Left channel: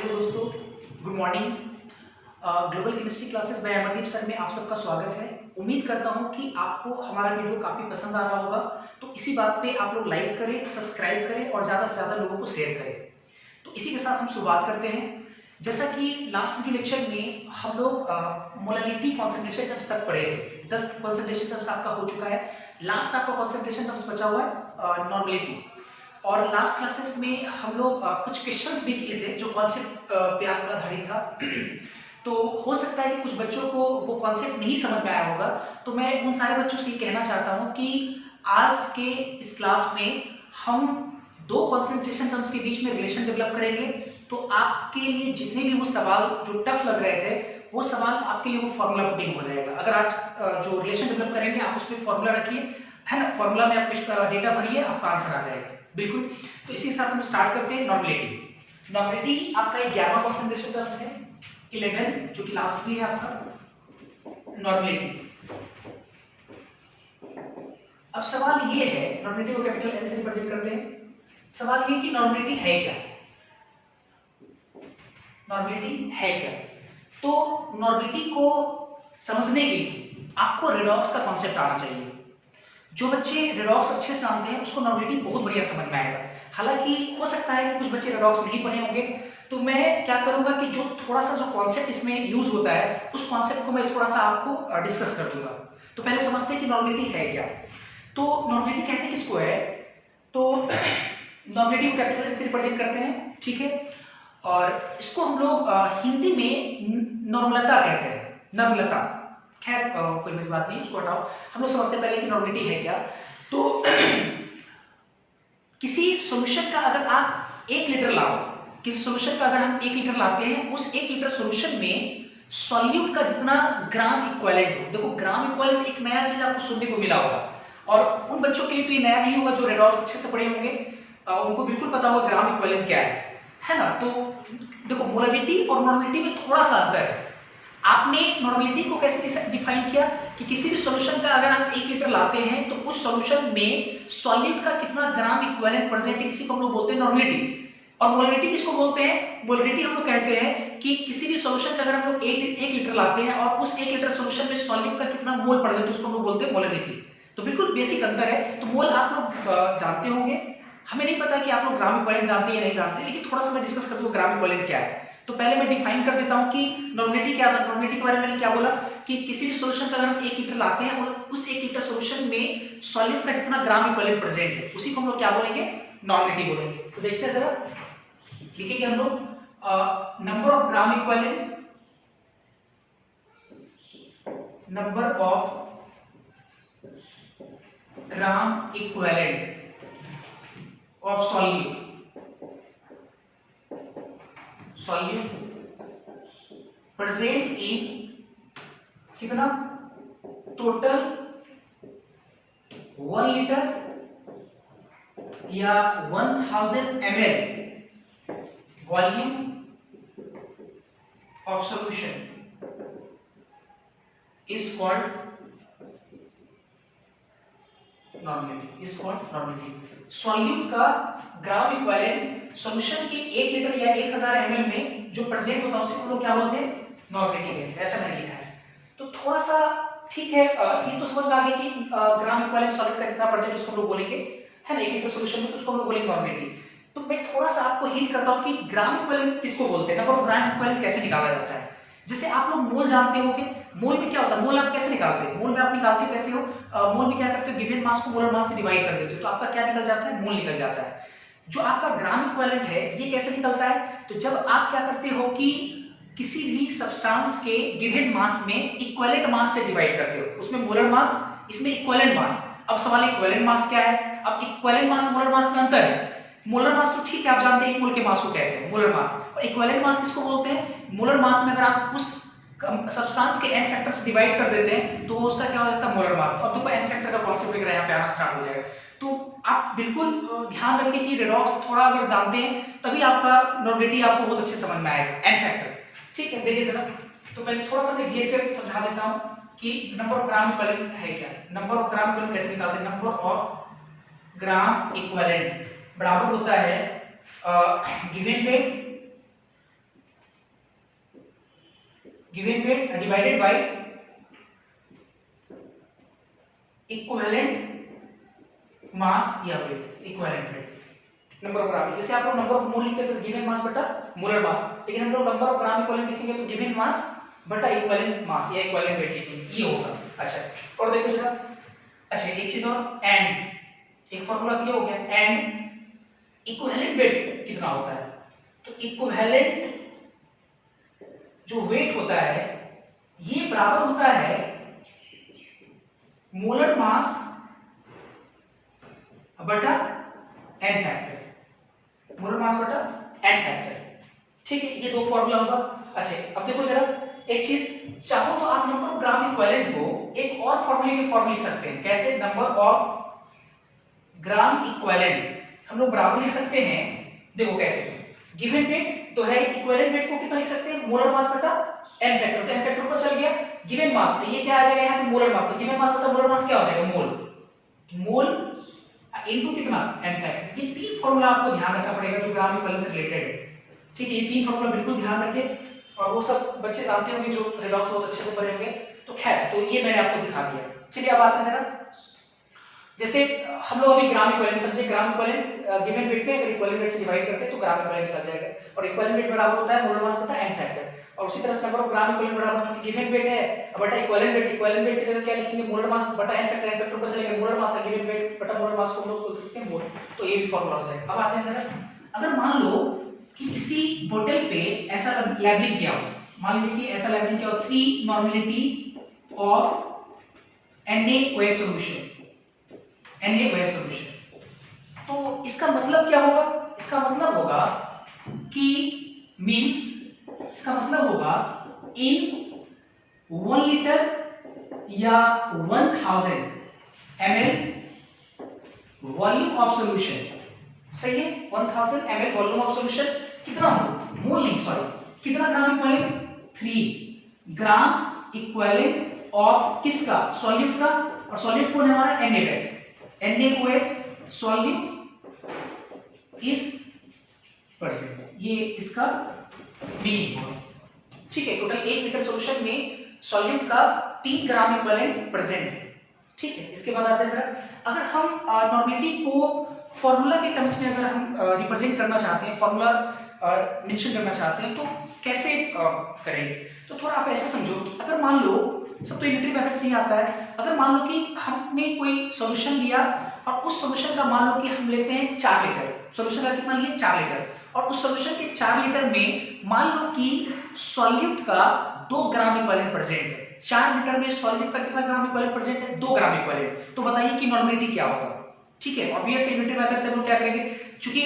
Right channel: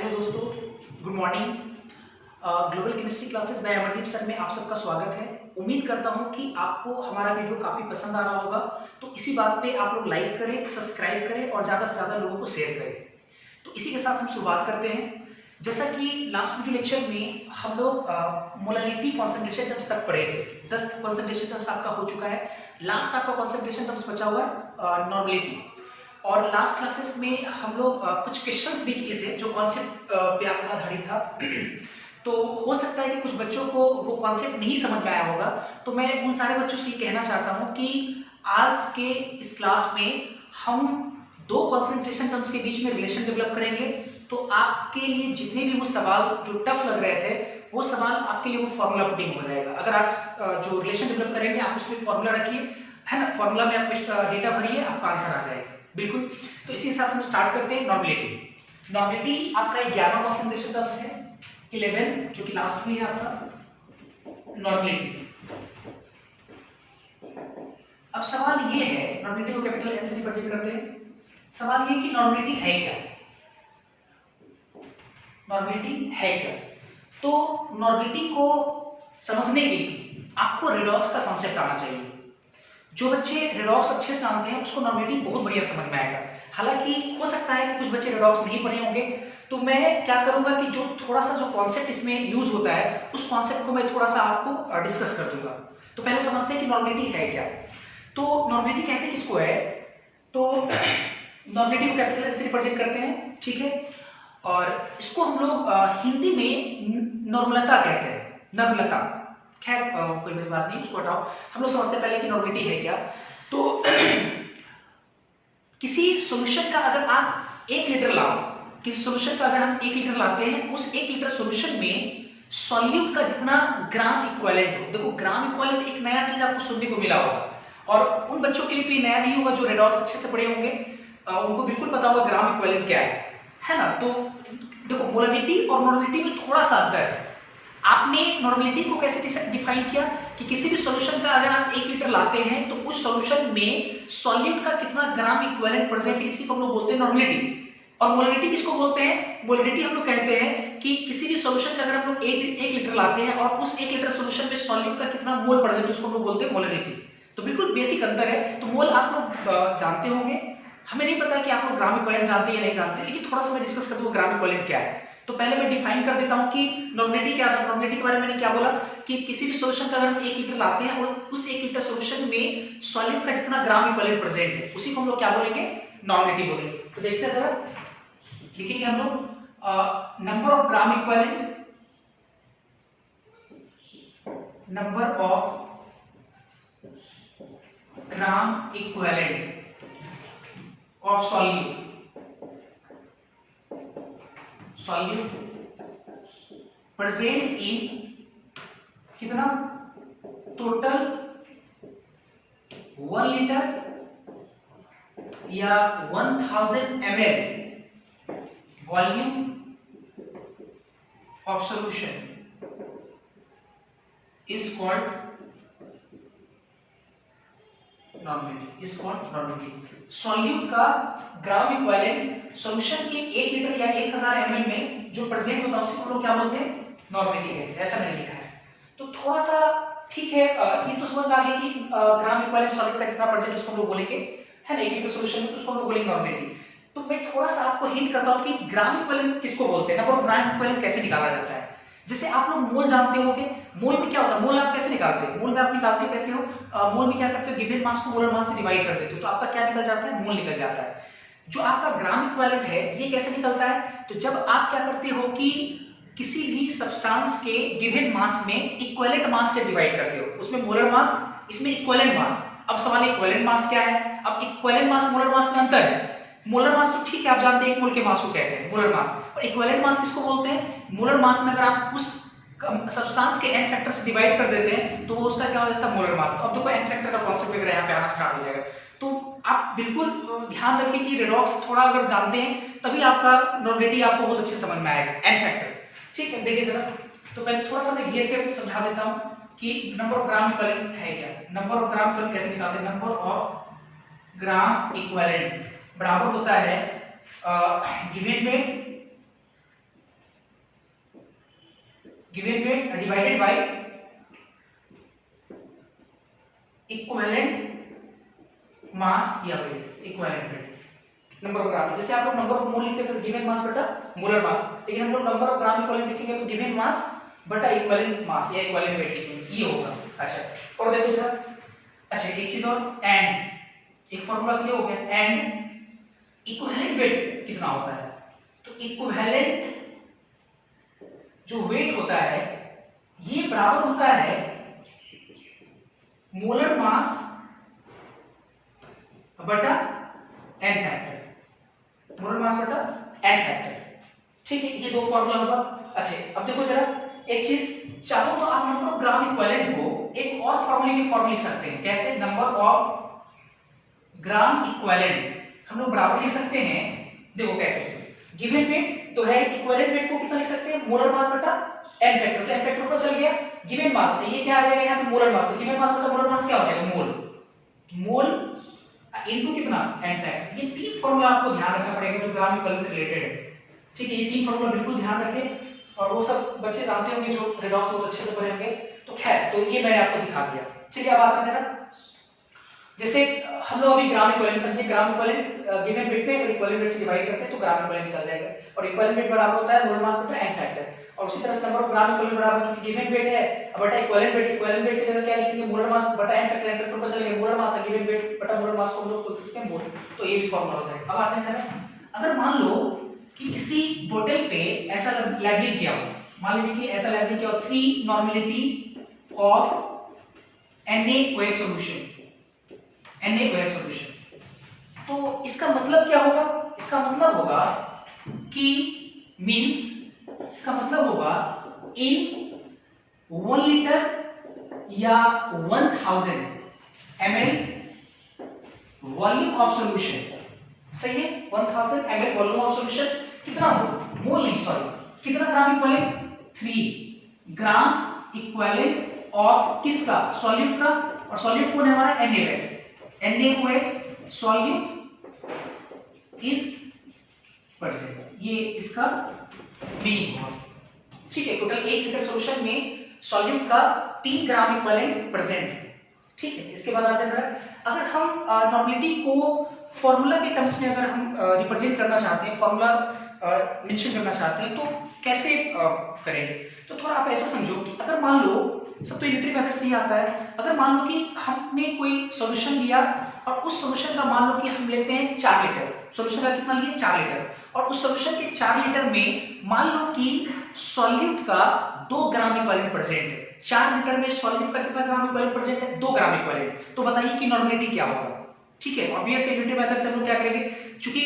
Hello दोस्तों, good morning. Global chemistry classes bye Amardeep sir में आप सबका स्वागत है। उम्मीद करता हूं कि आपको हमारा वीडियो काफ़ी पसंद आ रहा होगा। तो इसी बात पे आप लोग लाइक करें, सब्सक्राइब करें और ज़्यादा से ज़्यादा लोगों को शेयर करें। तो इसी के साथ हम शुरुआत करते हैं। जैसा कि लास्ट वीडियो लेक्चर में हम लोग मोलालिटी कॉन्सेंट्रेशन टर्म्स तक पढ़े थे। 10 कॉन्सेंट्रेशन टर्म्स आपका हो चुका है। लास्ट आपका कॉन्सेंट्रेशन टर्म्स बचा हुआ है नॉर्मेलिटी। और लास्ट क्लासेस में हम लोग कुछ क्वेश्चंस भी किए थे जो कॉन्सेप्ट पे आपका आधारित था। तो हो सकता है कि कुछ बच्चों को वो कॉन्सेप्ट नहीं समझ में आया होगा। तो मैं उन सारे बच्चों से ये कहना चाहता हूँ कि आज के इस क्लास में हम दो कॉन्सेंट्रेशन टर्म्स के बीच में रिलेशन डेवलप करेंगे। तो आपके लिए जितने भी वो सवाल जो टफ लग रहे थे वो सवाल आपके लिए वो फॉर्मूला पुटिंग हो जाएगा। अगर आज जो रिलेशन डेवलप करेंगे आप उसमें फॉर्मूला रखिए, है ना। फॉर्मूला में आप डेटा भरिए, आपका आंसर आ जाएगा बिल्कुल। तो इसी के साथ हम स्टार्ट करते हैं। नॉर्मेलिटी। नॉर्मेलिटी आपका 11वां कॉन्सेंट्रेशन टर्म्स है, 11 जो कि लास्ट में है आपका नॉर्मेलिटी। अब सवाल ये है, नॉर्मेलिटी को कैपिटल एन से रिप्रेजेंट करते हैं। सवाल ये कि नॉर्मेलिटी है क्या, नॉर्मेलिटी है क्या। तो नॉर्मेलिटी को समझने के लिए आपको रेडॉक्स का कॉन्सेप्ट आना चाहिए। जो बच्चे रेडॉक्स अच्छे से जानते हैं उसको नॉर्मेलिटी बहुत बढ़िया समझ में आएगा। हालांकि हो सकता है कि कुछ बच्चे रेडॉक्स नहीं पढ़े होंगे, तो मैं क्या करूंगा कि जो थोड़ा सा जो कॉन्सेप्ट इसमें यूज होता है उस कॉन्सेप्ट को मैं थोड़ा सा आपको डिस्कस कर दूंगा। तो पहले समझते हैं कि नॉर्मेलिटी है क्या। तो नॉर्मेलिटी कहते हैं किसको है, तो नॉर्मेलिटी को कैपिटल एन से रिप्रेजेंट करते हैं, ठीक है। और इसको हम लोग हिंदी में नॉर्मलता कहते हैं, नॉर्मलता। खैर कोई बड़ी बात नहीं, उसको हटाओ। हम लोग समझते हैं पहले कि नॉर्मेलिटी है क्या। तो किसी सॉल्यूशन का अगर आप 1 लीटर लाओ, किसी सॉल्यूशन का अगर हम 1 लीटर लाते हैं, उस 1 लीटर सॉल्यूशन में सॉल्यूट का जितना ग्राम इक्विवेलेंट हो। देखो ग्राम इक्विवेलेंट एक नया चीज आपको सुनने को मिला होगा, और उन बच्चों के लिए तो ये नया नहीं होगा जो रेडॉक्स अच्छे से पढ़े होंगे, उनको बिल्कुल पता होगा ग्राम इक्विवेलेंट क्या है ना। तो देखो मोलालिटी और नॉर्मेलिटी में थोड़ा सा अंतर है। आपने नॉर्मेलिटी को कैसे डिफाइन किया कि किसी भी सॉल्यूशन का अगर आप 1 लीटर लाते हैं तो उस सॉल्यूशन में सॉल्यूट का कितना ग्राम इक्विवेलेंट प्रेजेंट है, इसी को हम लोग बोलते हैं नॉर्मेलिटी। और मोलालिटी किसको बोलते हैं, मोलालिटी हम लोग कहते हैं कि किसी भी सॉल्यूशन का अगर हम लोग 1 लीटर लाते हैं और उस 1 लीटर सॉल्यूशन में सॉल्यूट का कितना मोल प्रेजेंट है उसको हम लोग बोलते हैं मोलालिटी। तो बिल्कुल बेसिक अंतर है। तो मोल आप लोग जानते होंगे, हमें नहीं पता कि आप लोग ग्राम इक्विवेलेंट जानते हैं या नहीं जानते, लेकिन थोड़ा सा मैं डिस्कस कर दूंगा ग्राम इक्विवेलेंट क्या है। तो पहले मैं डिफाइन कर देता हूं कि नॉर्मेलिटी क्या था। नॉर्मेलिटी के बारे में मैंने क्या बोला कि किसी भी सॉल्यूशन का अगर हम 1 लीटर लाते हैं और उस 1 लीटर सॉल्यूशन में सॉल्यूट का जितना ग्राम इक्विवेलेंट प्रेजेंट है उसी को हम लोग क्या बोलेंगे, नॉर्मेलिटी बोलेंगे। तो देखते हैं जरा, लिखेंगे हम लोग number of gram equivalent, number of gram equivalent of solute present in कितना, टोटल 1 लीटर या 1000 ml volume of solution is called normality, is called normality. Solute का ग्राम इक्विवेलेंट सॉल्यूशन के 1 लीटर या 1000 ml में जो प्रेजेंट होता है उसी को लोग क्या बोलते हैं, नॉर्मेलिटी कहते हैं। ऐसा मैंने लिखा है। तो थोड़ा सा ठीक है, ये तो समझ में आ गया कि ग्राम इक्विवेलेंट सॉल्यूट का कितना प्रेजेंट उसको हम लोग बोलेंगे, है ना, 1 लीटर सॉल्यूशन में, तो उसको हम लोग बोलेंगे नॉर्मेलिटी। तो मैं थोड़ा सा आपको हिंट करता हूं कि ग्राम इक्विवेलेंट किसको बोलते हैं, नंबर ऑफ ग्राम इक्विवेलेंट कैसे निकाला जाता है। जैसे आप लोग मोल जानते होंगे, मोल में क्या होता है, मोल आप कैसे निकालते हैं, मोल में आप निकालते कैसे हो, मोल में क्या करते हो, गिवन मास को मोलर मास से डिवाइड कर देते हो, तो आपका क्या निकल जाता है, मोल निकल जाता है। जो आपका ग्राम इक्विवेलेंट है ये कैसे निकलता है, तो जब आप क्या करते हो कि किसी भी सब्सटेंस के गिवन मास में इक्विवेलेंट मास से डिवाइड करते हो, उसमें मोलर मास, इसमें इक्विवेलेंट मास। अब सवाल है इक्विवेलेंट मास क्या है। अब इक्विवेलेंट मास मोलर मास में अंतर है। मोलर मास तो ठीक है आप जानते हैं 1 मोल के मास को कहते हैं मोलर मास, और इक्विवेलेंट मास किसको बोलते हैं, मोलर मास में अगर आप उस सब्सटेंस के n फैक्टर से डिवाइड कर देते हैं तो वो उसका क्या हो जाता है, मोलर मास। तो अब देखो n फैक्टर का कॉन्सेप्ट वगैरह यहाँ पे आना स्टार्ट हो जाएगा। तो आप बिल्कुल ध्यान रखें कि रेडॉक्स थोड़ा अगर जानते हैं तभी आपका नॉर्मेलिटी आपको बहुत अच्छे समझ में आएगा, n फैक्टर, ठीक है। देखिए जरा, तो मैं थोड़ा सा मैं घेर कर समझा देता हूं कि नंबर ऑफ ग्राम इक्विवेलेंट है क्या। नंबर ऑफ ग्राम इक्विवेलेंट कैसे निकालते हैं, नंबर ऑफ ग्राम इक्विवेलेंट बराबर होता है given weight given weight divided by equivalent mass या weight, equivalent weight, number of gram. जैसे आप लोग नंबर ऑफ मोल लिखते हैं तो गिवन मास बटा मोलर मास, लेकिन हम लोग नंबर ऑफ ग्राम इक्विवेलेंट लिखेंगे तो गिवन मास बटा इक्विवेलेंट मास या इक्विवेलेंट वेट लिखेंगे, ये होगा। अच्छा और देखो जरा, अच्छा एक चीज और, एंड एक फार्मूला क्लियर हो गया, एंड इक्विवेलेंट वेट कितना होता है, तो इक्विवेलेंट जो वेट होता है ये बराबर होता है मोलर मास बटा एन फैक्टर, मोलर मास बटा एन फैक्टर, ठीक है, ये दो फार्मूला होगा। अच्छा अब देखो जरा एक चीज, चाहो तो आप नंबर ऑफ ग्राम इक्विवेलेंट को एक और फार्मूले के फॉर्म लिख सकते हैं, कैसे, नंबर ऑफ ग्राम इक्विवेलेंट हम लोग बराबर लिख सकते हैं, देखो कैसे, गिवन वेट तो है, इक्विवेलेंट वेट को कितना लिख सकते हैं, मोलर मास बटा एन फैक्टर, तो एन फैक्टर ऊपर चल गया, गिवन मास तो ये क्या आ जाएगा यहाँ पे मोलर मास, तो गिवन मास बटा मोलर मास क्या हो जाएगा, मोल, मोल इनटू कितना एन फैक्टर। ये तीन फार्मूला आपको ध्यान रखना पड़ेगा जो ग्राम इक्विवेलेंट से रिलेटेड है, ठीक है, ये तीन फार्मूला बिल्कुल ध्यान रखें, और वो सब बच्चे जानते होंगे जो रेडॉक्स बहुत अच्छे से पढ़े होंगे, तो खैर तो ये मैंने आपको दिखा दिया। चलिए अब आते हैं जरा, जैसे हम लोग अभी ग्राम इक्विवेलेंट समझे, ग्राम इक्विवेलेंट गिवन वेट में अगर इक्विवेलेंट वेट से डिवाइड करते हैं तो ग्राम इक्विवेलेंट निकल जाएगा, और इक्विवेलेंट वेट बराबर होता है मोलर मास बटा एन फैक्टर, और उसी तरह से नंबर ऑफ ग्राम इक्विवेलेंट बराबर चूंकि गिवन वेट है बटा इक्विवेलेंट वेट, इक्विवेलेंट वेट की जगह क्या लिखेंगे, मोलर मास बटा एन फैक्टर, एन फैक्टर ऊपर चलेगा, मोलर मास है, गिवन वेट बटा मोलर मास को हम लोग लिख सकते हैं मोल, तो ये भी फार्मूला हो जाएगा। अब आते हैं जरा, अगर मान लो कि किसी बोतल पे ऐसा लेबलिंग किया हो, मान लीजिए कि ऐसा लेबलिंग किया हो 3 normality of NaOH solution, NaOH solution, तो इसका मतलब क्या होगा, इसका मतलब होगा कि मींस इसका मतलब होगा इन 1 लीटर या 1000 ml वॉल्यूम ऑफ सॉल्यूशन, सही है, 1000 ml वॉल्यूम ऑफ सॉल्यूशन, कितना मोल नहीं सॉरी, कितना gram equivalent, 3 gram equivalent of किसका, सॉल्यूट का, और सॉल्यूट कौन है हमारा NaOH, NaOH solute is percent, ये इसका मीनिंग होगा, ठीक है, टोटल 1 लीटर सॉल्यूशन में सॉल्यूट का 3 ग्राम इक्विवेलेंट प्रेजेंट है, ठीक है। इसके बाद आते हैं जरा, अगर हम नॉर्मेलिटी को फॉर्मूला के टर्म्स में अगर हम रिप्रेजेंट करना चाहते हैं, फॉर्मूला मेंशन करना चाहते हैं तो कैसे करेंगे, तो थोड़ा आप ऐसा समझो कि अगर मान लो, सब तो यूनिटरी मेथड से ही आता है, अगर मान लो कि हमने कोई सॉल्यूशन लिया और उस सॉल्यूशन का मान लो कि हम लेते हैं 4 लीटर, सॉल्यूशन का कितना लिए 4 लीटर, और उस सॉल्यूशन के 4 लीटर में मान लो कि सॉल्यूट का 2 ग्राम इक्विवेलेंट प्रेजेंट है, 4 लीटर में सॉल्यूट का कितना ग्राम इक्विवेलेंट प्रेजेंट है, 2 ग्राम इक्विवेलेंट, तो बताइए कि नॉर्मेलिटी क्या होगा, ठीक है, ऑब्वियस यूनिटरी मेथड से हम लोग क्या करेंगे, क्योंकि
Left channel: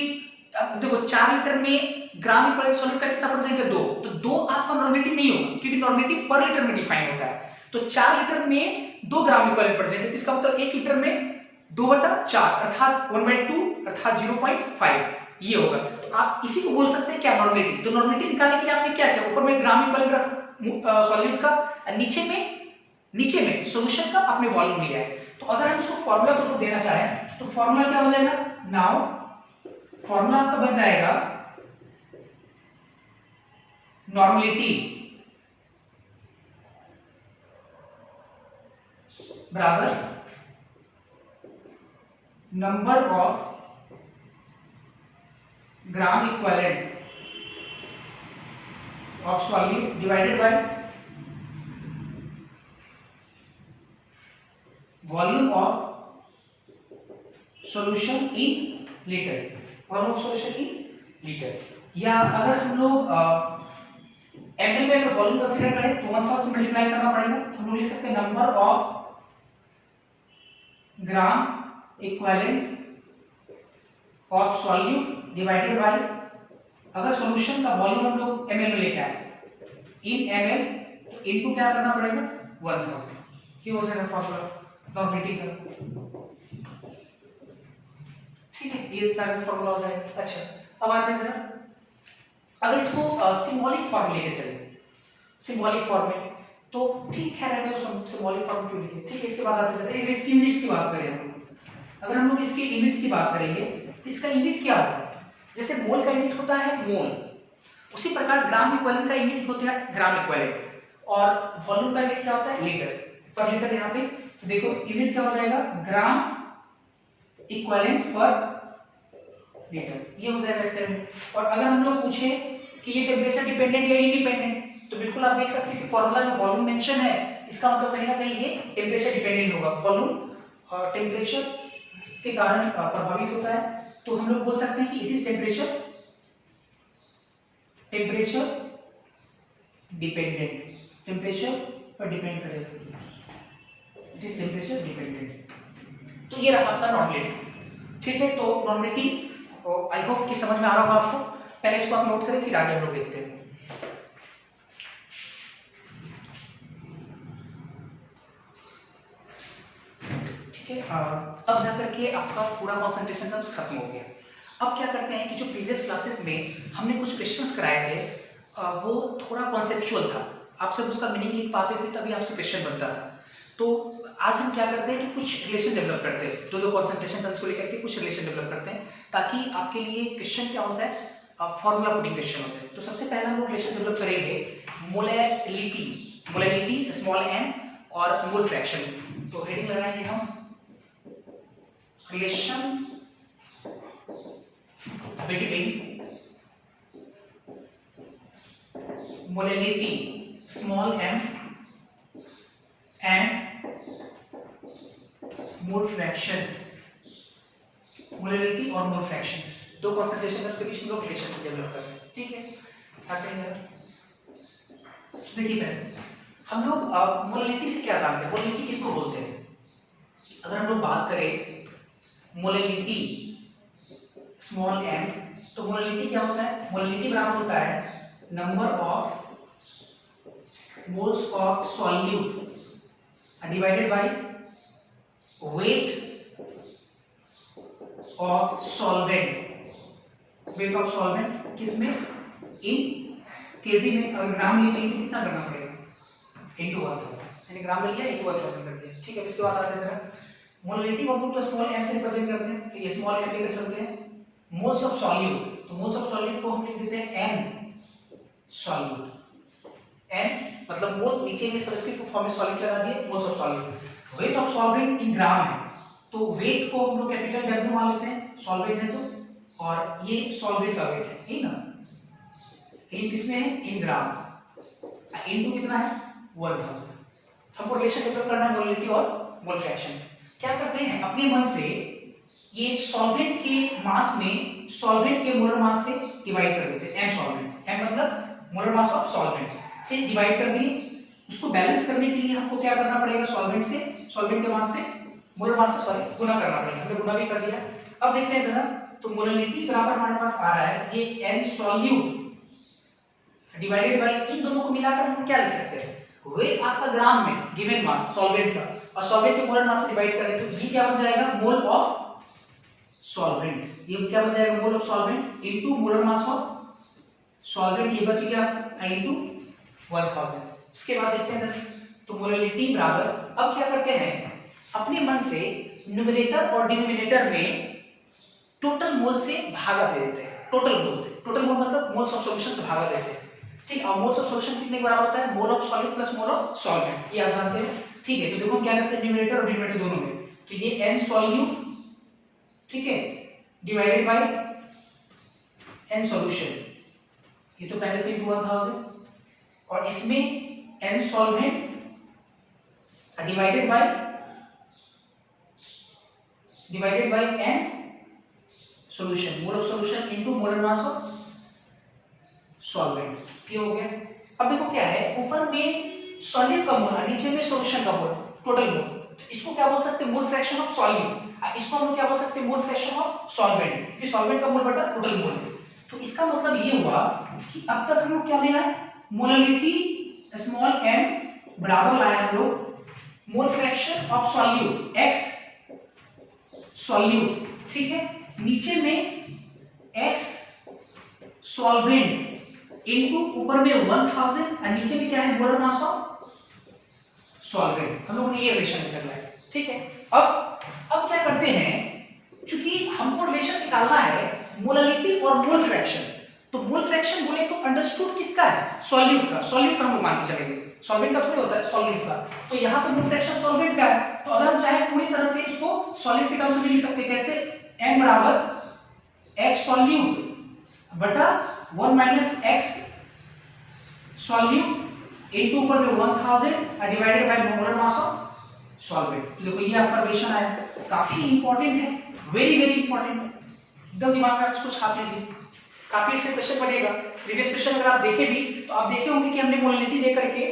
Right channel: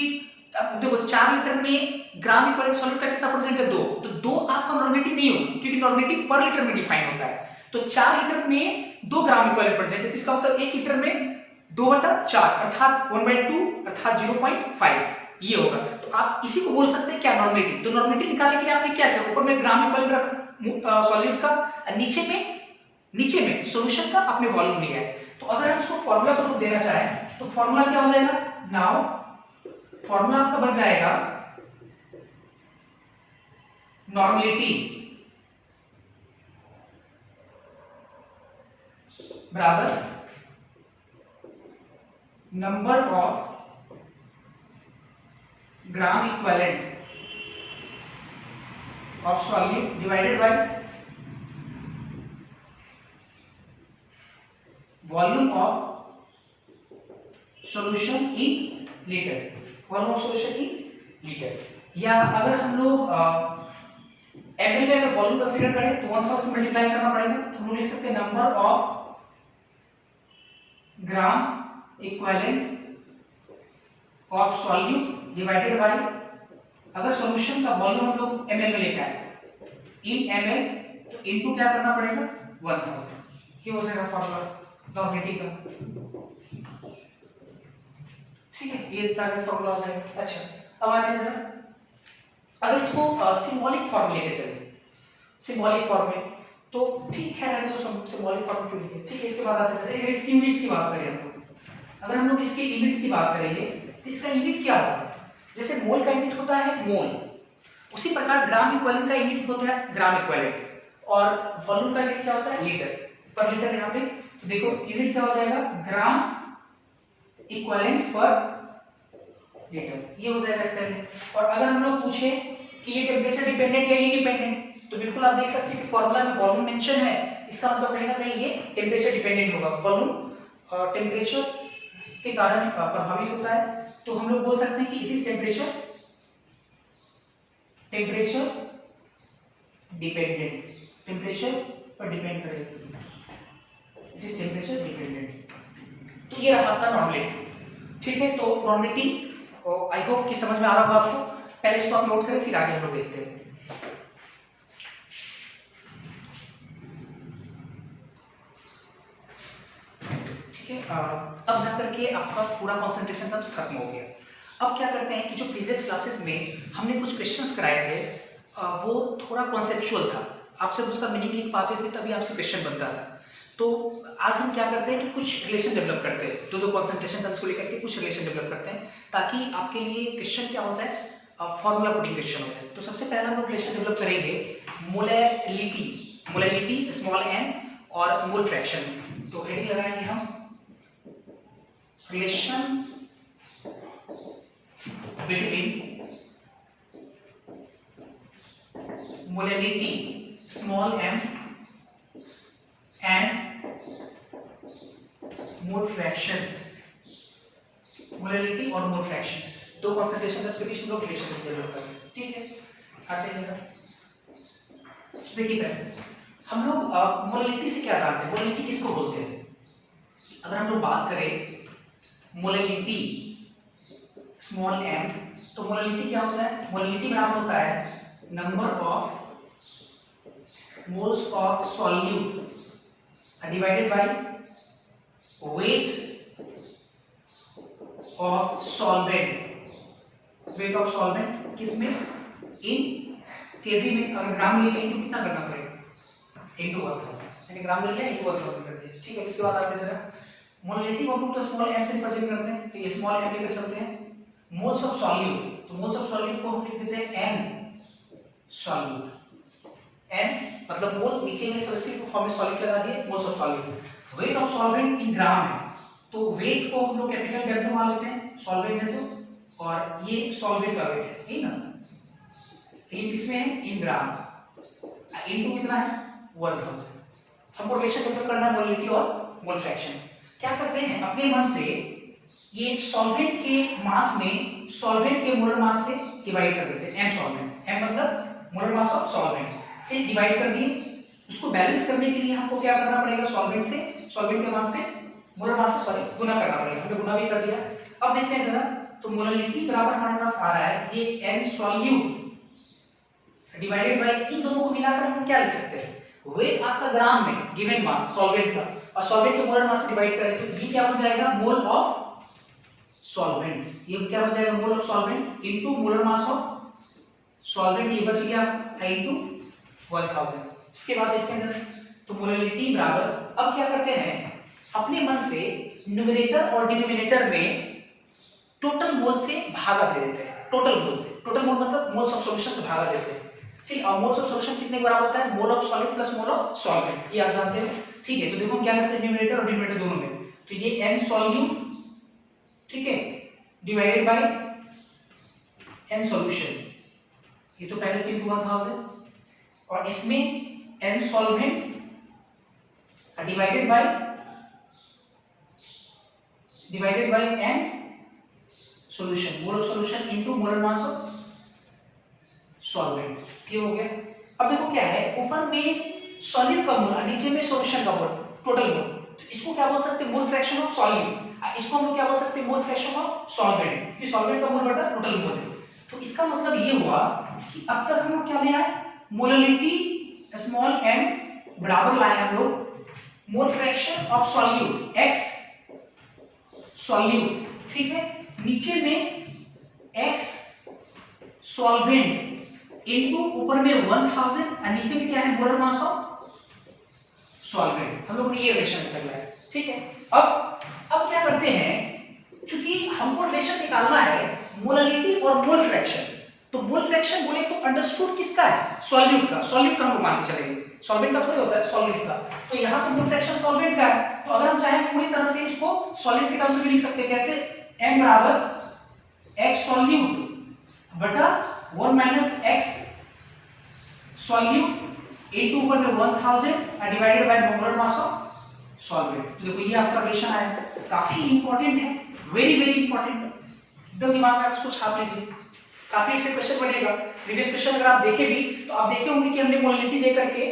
अब देखो 4 लीटर में ग्राम इक्विवेलेंट सॉल्यूट का कितना प्रेजेंट है, 2, तो 2 आपका नॉर्मेलिटी नहीं होगा, क्योंकि नॉर्मेलिटी पर लीटर में डिफाइन होता है, तो 4 लीटर में 2 ग्राम इक्विवेलेंट प्रेजेंट है, इसका मतलब 1 लीटर में 2/4 अर्थात 1/2 अर्थात 0.5 ये होगा, तो आप इसी को बोल सकते हैं क्या, नॉर्मेलिटी। तो नॉर्मेलिटी निकालने के लिए आपने क्या किया, ऊपर में ग्राम इक्विवेलेंट रखा सॉल्यूट का, नीचे में सॉल्यूशन का आपने वॉल्यूम लिया है, तो अगर हम इसको फार्मूला को रूप देना चाहें तो फार्मूला क्या हो जाएगा, नाउ फार्मूला आपका बन जाएगा नॉर्मेलिटी बराबर number of gram equivalent of solute divided by volume of solution in litre, volume of solution in litre, या अगर हम लोग ml में अगर वॉल्यूम कंसीडर करें तो 1000 से मल्टीप्लाई करना पड़ेगा, तो हम लोग लिख सकते हैं number of gram equivalent of solute divided by, अगर सॉल्यूशन का वॉल्यूम हम लोग ml में लेके आए इन ml, तो इनटू क्या करना पड़ेगा 1000, ये हो जाएगा फार्मूला नॉर्मेलिटी का, ठीक है, ये सारा फार्मूला हो जाएगा। अच्छा अब आते हैं जरा, अगर इसको सिंबॉलिक फॉर्म लेके चले, सिंबॉलिक फॉर्म में तो ठीक है, रहने दो सिंबॉलिक फॉर्म क्यों लिखे, ठीक है। इसके बाद आते हैं जरा, इसकी यूनिट्स की बात करें हम लोग, अगर हम लोग इसकी यूनिट्स की बात करेंगे तो इसका यूनिट क्या होगा, जैसे मोल का यूनिट होता है मोल, उसी प्रकार ग्राम इक्विवेलेंट का यूनिट होता है ग्राम इक्विवेलेंट, और वॉल्यूम का यूनिट क्या होता है, लीटर पर लीटर। यहाँ पे देखो यूनिट क्या हो जाएगा, ग्राम इक्विवेलेंट पर लीटर, ये हो जाएगा इसका यूनिट। और अगर हम लोग पूछे कि ये टेम्परेचर डिपेंडेंट या इंडिपेंडेंट, तो बिल्कुल आप देख सकते हैं कि फॉर्मूला में वॉल्यूम मेंशन है, इसका मतलब कहीं ना कहीं ये टेम्परेचर डिपेंडेंट होगा। वॉल्यूम टेम्परेचर के कारण प्रभावित होता है, तो हम लोग बोल सकते हैं कि it is temperature dependent, temperature पर डिपेंड करेगा, इट इज टेम्परेचर डिपेंडेंट। तो ये रहा आपका नॉर्मलिटी। ठीक है, तो नॉर्मलिटी आई होप कि समझ में आ रहा होगा आपको। पहले इसको आप नोट करें, फिर आगे हम लोग देखते हैं। ठीक है, अब जाकर के आपका पूरा कॉन्सेंट्रेशन टर्म्स खत्म हो गया। अब क्या करते हैं कि जो प्रीवियस क्लासेस में हमने कुछ क्वेश्चंस कराए थे, वो थोड़ा कॉन्सेप्चुअल था, आप सिर्फ उसका मीनिंग लिख पाते थे तभी आपसे क्वेश्चन बनता था। तो आज हम क्या करते हैं कि कुछ रिलेशन डेवलप करते हैं, दो कॉन्सेंट्रेशन टर्म्स को लेकर के कुछ रिलेशन डेवलप करते हैं, ताकि आपके लिए क्वेश्चन क्या हो जाए, फॉर्मूला पुटिंग क्वेश्चन हो जाए। तो सबसे पहले हम लोग रिलेशन डेवलप करेंगे मोलैलिटी स्मॉल m और मोल फ्रैक्शन। तो हेडिंग लगाएंगे हम relation between molality small m and mole fraction, molality और मोल फ्रैक्शन, दो कॉन्सेंट्रेशन टर्म्स के बीच में लोग रिलेशन डेवलप कर रहे हैं। ठीक है, आते हैं। तो देखिए पहले हम लोग मोलैलिटी से क्या जानते हैं, मोलैलिटी किसको बोलते हैं। अगर हम लोग बात करें मोलैलिटी स्मॉल m, तो मोलैलिटी क्या होता है, मोलैलिटी बराबर होता है number of moles of solute divided by weight of solvent. Wait of solvent किसमें, इन केजी में। अगर ग्राम में लिए तो कितना करना पड़ेगा, इनटू 1000, यानी ग्राम में लिया इनटू 1000 कर दिया। ठीक है, इसके बाद आते हैं जरा मोलैलिटी को हम लोग स्मॉल m से रिप्रेजेंट करते हैं, तो ये स्मॉल m लेकर चलते हैं। मोल्स ऑफ सॉल्यूट, तो मोल्स ऑफ सॉल्यूट को हम लिख देते हैं n सॉल्यूट। n मतलब मोल, नीचे में सब्स्क्रिप्ट फॉर्म में सॉल्यूट लगा दिए, moles of solute. Weight of solvent in gram है, तो वेट को हम लोग कैपिटल W मान लेते हैं, सॉल्वेंट है तो, और ये सॉल्वेंट का वेट है, ठीक ना। इन किसमें है, इन ग्राम, इनटू कितना है 1000। हमको रिलेशन डेवलप करना है मोलैलिटी और मोल फ्रैक्शन। क्या करते हैं, अपने मन से ये सॉल्वेंट के मास में सॉल्वेंट के मोलर मास से डिवाइड कर देते हैं, m सॉल्वेंट, m मतलब मोलर मास ऑफ सॉल्वेंट से डिवाइड कर दिए। उसको बैलेंस करने के लिए हमको क्या करना पड़ेगा, सॉल्वेंट के मास से मोलर मास से गुना करना पड़ेगा। हमने गुना भी कर दिया। अब देखते हैं जरा, तो मोलैलिटी बराबर हमारे पास आ रहा है ये n सॉल्यूट डिवाइडेड बाय, इन दोनों को मिलाकर हम क्या लिख सकते हैं, वेट आपका ग्राम में गिवन मास सॉल्वेंट का, और सॉल्वेंट के मोलर मास से डिवाइड करें तो ये क्या बन जाएगा, मोल ऑफ सॉल्वेंट। ये क्या बन जाएगा, mole of solvent into molar mass of solvent, ये बच गया इनटू 1000। इसके बाद देखते हैं जरा, तो मोलैलिटी बराबर, अब क्या करते हैं, अपने मन से न्यूमरेटर और डिनोमिनेटर में टोटल मोल से भागा दे देते हैं, टोटल मोल से, टोटल मोल मतलब मोल्स ऑफ सॉल्यूशन से भागा देते हैं। ठीक, और मोल्स ऑफ सॉल्यूशन कितने के बराबर होता है, mole of solid plus mole of solvent, ये आप जानते हो। ठीक है, तो देखो हम क्या करते हैं, न्यूमरेटर और डिनोमिनेटर दोनों में, तो ये n सॉल्यूट, ठीक है, डिवाइडेड बाय n सॉल्यूशन, ये तो पहले से इनटू 1000, और इसमें n solvent divided by n solution, mole of solution into molar mass of solvent. ये हो गया। अब देखो क्या है, ऊपर में सॉल्यूट का मोल और नीचे में सॉल्यूशन का मोल, टोटल मोल, तो इसको क्या बोल सकते हैं, मोल फ्रैक्शन ऑफ सॉल्यूट। इसको हम लोग क्या बोल सकते हैं, मोल फ्रैक्शन ऑफ सॉल्वेंट, क्योंकि सॉल्वेंट का मोल बटा टोटल मोल है। तो इसका मतलब ये हुआ कि अब तक हम लोग क्या ले आए, मोलैलिटी स्मॉल m बराबर लाए हम लोग mole fraction of solute x solute, ठीक है, नीचे में x सॉल्वेंट इनटू ऊपर में 1000 और नीचे में क्या है, मोलर मास ऑफ सॉल्वेंट। हम लोगों ने ये रिलेशन तक लाया। ठीक है, अब क्या करते हैं, चूंकि हमको रिलेशन निकालना है मोलैलिटी और मोल फ्रैक्शन, तो मोल फ्रैक्शन बोले तो अंडरस्टूड किसका है, सॉल्यूट का। सॉल्यूट का हम मान के चलेंगे, सॉल्वेंट का थोड़ी होता है, सॉल्यूट का। तो यहाँ पे मोल फ्रैक्शन सॉल्वेंट का है, तो अगर हम चाहे पूरी तरह से इसको सॉल्यूट के टर्म्स में लिख सकते हैं। कैसे, m बराबर x सॉल्यूट बटा 1 माइनस x सॉल्यूट इनटू ऊपर में 1000 divided by molar mass of solvent. तो देखो ये आपका रिलेशन आया, काफी इंपॉर्टेंट है, वेरी वेरी इंपॉर्टेंट। एकदम दिमाग में आप इसको छाप लीजिए, काफी इसमें क्वेश्चन बनेगा। प्रीवियस क्वेश्चन अगर आप देखे भी तो आप देखे होंगे कि हमने मोलैलिटी दे करके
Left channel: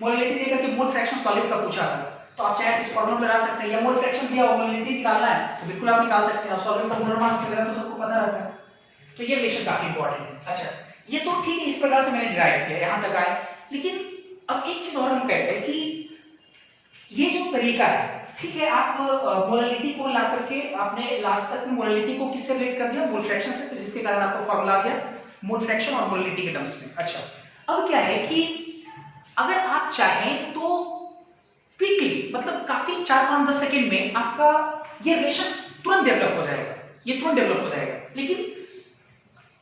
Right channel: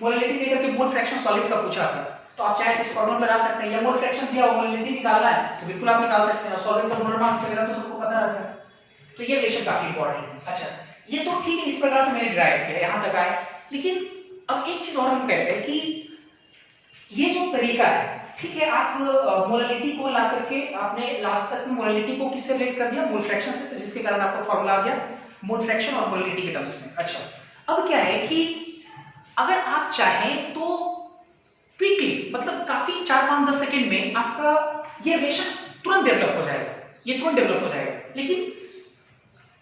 मोल फ्रैक्शन सॉल्यूट का पूछा था। तो आप चाहे इस फॉर्मूला में लगा सकते हैं, या मोल फ्रैक्शन दिया हो मोलैलिटी निकालना है तो बिल्कुल आप निकाल सकते हैं। सॉल्वेंट का मोलर मास वगैरह तो सबको पता रहता है, तो ये रिलेशन काफी इंपॉर्टेंट है। अच्छा, ये तो ठीक है, इस प्रकार से मैंने डिराइव किया, यहां तक आए। लेकिन अब एक चीज और हम कहते हैं कि ये जो तरीका है, ठीक है, आप मोलैलिटी को ला करके आपने लास्ट तक में मोलैलिटी को किससे रिलेट कर दिया, मोल फ्रैक्शन से, तो जिसके कारण आपको फॉर्मूला आ गया मोल फ्रैक्शन और मोलैलिटी के टर्म्स में। अच्छा, अब क्या है कि अगर आप चाहें तो क्विकली, मतलब काफी 4-5-10 सेकंड में आपका ये रिलेशन तुरंत डेवलप हो जाएगा, ये तुरंत डेवलप हो जाएगा। लेकिन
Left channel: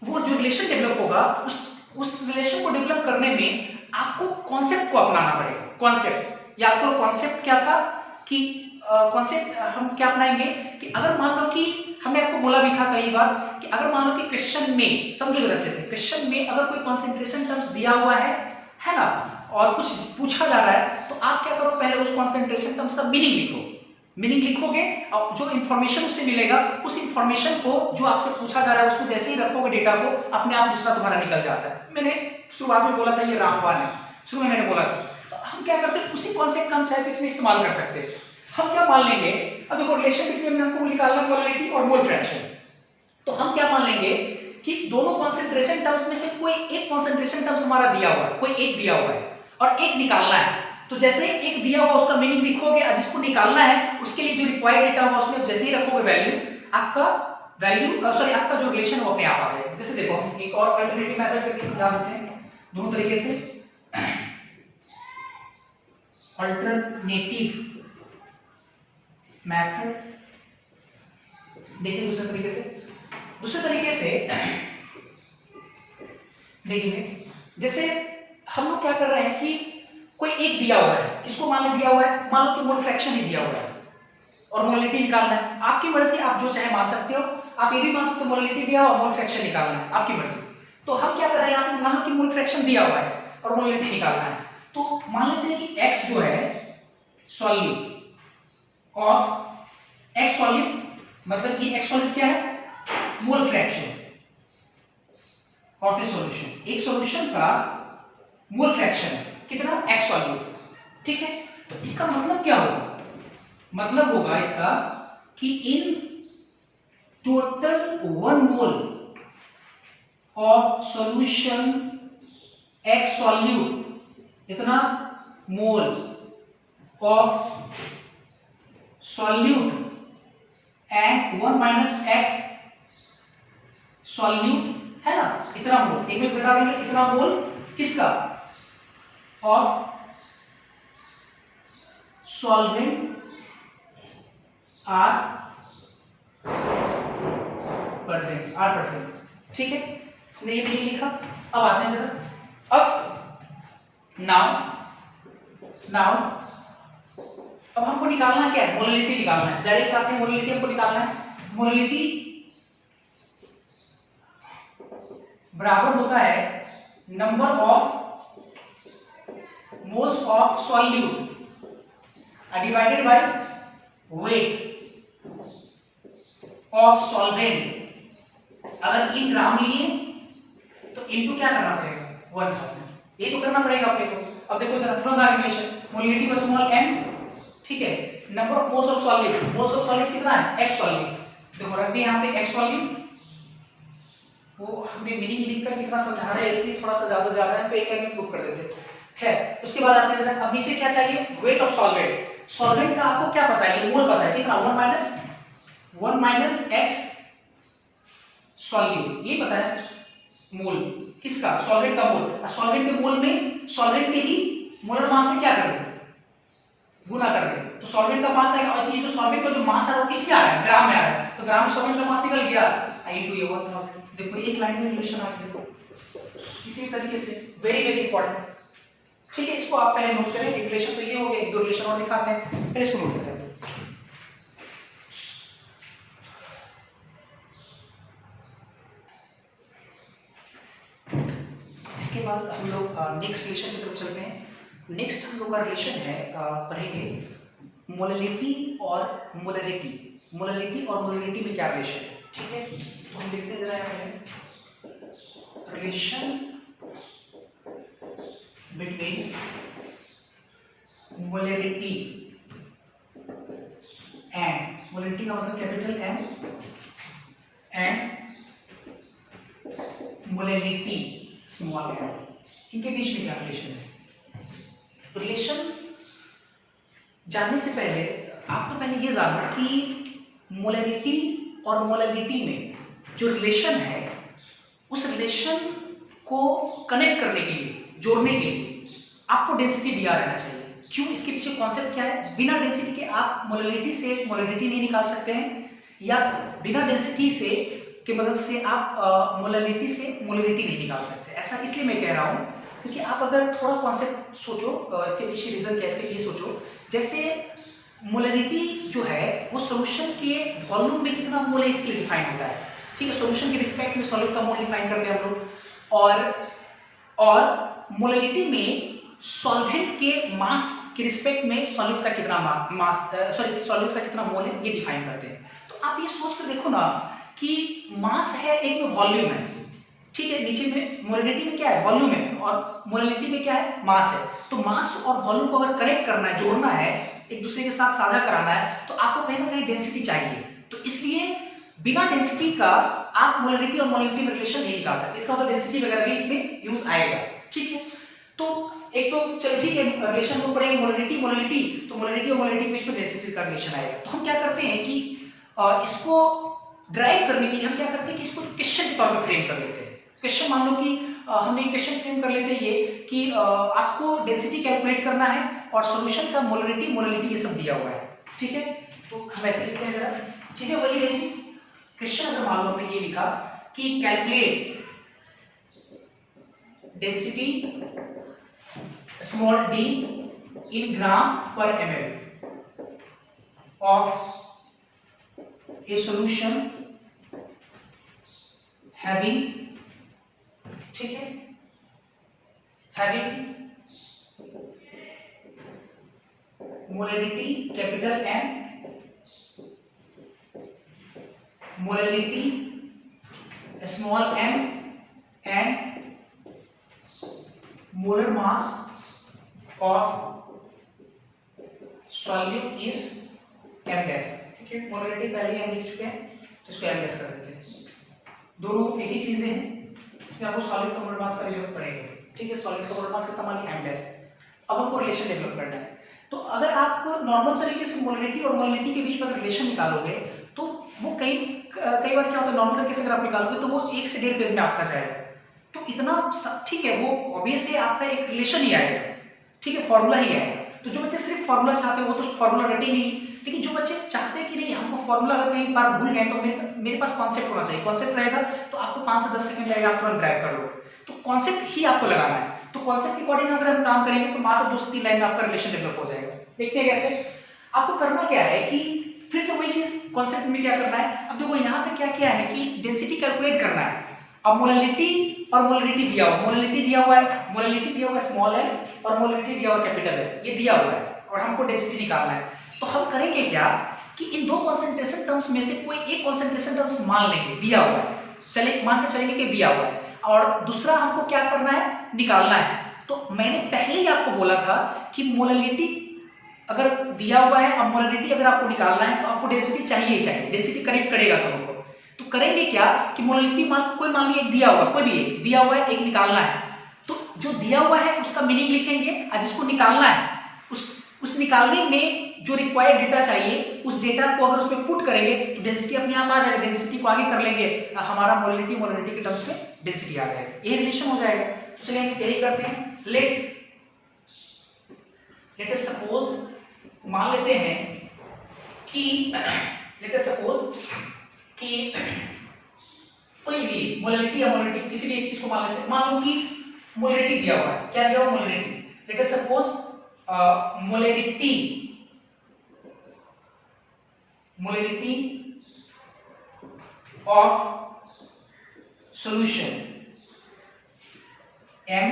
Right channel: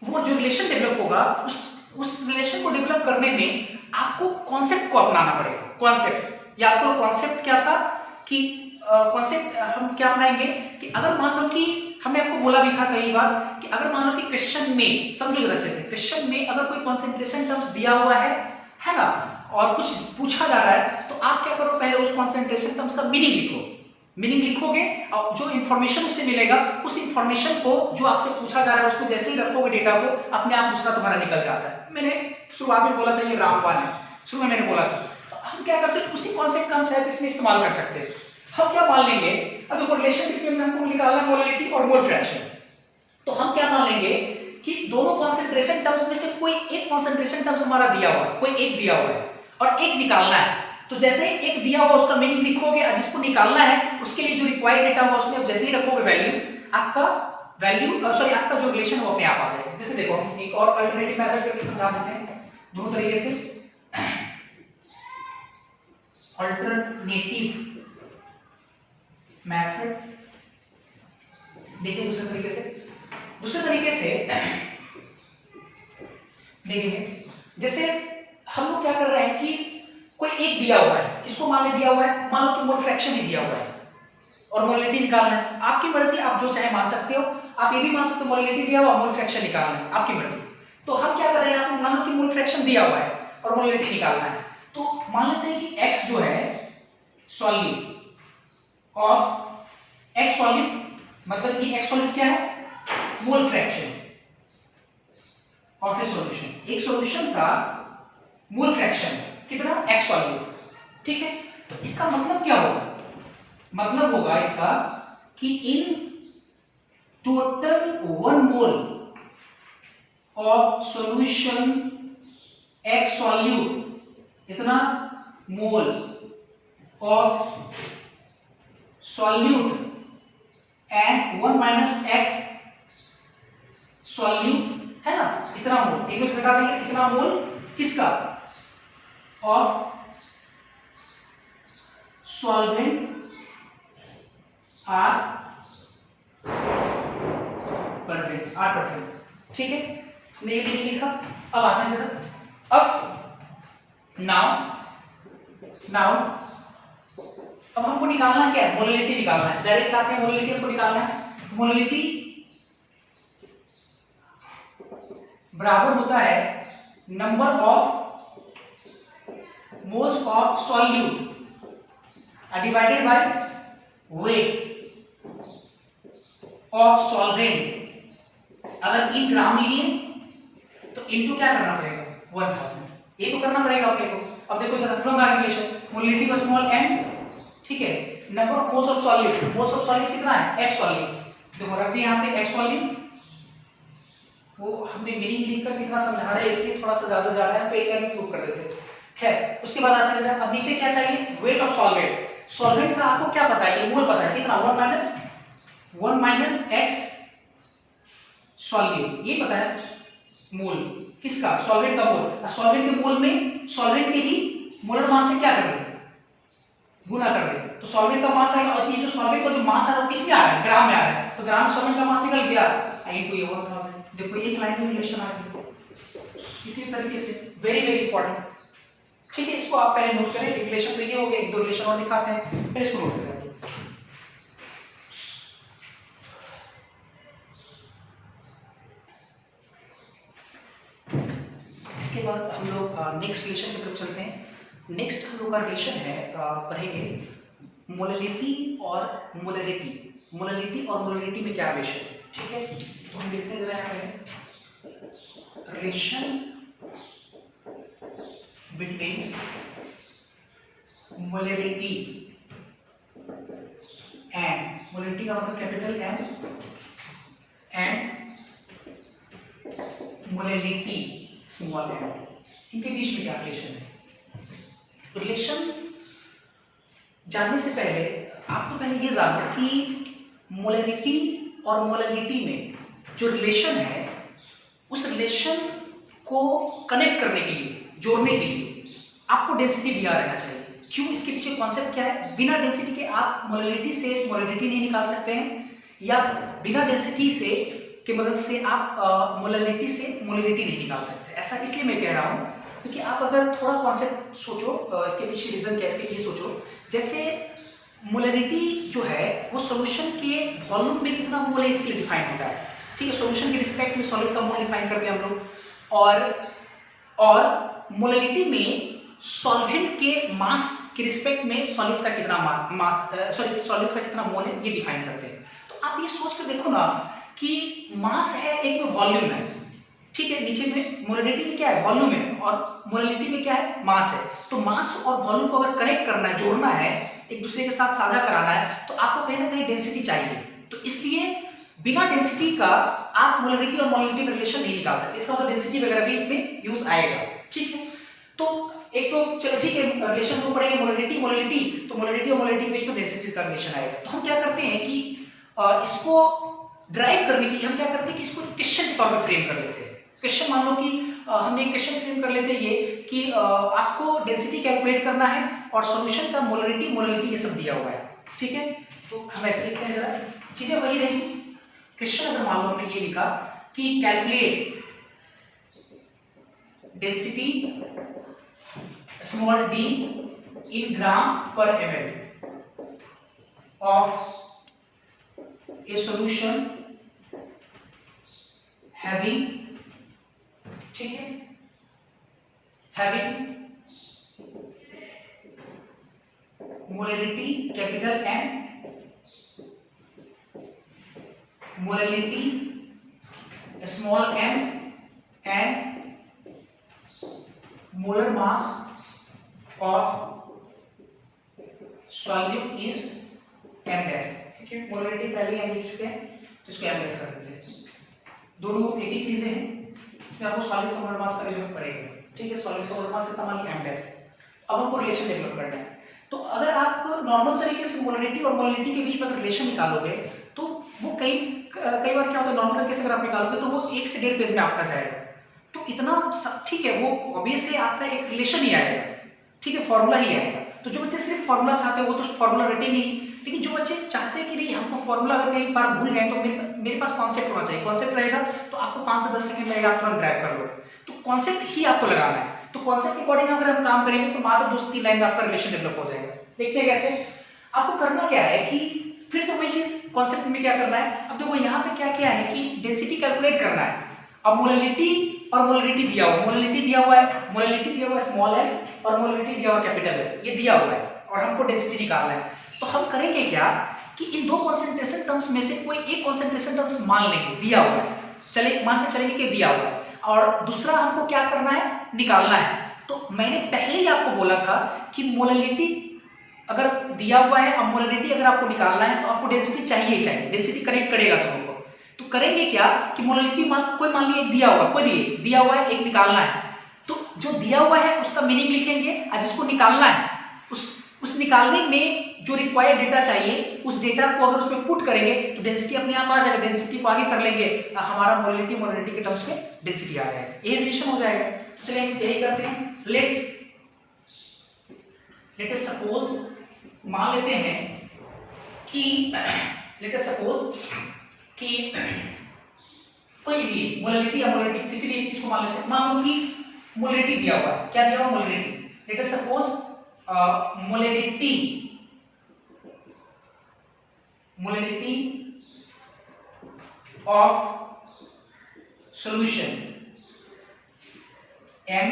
वो जो रिलेशन डेवलप होगा, उस रिलेशन को डेवलप करने में आपको कॉन्सेप्ट को अपनाना पड़ेगा। कॉन्सेप्ट, या आपको कॉन्सेप्ट क्या था कि कॉन्सेप्ट हम क्या अपनाएंगे कि अगर मान लो कि हमने आपको बोला भी था कई बार कि अगर मान लो कि क्वेश्चन में, समझो जरा अच्छे से, क्वेश्चन में अगर कोई कंसंट्रेशन टर्म्स दिया हुआ है ना, और कुछ पूछा जा रहा है, तो आप क्या करो, पहले उस कंसंट्रेशन टर्म्स का मीनिंग लिखो। मीनिंग लिखोगे और जो इंफॉर्मेशन उससे मिलेगा, उस इंफॉर्मेशन को जो आपसे पूछा जा रहा है उसको जैसे ही रखोगे डेटा को, अपने आप दूसरा तुम्हारा निकल जाता है। मैंने शुरुआत में बोला था ये रामबाण है, शुरू में मैंने बोला था। तो हम क्या करते हैं, उसी कॉन्सेप्ट का हम चाहे इसमें इस्तेमाल कर सकते हैं। हम क्या मान लेंगे, अब देखो रिलेशन बिटवीन हमको निकालना मोलैलिटी और मोल फ्रैक्शन, तो हम क्या मान लेंगे कि दोनों कॉन्सेंट्रेशन टर्म्स में से कोई एक कॉन्सेंट्रेशन टर्म्स हमारा दिया हुआ है, कोई एक दिया हुआ है और एक निकालना है। तो जैसे एक दिया हुआ उसका मीनिंग लिखोगे और जिसको निकालना है उसके लिए जो रिक्वायर्ड डेटा होगा उसमें आप जैसे ही रखोगे वैल्यूज, आपका आपका जो रिलेशन है वो अपने आप आ जाएगा। जैसे देखो एक और अल्टरनेटिव मेथड करके समझा देते हैं दोनों तरीके से। अल्टरनेटिव मेथड देखिए दूसरे तरीके से देखेंगे। जैसे हम लोग क्या कर रहे हैं कि कोई एक दिया हुआ है, किसको मान ले दिया हुआ है, मान लो कि मोल फ्रैक्शन ही दिया हुआ है और मोलैलिटी निकालना है। आपकी मर्जी, आप जो चाहे मान सकते हो, आप ये भी मान सकते हो मोलैलिटी दिया हुआ मोल फ्रैक्शन निकालना है, आपकी मर्जी। तो हम क्या कर रहे हैं, आप मान लो कि मोल फ्रैक्शन दिया हुआ है और मोलैलिटी निकालना है, तो मान लेते हैं कि x जो है सॉल्यूट ऑफ x सॉल्यूट, मतलब कि x सॉल्यूट क्या है, mole fraction of A solution. एक सॉल्यूशन का मोल फ्रैक्शन कितना, x सॉल्यूट, ठीक है। तो इसका मतलब क्या होगा, मतलब होगा इसका कि in total 1 mole of solution x solute, इतना mole of solute and 1 minus x solute है ना, इतना मोल, एक में से घटा देंगे, इतना मोल किसका, ऑफ सॉल्वेंट आर परसेंट, ठीक है। हमने ये भी लिखा। अब आते हैं जरा, अब नाउ अब हमको निकालना क्या है, मोलैलिटी निकालना है। डायरेक्ट आते हैं, मोलैलिटी हमको निकालना है। मोलैलिटी बराबर होता है number of moles of solute divided by weight of solvent. अगर इन ग्राम लिए तो इनटू क्या करना पड़ेगा, 1000, ये तो करना पड़ेगा अपने को। अब देखो sir from the relation molality का स्मॉल m, ठीक है, number of moles of solute कितना है, x सॉल्यूट। देखो रख दिए यहाँ पे x सॉल्यूट, वो हमने मीनिंग लिखकर कितना समझा रहे हैं इसलिए थोड़ा सा ज्यादा जा रहा है, तो एक लाइन में प्रूव कर देते हैं। खैर उसके बाद आते हैं, अब नीचे क्या चाहिए, वेट ऑफ सॉल्वेंट का आपको क्या पता है, ये मोल पता है कितना, 1 माइनस x सॉल्यूट, ये पता है मोल किसका, सॉल्वेंट का मोल। सॉल्वेंट के मोल में सॉल्वेंट के ही मोलर मास से क्या कर दें, गुना कर दें, तो सॉल्वेंट का मास आएगा। और ये जो सॉल्वेंट का जो मास है वो किसमें आ रहा है, ग्राम में आ रहा है, तो ग्राम में सॉल्वेंट का मास निकल गया इनटू ये 1000। देखो एक लाइन में रिलेशन आ गया, किसी भी तरीके से, वेरी वेरी इंपॉर्टेंट। ठीक है, इसको आप पहले नोट करें। रिलेशन तो ये हो गया, एक दो रिलेशन और दिखाते हैं, पहले इसको नोट करें। इसके बाद हम लोग नेक्स्ट रिलेशन की तरफ चलते हैं। नेक्स्ट हम लोग का रिलेशन है, पढ़ेंगे मोलैलिटी और मोलरिटी। मोलरिटी और मोलरिटी में क्या रिलेशन है, ठीक है। तो हम देखते हैं जरा यहाँ पे relation between molarity and, molarity का मतलब capital and molality small M, इनके बीच में क्या रिलेशन है। रिलेशन जानने से पहले आपको पहले ये जानना कि मोलैरिटी और मोलैलिटी में जो रिलेशन है, उस रिलेशन को कनेक्ट करने के लिए, जोड़ने के लिए आपको डेंसिटी दिया रहना चाहिए। क्यों, इसके पीछे कॉन्सेप्ट क्या है। बिना डेंसिटी के आप मोलैलिटी से मोलैलिटी नहीं निकाल सकते हैं, या बिना डेंसिटी से की मदद से आप मोलैलिटी से मोलरिटी नहीं निकाल सकते। ऐसा इसलिए मैं कह रहा हूँ क्योंकि आप अगर थोड़ा कॉन्सेप्ट सोचो, इसके पीछे रीजन क्या है इसके, ये सोचो। जैसे मोलरिटी जो है वो सॉल्यूशन के वॉल्यूम में कितना मोल है इसके लिए डिफाइन होता है, ठीक है। सॉल्यूशन के रिस्पेक्ट में सॉलिड का मोल डिफाइन करते हैं हम लोग, और मोलरिटी में सॉल्वेंट के मास के रिस्पेक्ट में सॉलिड का कितना सॉलिड का कितना मोल है ये डिफाइन करते हैं। तो आप ये सोच कर देखो ना कि मास है, एक में वॉल्यूम है, ठीक है। नीचे में मोलरिटी में क्या है, वॉल्यूम है, और मोलरिटी में क्या है, मास है। तो मास और वॉल्यूम को अगर कनेक्ट करना है, जोड़ना है, एक दूसरे के साथ साझा कराना है, तो आपको कहीं ना कहीं डेंसिटी चाहिए। तो इसलिए बिना डेंसिटी का आप मोलरिटी और मोलरिटी में रिलेशन नहीं निकाल सकते। इसका मतलब डेंसिटी वगैरह भी इसमें यूज आएगा, ठीक है। तो एक तो चलो ठीक है, रिलेशन को पढ़ेंगे मोलरिटी मोलरिटी, तो मोलरिटी और मोलरिटी के बीच में डेंसिटी का रिलेशन आएगा। तो हम क्या करते हैं कि इसको ड्राइव करने के लिए हम क्या करते हैं कि इसको क्वेश्चन के तौर पर फ्रेम कर लेते हैं। क्वेश्चन मान लो कि हमने एक क्वेश्चन फ्रेम कर लेते हैं ये कि आपको डेंसिटी कैलकुलेट करना है और सॉल्यूशन का मोलरिटी मोलरिटी ये सब दिया हुआ है, ठीक है। तो हम ऐसे लिखते हैं, जरा चीजें वही रहेगी। क्वेश्चन अगर मान लो हमने ये लिखा कि calculate density small d in gram per ml of a solution having, ठीक है, having molarity capital M, molarity small m, and molar mass of solute is m dash, ठीक है। मोलरिटी पहले हम लिख चुके हैं, तो इसको m dash कर देते हैं। दोनों एक ही चीजें हैं, इसमें आपको सॉलिड का मोलर मास का भी जरूरत पड़ेगी, ठीक है। सॉलिड का मोलर मास कितना, मान लिया m dash। अब हमको रिलेशन डेवलप करना है। तो अगर आप नॉर्मल तरीके से मोलरिटी और मोलरिटी के बीच में रिलेशन निकालोगे तो वो कई बार क्या होता है, नॉर्मल तरीके से अगर आप निकालोगे तो वो 1 से 1.5 पेज में आपका जाएगा। तो इतना ठीक है, वो ऑब्वियस है, आपका एक रिलेशन ही आएगा, ठीक है, फॉर्मूला ही आएगा। तो जो बच्चे सिर्फ फॉर्मूला चाहते हैं वो तो फॉर्मूला रटेंगे ही, लेकिन जो बच्चे चाहते हैं कि नहीं हमको फॉर्मूला अगर कहीं बार भूल गए तो मेरे पास कॉन्सेप्ट होना चाहिए। कॉन्सेप्ट रहेगा तो आपको 5 से 10 सेकंड लगेगा, आप तुरंत ड्राइव कर लोगे। तो कॉन्सेप्ट ही आपको लगाना है। तो कॉन्सेप्ट के अकॉर्डिंग अगर हम काम करेंगे तो मात्र 2 से 3 लाइन में आपका रिलेशन डेवलप हो जाएगा। देखते हैं कैसे। आपको करना क्या है कि फिर से वही चीज कॉन्सेप्ट में क्या करना है। अब देखो यहाँ पे क्या किया है कि डेंसिटी कैलकुलेट करना है। अब मोलरिटी और मोलरिटी दिया हुआ, मोलरिटी दिया हुआ है, मोलरिटी दिया हुआ है स्मॉल है और मोलरिटी दिया हुआ कैपिटल है, ये दिया हुआ है और हमको डेंसिटी निकालना है। तो हम करेंगे क्या कि इन दो कॉन्सेंट्रेशन टर्म्स में से कोई एक कॉन्सेंट्रेशन टर्म्स मान लेंगे, दिया हुआ है, चले मान के चलेंगे कि दिया हुआ है, और दूसरा हमको क्या करना है, निकालना है। तो मैंने पहले ही आपको बोला था कि मोलरिटी अगर दिया हुआ है, अब मोलरिटी अगर आपको निकालना है तो आपको डेंसिटी चाहिए ही चाहिए, डेंसिटी कनेक्ट करेगा दोनों को। तो करेंगे क्या कि मोलरिटी मान लिया एक दिया हुआ, कोई भी एक दिया हुआ है, एक निकालना है। तो जो दिया हुआ है उसका मीनिंग लिखेंगे और जिसको निकालना है उस निकालने में जो रिक्वायर्ड डेटा चाहिए उस डेटा को अगर उसमें पुट करेंगे तो डेंसिटी अपने आप आ जाएगा। डेंसिटी को आगे कर लेंगे, हमारा मोलरिटी के टर्म्स में डेंसिटी आ जाएगा, ये रिलेशन हो जाएगा। तो चलिए हम यही करते हैं। लेट अस सपोज, मान लेते हैं कि लेट अस सपोज कि कोई भी मोलैलिटी या मोलैलिटी किसी भी एक चीज को मान लेते हैं। मान लो कि मोलैलिटी दिया हुआ है, क्या दिया हुआ molality, let us suppose molality of solution M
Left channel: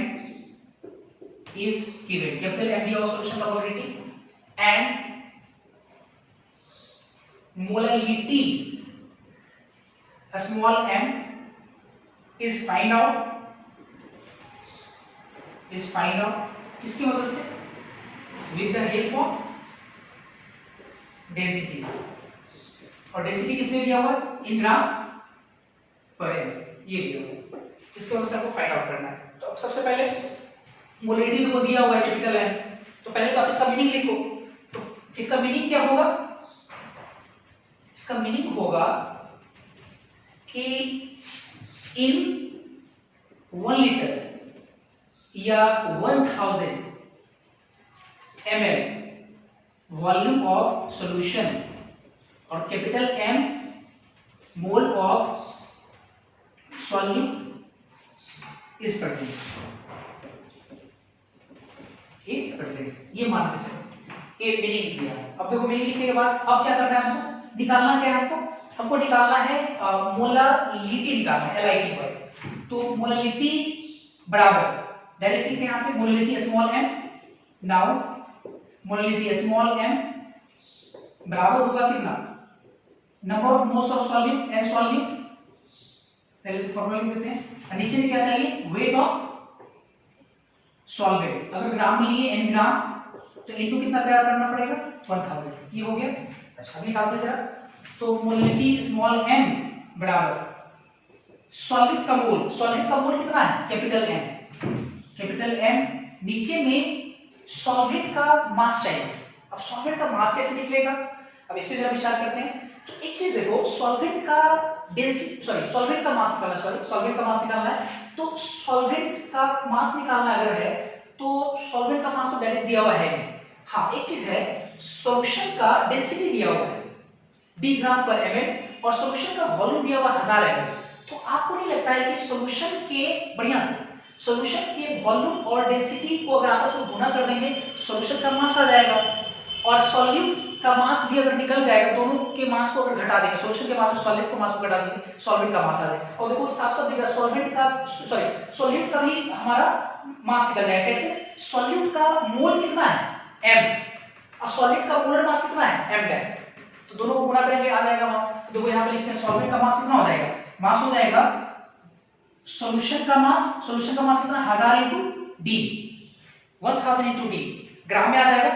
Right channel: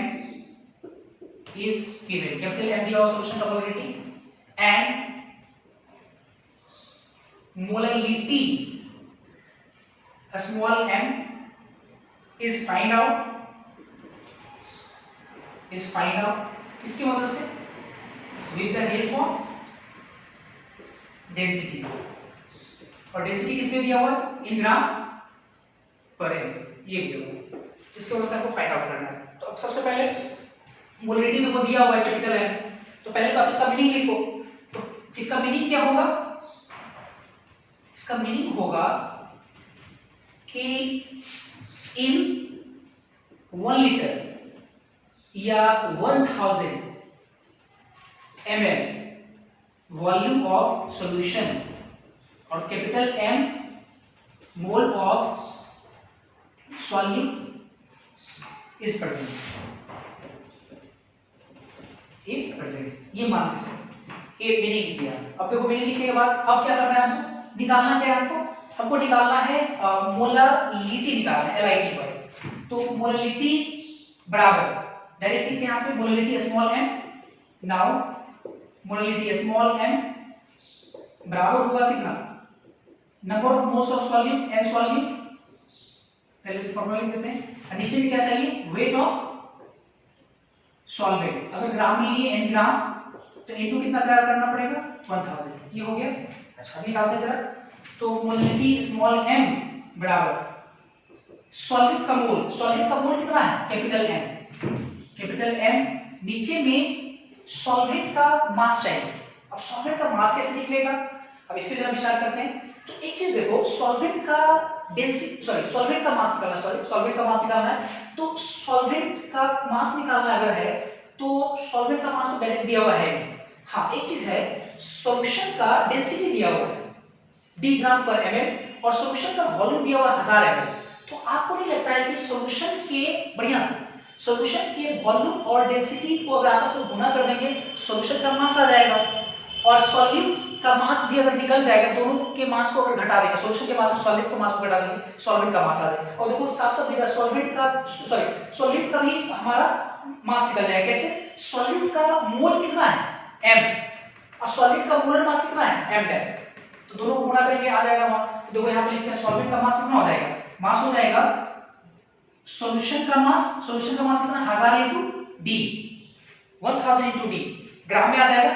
is given, capital M दिया हुआ solution का molarity and molality small m is find out किसकी मदद से, with the help of density, और डेंसिटी किसमें दिया हुआ है, इन ग्राम पर एम, ये दिया हुआ है, इसके वजह से आपको फाइंड आउट करना है। तो अब सबसे पहले मोलैलिटी देखो दिया हुआ है कैपिटल एम, तो पहले तो आप इसका मीनिंग लिखो। तो इसका मीनिंग क्या होगा, इसका मीनिंग होगा कि इन 1 लीटर या 1000 ml वॉल्यूम ऑफ सॉल्यूशन और capital M mole of solute is present, ये मान के चलो एक मीनिंग लिख दिया। अब देखो मीनिंग लिखने के बाद अब क्या करना है, हमको निकालना क्या है, हमको निकालना है मोलालिटी निकालना है LIT पर। तो मोलालिटी बराबर डायरेक्ट लिखते हैं यहाँ पे molality small m, now molality small m बराबर होगा कितना, number of moles of solute and solute, पहले तो फॉर्मूला लिख देते हैं। और नीचे में क्या चाहिए, वेट ऑफ सॉल्वेंट, अगर ग्राम में लिए n ग्राम तो इनटू कितना तैयार करना पड़ेगा 1000, ये हो गया। अच्छा निकालते हैं जरा, तो मोलैलिटी स्मॉल m बराबर सॉल्वेंट का मोल कितना है कैपिटल M, नीचे में सॉल्वेंट का मास चाहिए। अब सॉल्वेंट का मास कैसे निकलेगा, अब इस पे जरा विचार करते हैं। तो एक चीज देखो, सॉल्वेंट का मास निकालना है, तो सॉल्वेंट का मास निकालना अगर है तो सॉल्वेंट का मास तो डायरेक्ट दिया हुआ है नहीं। हाँ एक चीज है, सॉल्यूशन का डेंसिटी दिया हुआ है d ग्राम पर ml और सॉल्यूशन का वॉल्यूम दिया हुआ 1000 ml। तो आपको नहीं लगता है कि सॉल्यूशन के वॉल्यूम और डेंसिटी को अगर आपस में गुणा कर देंगे तो सॉल्यूशन का मास आ जाएगा, और सॉल्यूट का मास भी अगर निकल जाएगा, दोनों के मास को अगर घटा देंगे, सॉल्यूशन के मास और सॉल्वेंट के मास को घटा देंगे, सॉल्वेंट का मास आ जाएगा। और देखो साफ-साफ दिख रहा है सॉल्यूट का भी हमारा मास निकल जाएगा। कैसे, सॉल्यूट का मोल कितना है m और सॉल्वेंट का मोलर मास कितना है m डैश, तो दोनों को गुणा करेंगे आ जाएगा मास। तो देखो यहाँ पे लिखते हैं सॉल्वेंट का मास कितना हो जाएगा, मास हो जाएगा सॉल्यूशन का मास कितना 1000 into d, 1000 into d ग्राम में आ जाएगा।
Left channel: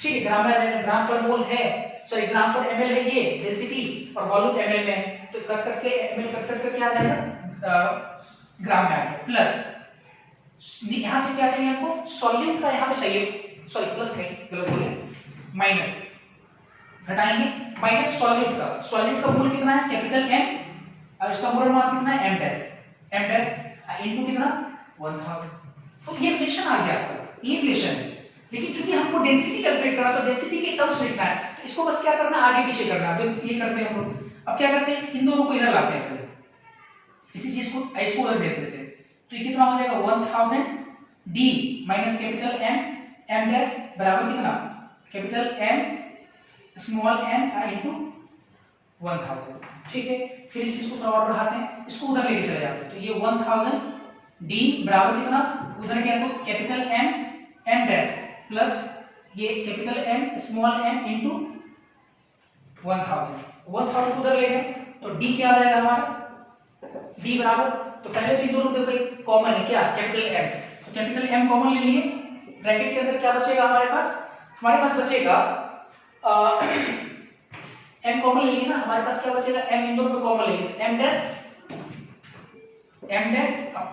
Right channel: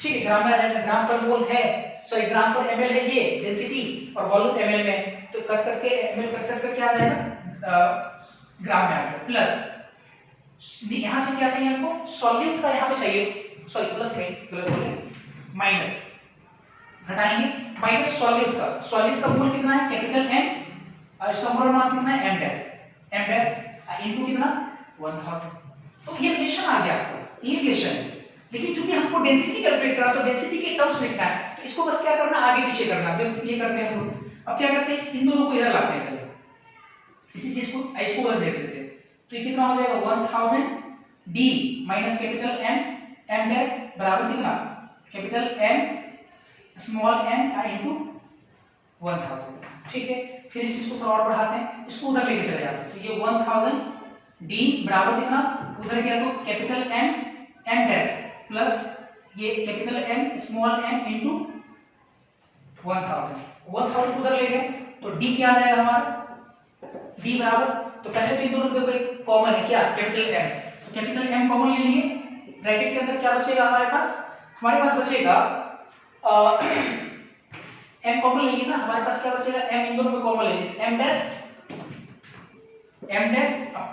ठीक है, ग्राम में आ जाएगा, ग्राम पर मोल है, सॉरी ग्राम पर ml है ये डेंसिटी और वॉल्यूम ml में, तो कट करके ml कट करके क्या आ जाएगा ग्राम में आ गया। प्लस यहां से क्या चाहिए हमको, सॉल्यूट का यहां पे चाहिए, सॉरी प्लस नहीं गलत बोले, माइनस घटाएंगे, माइनस सॉल्यूट का मोल कितना है कैपिटल M और इसका मोलर मास कितना है m डैश इनटू कितना 1000। तो ये रिलेशन आ गया आपका, ये रिलेशन है। लेकिन चूंकि हमको डेंसिटी कैलकुलेट करना, तो डेंसिटी के टर्म्स में लिखना है, तो इसको बस क्या करना आगे पीछे करना। तो ये करते हैं हम लोग। अब क्या करते हैं, इन दोनों को इधर लाते हैं पहले, इसी चीज को इसको उधर भेज देते हैं। तो ये कितना हो जाएगा 1000 d minus capital M dash बराबर कितना capital M small m into 1000। ठीक है, फिर इस चीज को थोड़ा और बढ़ाते हैं, इसको उधर लेके चले जाते हैं। तो ये 1000 d बराबर कितना, उधर गया तो कैपिटल M डैश प्लस ये capital M small m into 1000 उधर ले गए, तो d क्या आ जाएगा हमारा, d बराबर, तो पहले तो दोनों देखो एक कॉमन है क्या कैपिटल M, तो कैपिटल M कॉमन ले लिए, ब्रैकेट के अंदर क्या बचेगा हमारे पास बचेगा m कॉमन ले लिए ना, हमारे पास क्या बचेगा m, इन दोनों में कॉमन ले लिए m डैश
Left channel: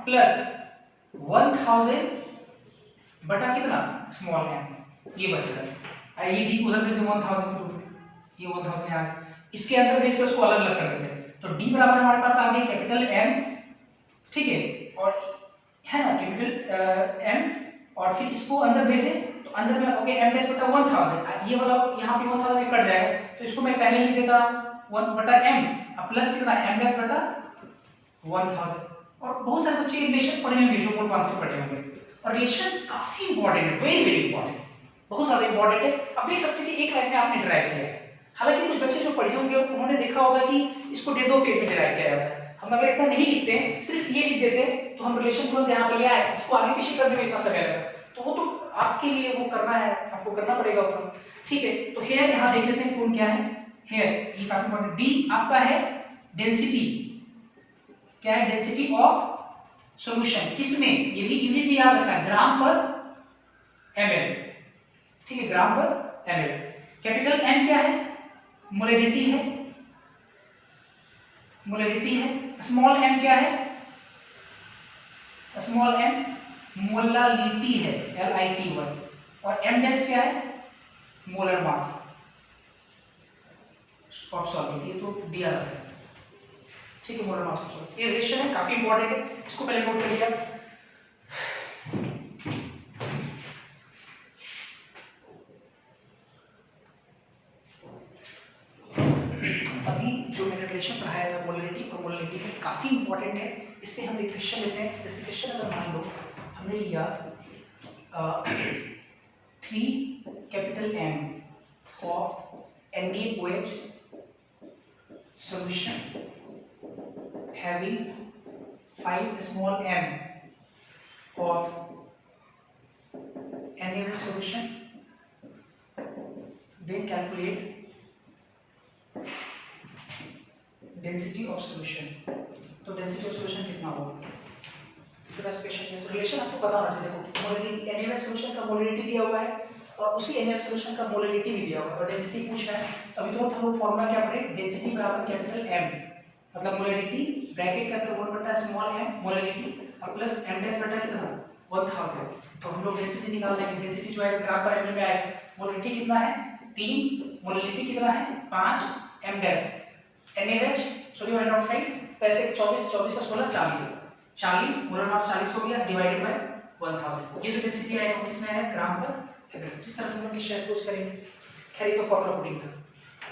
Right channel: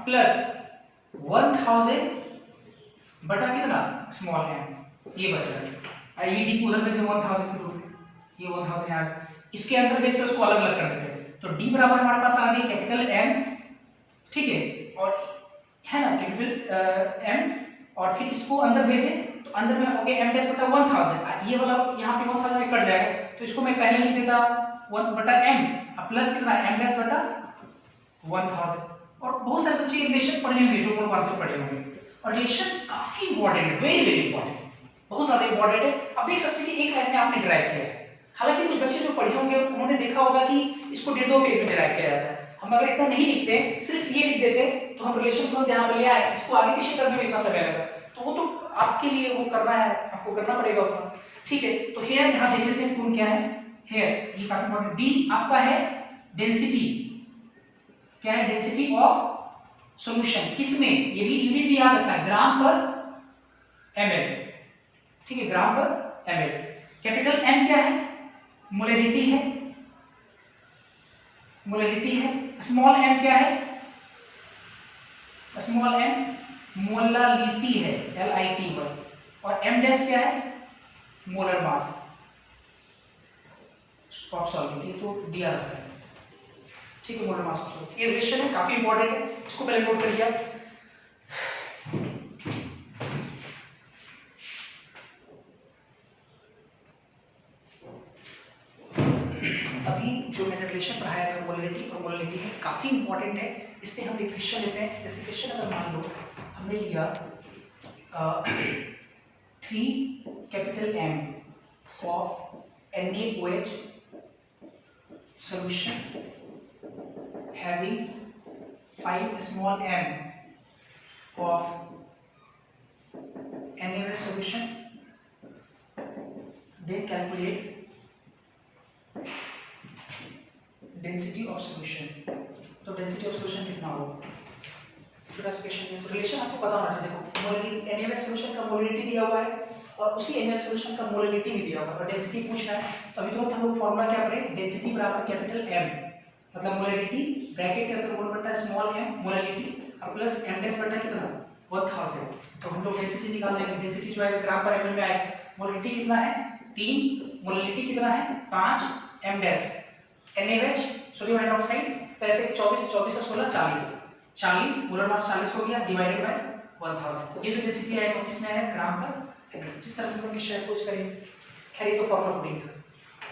प्लस 1000 बटा कितना स्मॉल m, ये बचेगा। ये d को उधर भेज 1000 के रूप में, ये 1000 यहाँ इसके अंदर भेज के उसको अलग अलग कर देते हैं। तो d बराबर हमारे पास आ गई कैपिटल M, ठीक है, और है ना कैपिटल M, और फिर इसको अंदर भेजे तो अंदर में हो गया m डैश बटा 1000, ये वाला यहाँ पे 1000 में कट जाएगा, तो इसको मैं पहले लिख देता 1 बटा m प्लस कितना m डैश बटा 1000। और बहुत सारे बच्चे रिलेशन पढ़े होंगे जो मोल कॉन्सेप्ट पढ़े होंगे, और रिलेशन काफी इंपॉर्टेंट है, वेरी वेरी इंपॉर्टेंट, बहुत ज्यादा इंपॉर्टेंट है। अब देख सकते हैं कि एक लाइन में आपने डिराइव किया है, हालांकि कुछ बच्चे जो पढ़े होंगे उन्होंने देखा होगा कि इसको 1.5 पेज में डिराइव किया जाता है। हम अगर इतना नहीं लिखते, सिर्फ ये लिख देते तो हम रिलेशन तुरंत यहाँ पे ले आए, इसको आगे पीछे करने में इतना समय लगा, तो वो तो आपके लिए वो करना है, आपको करना पड़ेगा उतना, ठीक है। तो हेयर यहाँ देख लेते हैं कौन क्या है, हेयर ये काफी इंपॉर्टेंट। डी आपका है डेंसिटी, क्या है डेंसिटी ऑफ सॉल्यूशन, किसमें, ये भी यूनिट भी याद रखना है, ग्राम पर ml, ठीक है, ग्राम पर ml। कैपिटल M क्या है, मोलैरिटी है, मोलैरिटी है। स्मॉल m क्या है, स्मॉल m मोलालिटी है, LITY। और m डैश क्या है, मोलर मास ऑफ सॉल्वेंट, ये तो दिया रहता है, ठीक है, मोलर मास ऑफ सॉल्वेंट। ये रिलेशन है, काफी इंपॉर्टेंट है, इसको पहले नोट कर लिया। अभी जो मैंने रिलेशन पढ़ाया था मोलैरिटी और मोलैरिटी में काफी इंपॉर्टेंट है, इसमें हम एक क्वेश्चन लेते हैं। जैसे क्वेश्चन अगर मान लो हमने लिया 3 capital M of NaOH solution having 5 small m of NaOH solution, then calculate density of solution. तो डेंसिटी ऑफ सॉल्यूशन कितना होगा, क्वेश्चन में रिलेशन आपको पता होना चाहिए। देखो मोलैरिटी NaOH सॉल्यूशन का मोलैरिटी दिया हुआ है और उसी NaOH सॉल्यूशन का मोलैरिटी भी दिया हुआ है और डेंसिटी पूछा है, तो अभी तो हम लोग फार्मूला क्या पढ़े, डेंसिटी बराबर कैपिटल M, मतलब मोलैरिटी ब्रैकेट के अंदर 1 बटा स्मॉल m मोलैरिटी और प्लस m डैश बटा कितना 1000। तो हम लोग डेंसिटी निकाल लेंगे, डेंसिटी जो है ग्राम पर ml में आएगा। मोलैरिटी कितना है 3, मोलैरिटी कितना है 5, m dash NaOH sodium hydroxide, तो ऐसे 24 24 से 16 40 मोलर मास 40 हो गया डिवाइडेड बाय 1000। ये जो डेंसिटी आएगा वो किसमें है, ग्राम पर ml। इस तरह से हम शायद कुछ करेंगे, खैर ये तो फॉर्मूला पुटिंग था,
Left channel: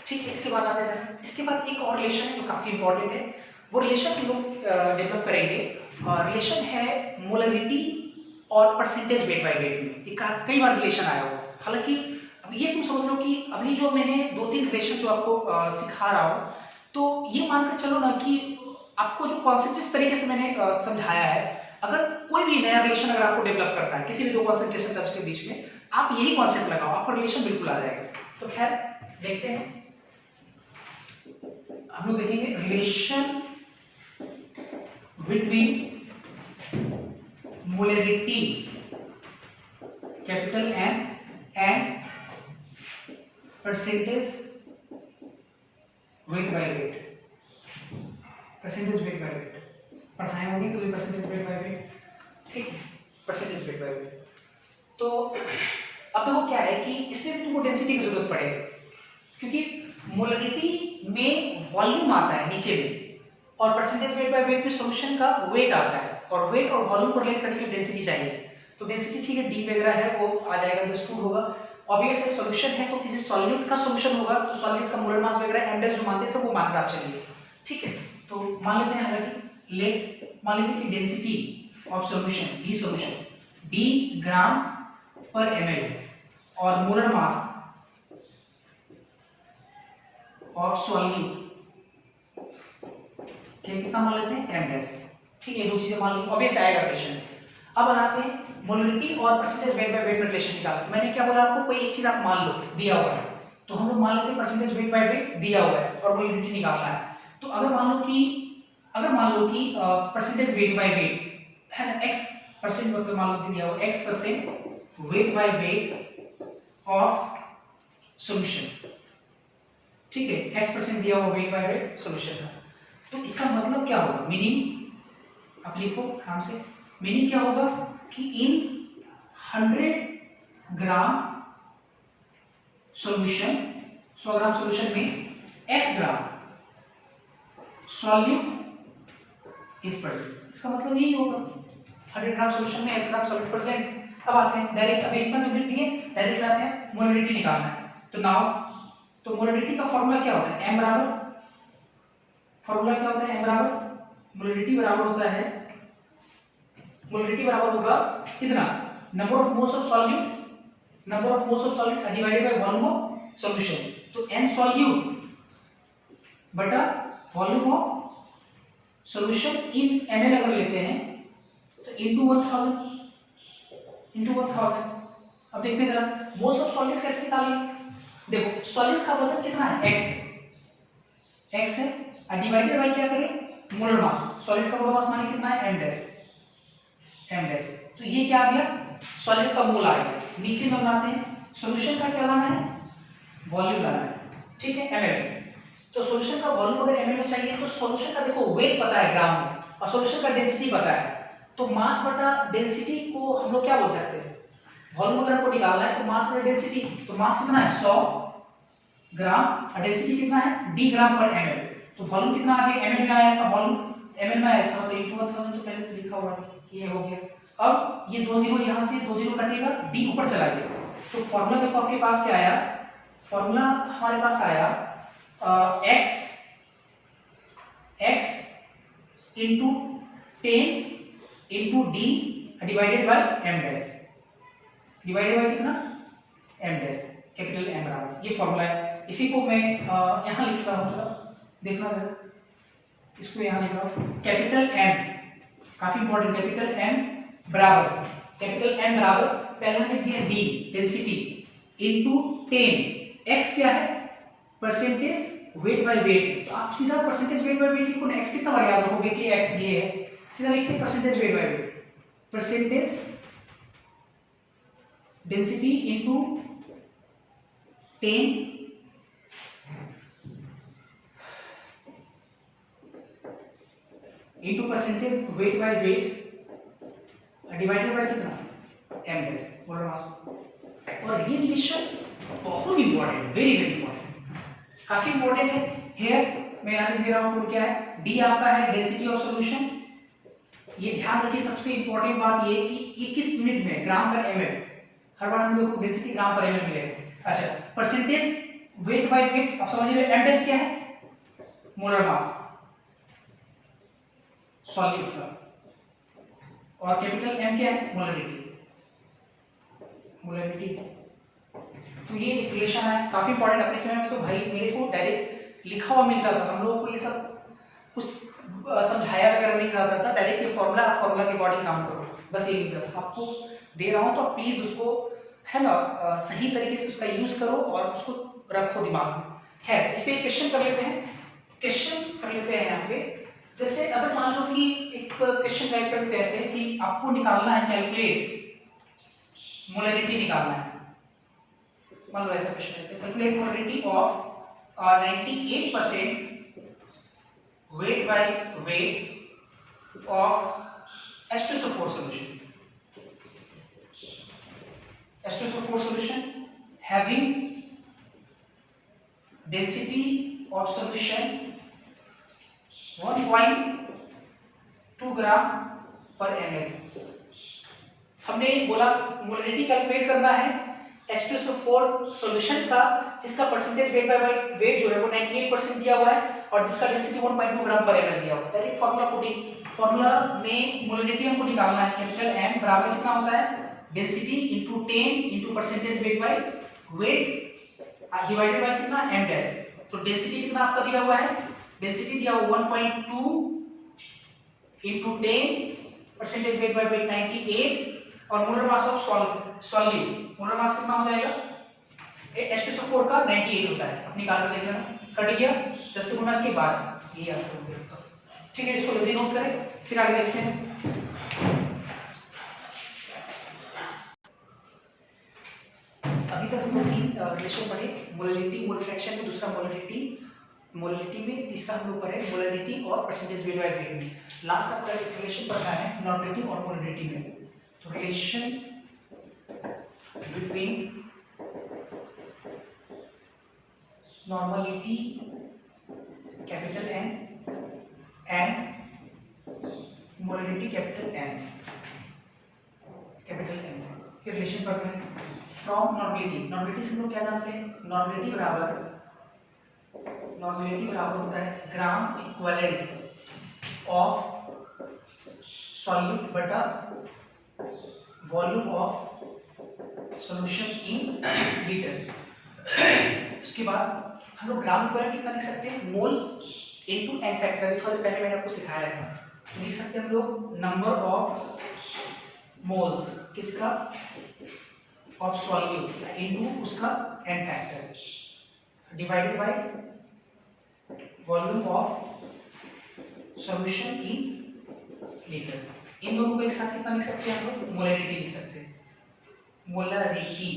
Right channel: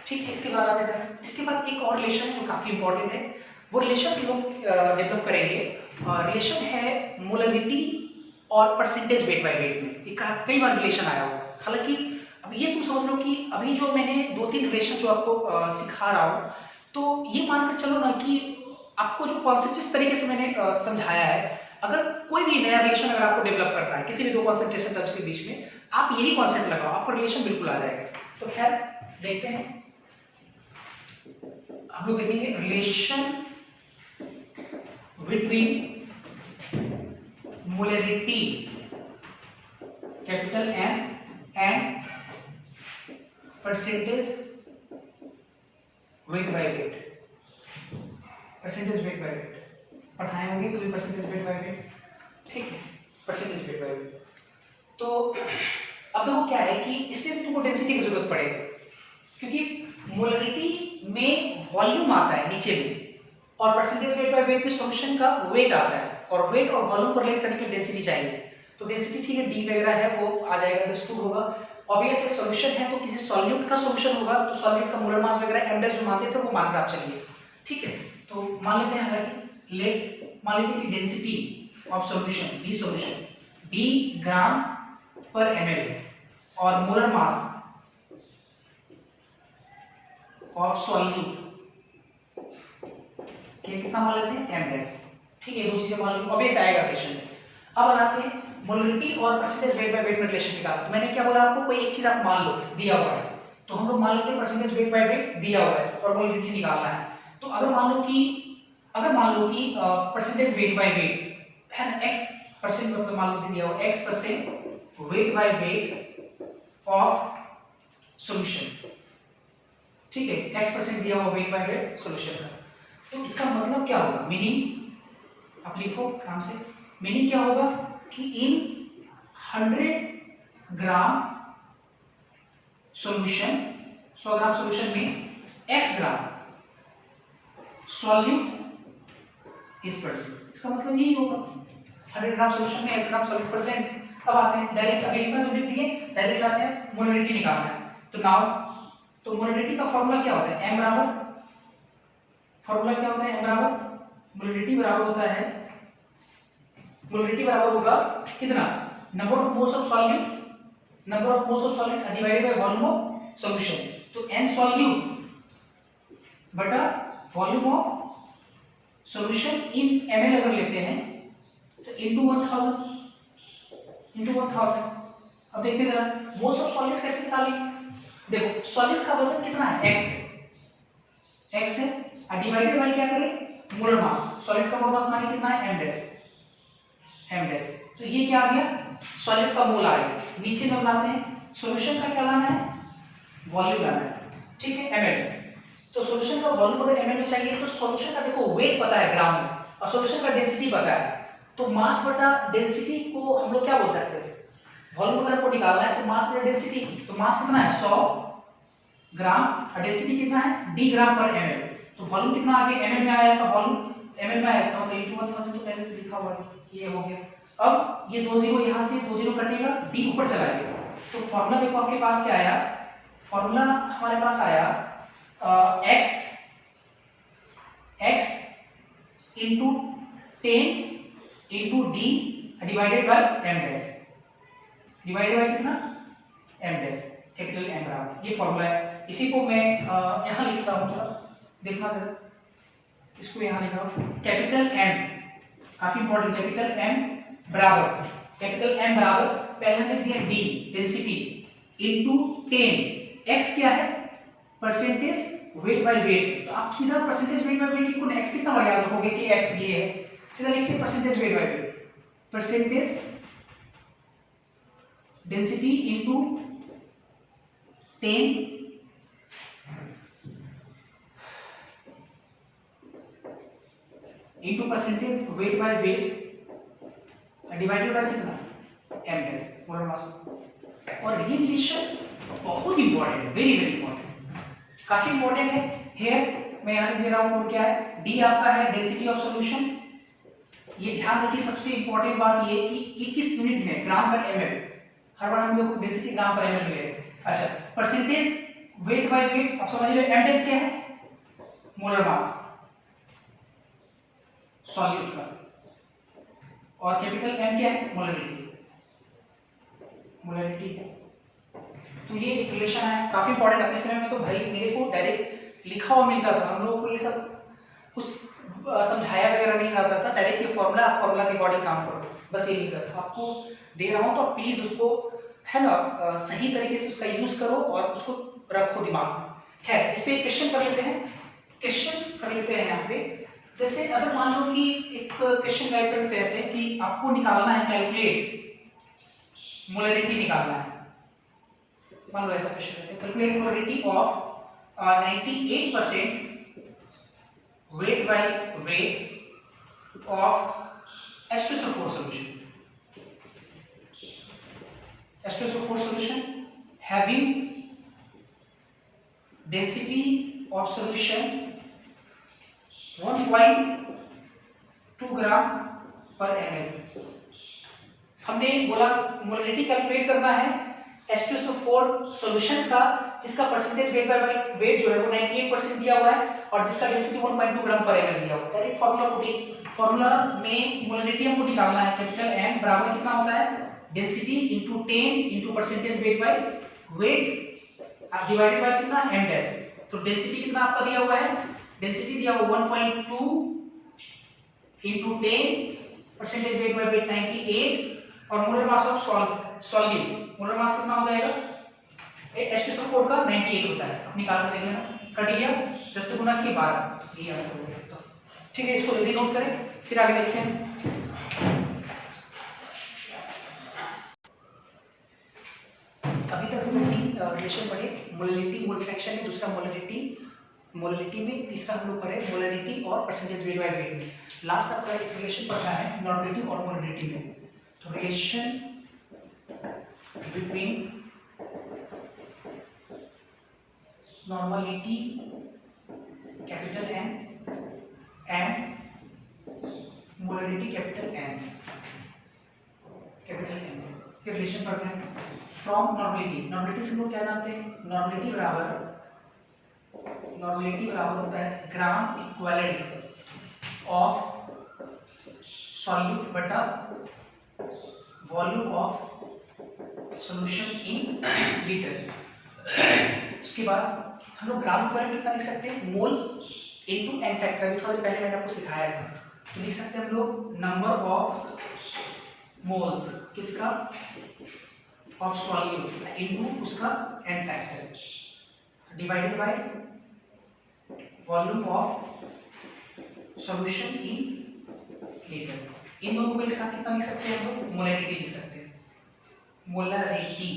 ठीक है। इसके बाद आते हैं, इसके बाद एक और रिलेशन है जो काफी इंपॉर्टेंट है, वो रिलेशन लोग डेवलप करेंगे। रिलेशन है मोलैरिटी और परसेंटेज वेट बाय वेट में, एक कई बार रिलेशन आया हो। हालांकि अब ये तुम समझ लो कि अभी जो मैंने 2-3 रिलेशन जो आपको सिखा रहा हूँ, तो ये मानकर चलो ना कि आपको जो कॉन्सेप्ट जिस तरीके से मैंने समझाया है, अगर कोई भी नया रिलेशन अगर आपको डेवलप करना है किसी भी दो कॉन्सेंट्रेशन टर्म्स के बीच में, आप यही कॉन्सेप्ट लगाओ, आपको रिलेशन बिल्कुल आ जाएगा। तो खैर देखते हैं, हम लोग देखेंगे relation between molarity capital M and percentage weight by weight, percentage weight by weight पढ़ाए होंगे कभी, परसेंटेज वेट बाय वेट, ठीक है, परसेंटेज वेट बाय वेट। तो अब देखो क्या है कि इसमें तुमको डेंसिटी की जरूरत पड़ेगी, क्योंकि मोलैरिटी में वॉल्यूम आता है नीचे में और परसेंटेज वेट बाय वेट में सॉल्यूशन का वेट आता है, और वेट और वॉल्यूम को रिलेट करने के लिए डेंसिटी चाहिए। तो डेंसिटी ठीक है, डी वगैरह है वो आ जाएगा, अंडरस्टूड होगा। ऑब्वियस है सॉल्यूशन है तो किसी सॉल्यूट का सॉल्यूशन होगा, तो सॉल्यूट का मोलर मास वगैरह m डैश जो मानते थे वो मानकर आप चलिए, ठीक है। तो मान लेते हैं हालांकि लेट मान लीजिए कि density of solution D solution d ग्राम पर ml और मोलर मास ऑफ सॉल्यूट कितना मान लेते हैं m डैश, ठीक है। दो चीजें मान ली, ऑब्वियस आएगा क्वेश्चन। अब बनाते हैं मोलैरिटी और परसेंटेज वेट बाय वेट में रिलेशन निकालना। तो मैंने क्या बोला आपको, कोई एक चीज आप मान लो दिया हुआ है, तो हम लोग मान लेते हैं परसेंटेज वेट बाय वेट दिया हुआ है और मोलैरिटी निकालना है। तो अगर मान लो कि परसेंटेज वेट बाय वेट है ना, x परसेंट मतलब मान लो दिया हुआ x% weight by weight of solution, ठीक है, x% दिया हुआ वेट बाय वेट सॉल्यूशन का। तो इसका मतलब क्या होगा, मीनिंग आप लिखो आराम से, मीनिंग क्या होगा कि इन 100 ग्राम सॉल्यूशन, 100 ग्राम सॉल्यूशन में x gram solute is present. इसका मतलब यही होगा 100 ग्राम सॉल्यूशन में x ग्राम सॉल्यूट प्रेजेंट। अब आते हैं डायरेक्ट, अभी इतना जो लिख दिए डायरेक्ट लाते हैं, मोलैरिटी निकालना है। तो नाउ तो मोलैरिटी का फॉर्मूला क्या होता है, m बराबर, फॉर्मूला क्या होता है m बराबर मोलैरिटी बराबर होता है, मोलरिटी बराबर होगा कितना, number of moles of solute, number of moles of solute divided by volume of solution. तो n सॉल्यूट बटा volume of solution in ml अगर लेते हैं तो इनटू 1000। अब देखते हैं जरा मोल्स ऑफ सॉल्यूट कैसे निकालेंगे। देखो सॉल्यूट का वजन कितना है, x है, और डिवाइडेड बाय क्या करें, मोलर मास। सॉल्यूट का मोलर मास मानिए कितना है, m डैश। तो ये क्या आ गया, सॉल्यूट का मोल आ गया। नीचे में बनाते हैं, सॉल्यूशन का क्या लाना है, वॉल्यूम लाना है, ठीक है, ml। तो सॉल्यूशन का वॉल्यूम अगर ml में चाहिए तो सॉल्यूशन का देखो वेट पता है ग्राम में, और सॉल्यूशन का डेंसिटी पता है, तो मास बटा डेंसिटी को हम लोग क्या बोल सकते हैं, वॉल्यूम अगर आपको निकालना है तो मास बटा डेंसिटी। तो मास कितना है 100 ग्राम और डेंसिटी कितना है d ग्राम पर ml। तो वॉल्यूम कितना आ गया, ml में आया आपका वॉल्यूम, ml में आया इसका मतलब इनटू 1000 तो पहले से लिखा हुआ है, ये हो गया। अब ये 2 जीरो यहां से 2 जीरो कटेगा, d ऊपर चला गया। तो फार्मूला देखो आपके पास क्या आया, फार्मूला हमारे पास आया x into 10 into d divided by m dash, divided by कितना, m डैश, कैपिटल M बराबर, ये फार्मूला है। इसी को मैं यहां लिख रहा हूं, थोड़ा देखना जरा, इसको यहां लिख रहा हूं, कैपिटल M, काफी इंपॉर्टेंट, कैपिटल M बराबर, कैपिटल M बराबर पहले हमने दिया d डेंसिटी इनटू 10, x क्या है, परसेंटेज वेट बाय वेट। तो आप सीधा परसेंटेज वेट बाय वेट लिखो ना, x कितना बार याद रखोगे कि x ये है, सीधा लिखते हैं percentage weight by weight, percentage density into 10 into percentage weight by weight divided bye कितना, m डैश, मोलर मास। और ये रिलेशन बहुत इंपॉर्टेंट, वेरी वेरी इंपॉर्टेंट, काफी इंपॉर्टेंट है। हियर मैं यहां दे रहा हूं क्या है, d आपका है डेंसिटी ऑफ सॉल्यूशन। ये ध्यान रखिए, सबसे इंपॉर्टेंट बात ये कि ये किस यूनिट में, ग्राम पर ml, हर बार हम लोग को डेंसिटी ग्राम पर ml मिलेगा। अच्छा, परसेंटेज वेट बाय वेट आप समझ रहे हो, m डैश क्या है, मोलर मास सॉल्यूट का, और कैपिटल M क्या है, मोलरिटी, मोलरिटी। तो ये एक रिलेशन है, काफी इंपॉर्टेंट। अपने समय में तो भाई मेरे को डायरेक्ट लिखा हुआ मिलता था, हम लोगों को ये सब कुछ समझाया वगैरह नहीं जाता था, डायरेक्ट ये फॉर्मूला, आप फॉर्मूला के अकॉर्डिंग काम करो, बस ये लिख रहा था। आपको दे रहा हूं तो प्लीज उसको है ना सही तरीके से उसका यूज करो और उसको रखो दिमाग में। खैर, इस पे क्वेश्चन कर लेते हैं, क्वेश्चन कर लेते हैं यहाँ पे। जैसे अगर मान लो कि एक क्वेश्चन टाइप करते हैं ऐसे कि आपको निकालना है, कैलकुलेट मोलरिटी निकालना है, मान लो ऐसा क्वेश्चन है, calculate molarity of 98% weight by weight of H2SO4 solution. H2SO4 solution having density of solution 1.2 ग्राम पर ml। हमने बोला मोलरिटी कैलकुलेट करना है H2SO4 सॉल्यूशन का, जिसका परसेंटेज वेट बाय वेट जो है वो 98% दिया हुआ है और जिसका डेंसिटी 1.2 ग्राम पर ml दिया हुआ है। डायरेक्ट फार्मूला पुटिंग, फार्मूला में मोलरिटी हमको निकालना है, कैपिटल M बराबर कितना होता है, density into 10 into percentage weight by weight divided bye कितना, m डैश। तो डेंसिटी कितना आपका दिया हुआ है, डेंसिटी दिया हुआ 1.2 into 10 percentage weight by weight 98 और molar mass of solute, molar mass कितना हो जाएगा, H2SO4 का 98 होता है। आप निकाल कर देख लेना, कट गया 10 से गुना किए 12, ये आंसर हो गया। ठीक है, इसको जल्दी नोट करें, फिर आगे देखते हैं। अभी तक हम लोग रिलेशन पढ़े, मोलरिटी मोल फ्रैक्शन में, दूसरा मोलरिटी में, तीसरा हम लोग पढ़े मोलरिटी और परसेंटेज वेट बाय वेट में। लास्ट आपका रिलेशन पढ़ना है नॉर्मलिटी और मोलरिटी में। तो relation between normality capital N and molarity capital N, capital N ये रिलेशन पढ़ना है। फ्रॉम नॉर्मलिटी से हम लोग क्या जानते हैं, नॉर्मलिटी बराबर होता है ग्राम इक्विवेलेंट ऑफ सॉल्यूट बटा volume of solution in litre. उसके बाद हम लोग ग्राम इक्विवेलेंट कितना लिख सकते हैं, मोल इनटू एन फैक्टर। अभी थोड़ी पहले मैंने आपको सिखाया था, तो लिख सकते हैं हम लोग नंबर ऑफ मोल्स किसका, ऑफ सॉल्यूट इनटू उसका N factor divided by volume of solution in litre. इन दोनों को एक साथ कितना लिख सकते हैं हम लोग, मोलैरिटी लिख सकते हैं, मोलैरिटी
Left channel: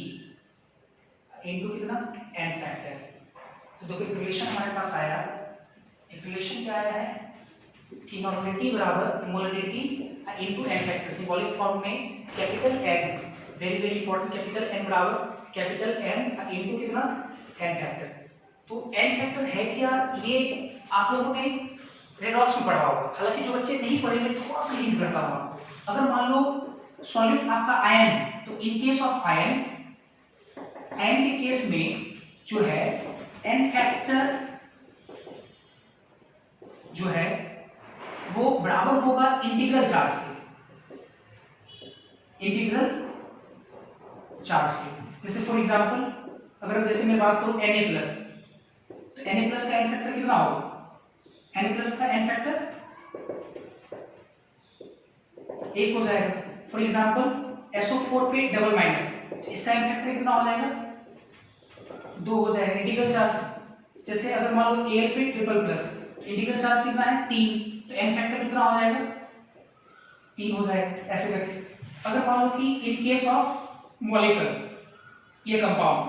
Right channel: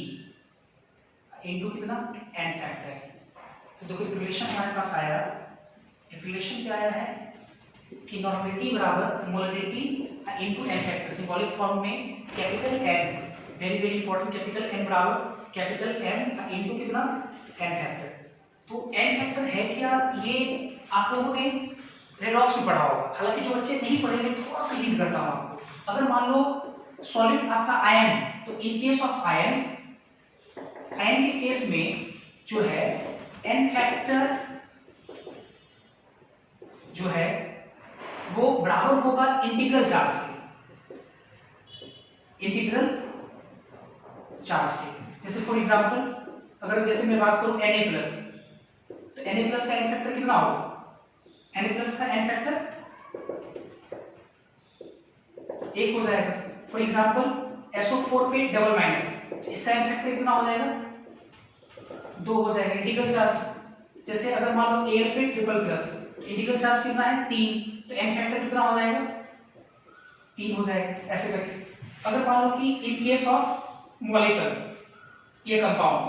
इनटू कितना एन फैक्टर। तो देखो एक रिलेशन हमारे पास आया, एक रिलेशन क्या आया है कि नॉर्मलिटी बराबर molarity into N factor. Symbolic form में capital N, very very important, capital N बराबर कैपिटल एन इनटू कितना एन फैक्टर। तो एन फैक्टर है क्या, ये आप लोगों ने रेडॉक्स में पढ़ा होगा, हालांकि जो बच्चे नहीं पढ़े मैं थोड़ा सा लिंक करता हूं आपको। अगर मान लो सॉलिड आपका आयन है, तो in case of ion, ion के केस में जो है एन फैक्टर जो है वो बराबर होगा इंटीग्रल चार्ज के, इंटीग्रल चार्ज के। जैसे फॉर एग्जांपल अगर जैसे मैं बात करूं Na+, तो Na+ का एन फैक्टर कितना होगा, Na+ का एन फैक्टर 1 हो जाएगा। फॉर एग्जांपल SO4 पे डबल माइनस, तो इसका एन फैक्टर कितना हो जाएगा, 2 हो जाएगा, इंटीग्रल चार्ज। जैसे अगर मान लो Al पे ट्रिपल+, इंटीग्रल चार्ज कितना है 3, तो एन फैक्टर कितना हो जाएगा, 3 हो जाएगा, ऐसे करके। अगर मान लो कि इन केस ऑफ मॉलिक्यूल, ये कंपाउंड,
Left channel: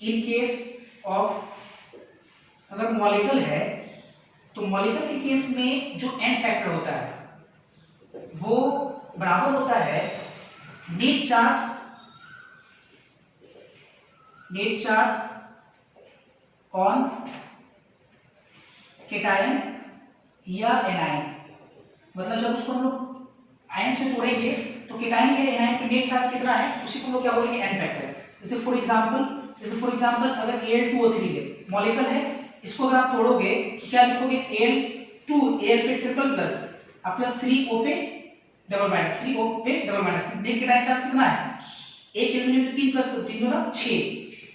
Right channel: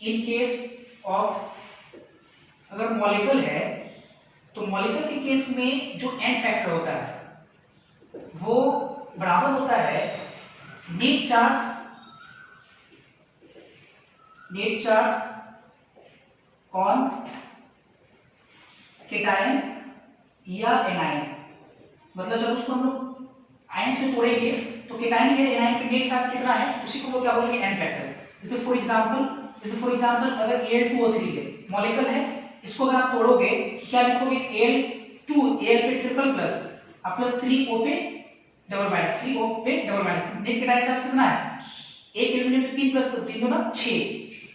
इन केस ऑफ अगर मॉलिक्यूल है, तो मॉलिक्यूल के केस में जो एन फैक्टर होता है वो बराबर होता है नेट चार्ज ऑन केटायन या एनायन। मतलब जब उसको हम लोग आयन से तोड़ेंगे तो केटायन या एनायन पे नेट चार्ज कितना है, उसी को लोग क्या बोलेंगे, एन फैक्टर। जैसे फॉर एग्जांपल अगर Al2O3 है, मॉलिक्यूल है, इसको अगर आप तोड़ोगे तो क्या लिखोगे, Al2, Al पे ट्रिपल प्लस प्लस 3O पे डबल माइनस, 3O पे double minus, net cation charge कितना है, एक एलिमेंट में 3 प्लस 3 गुना 6।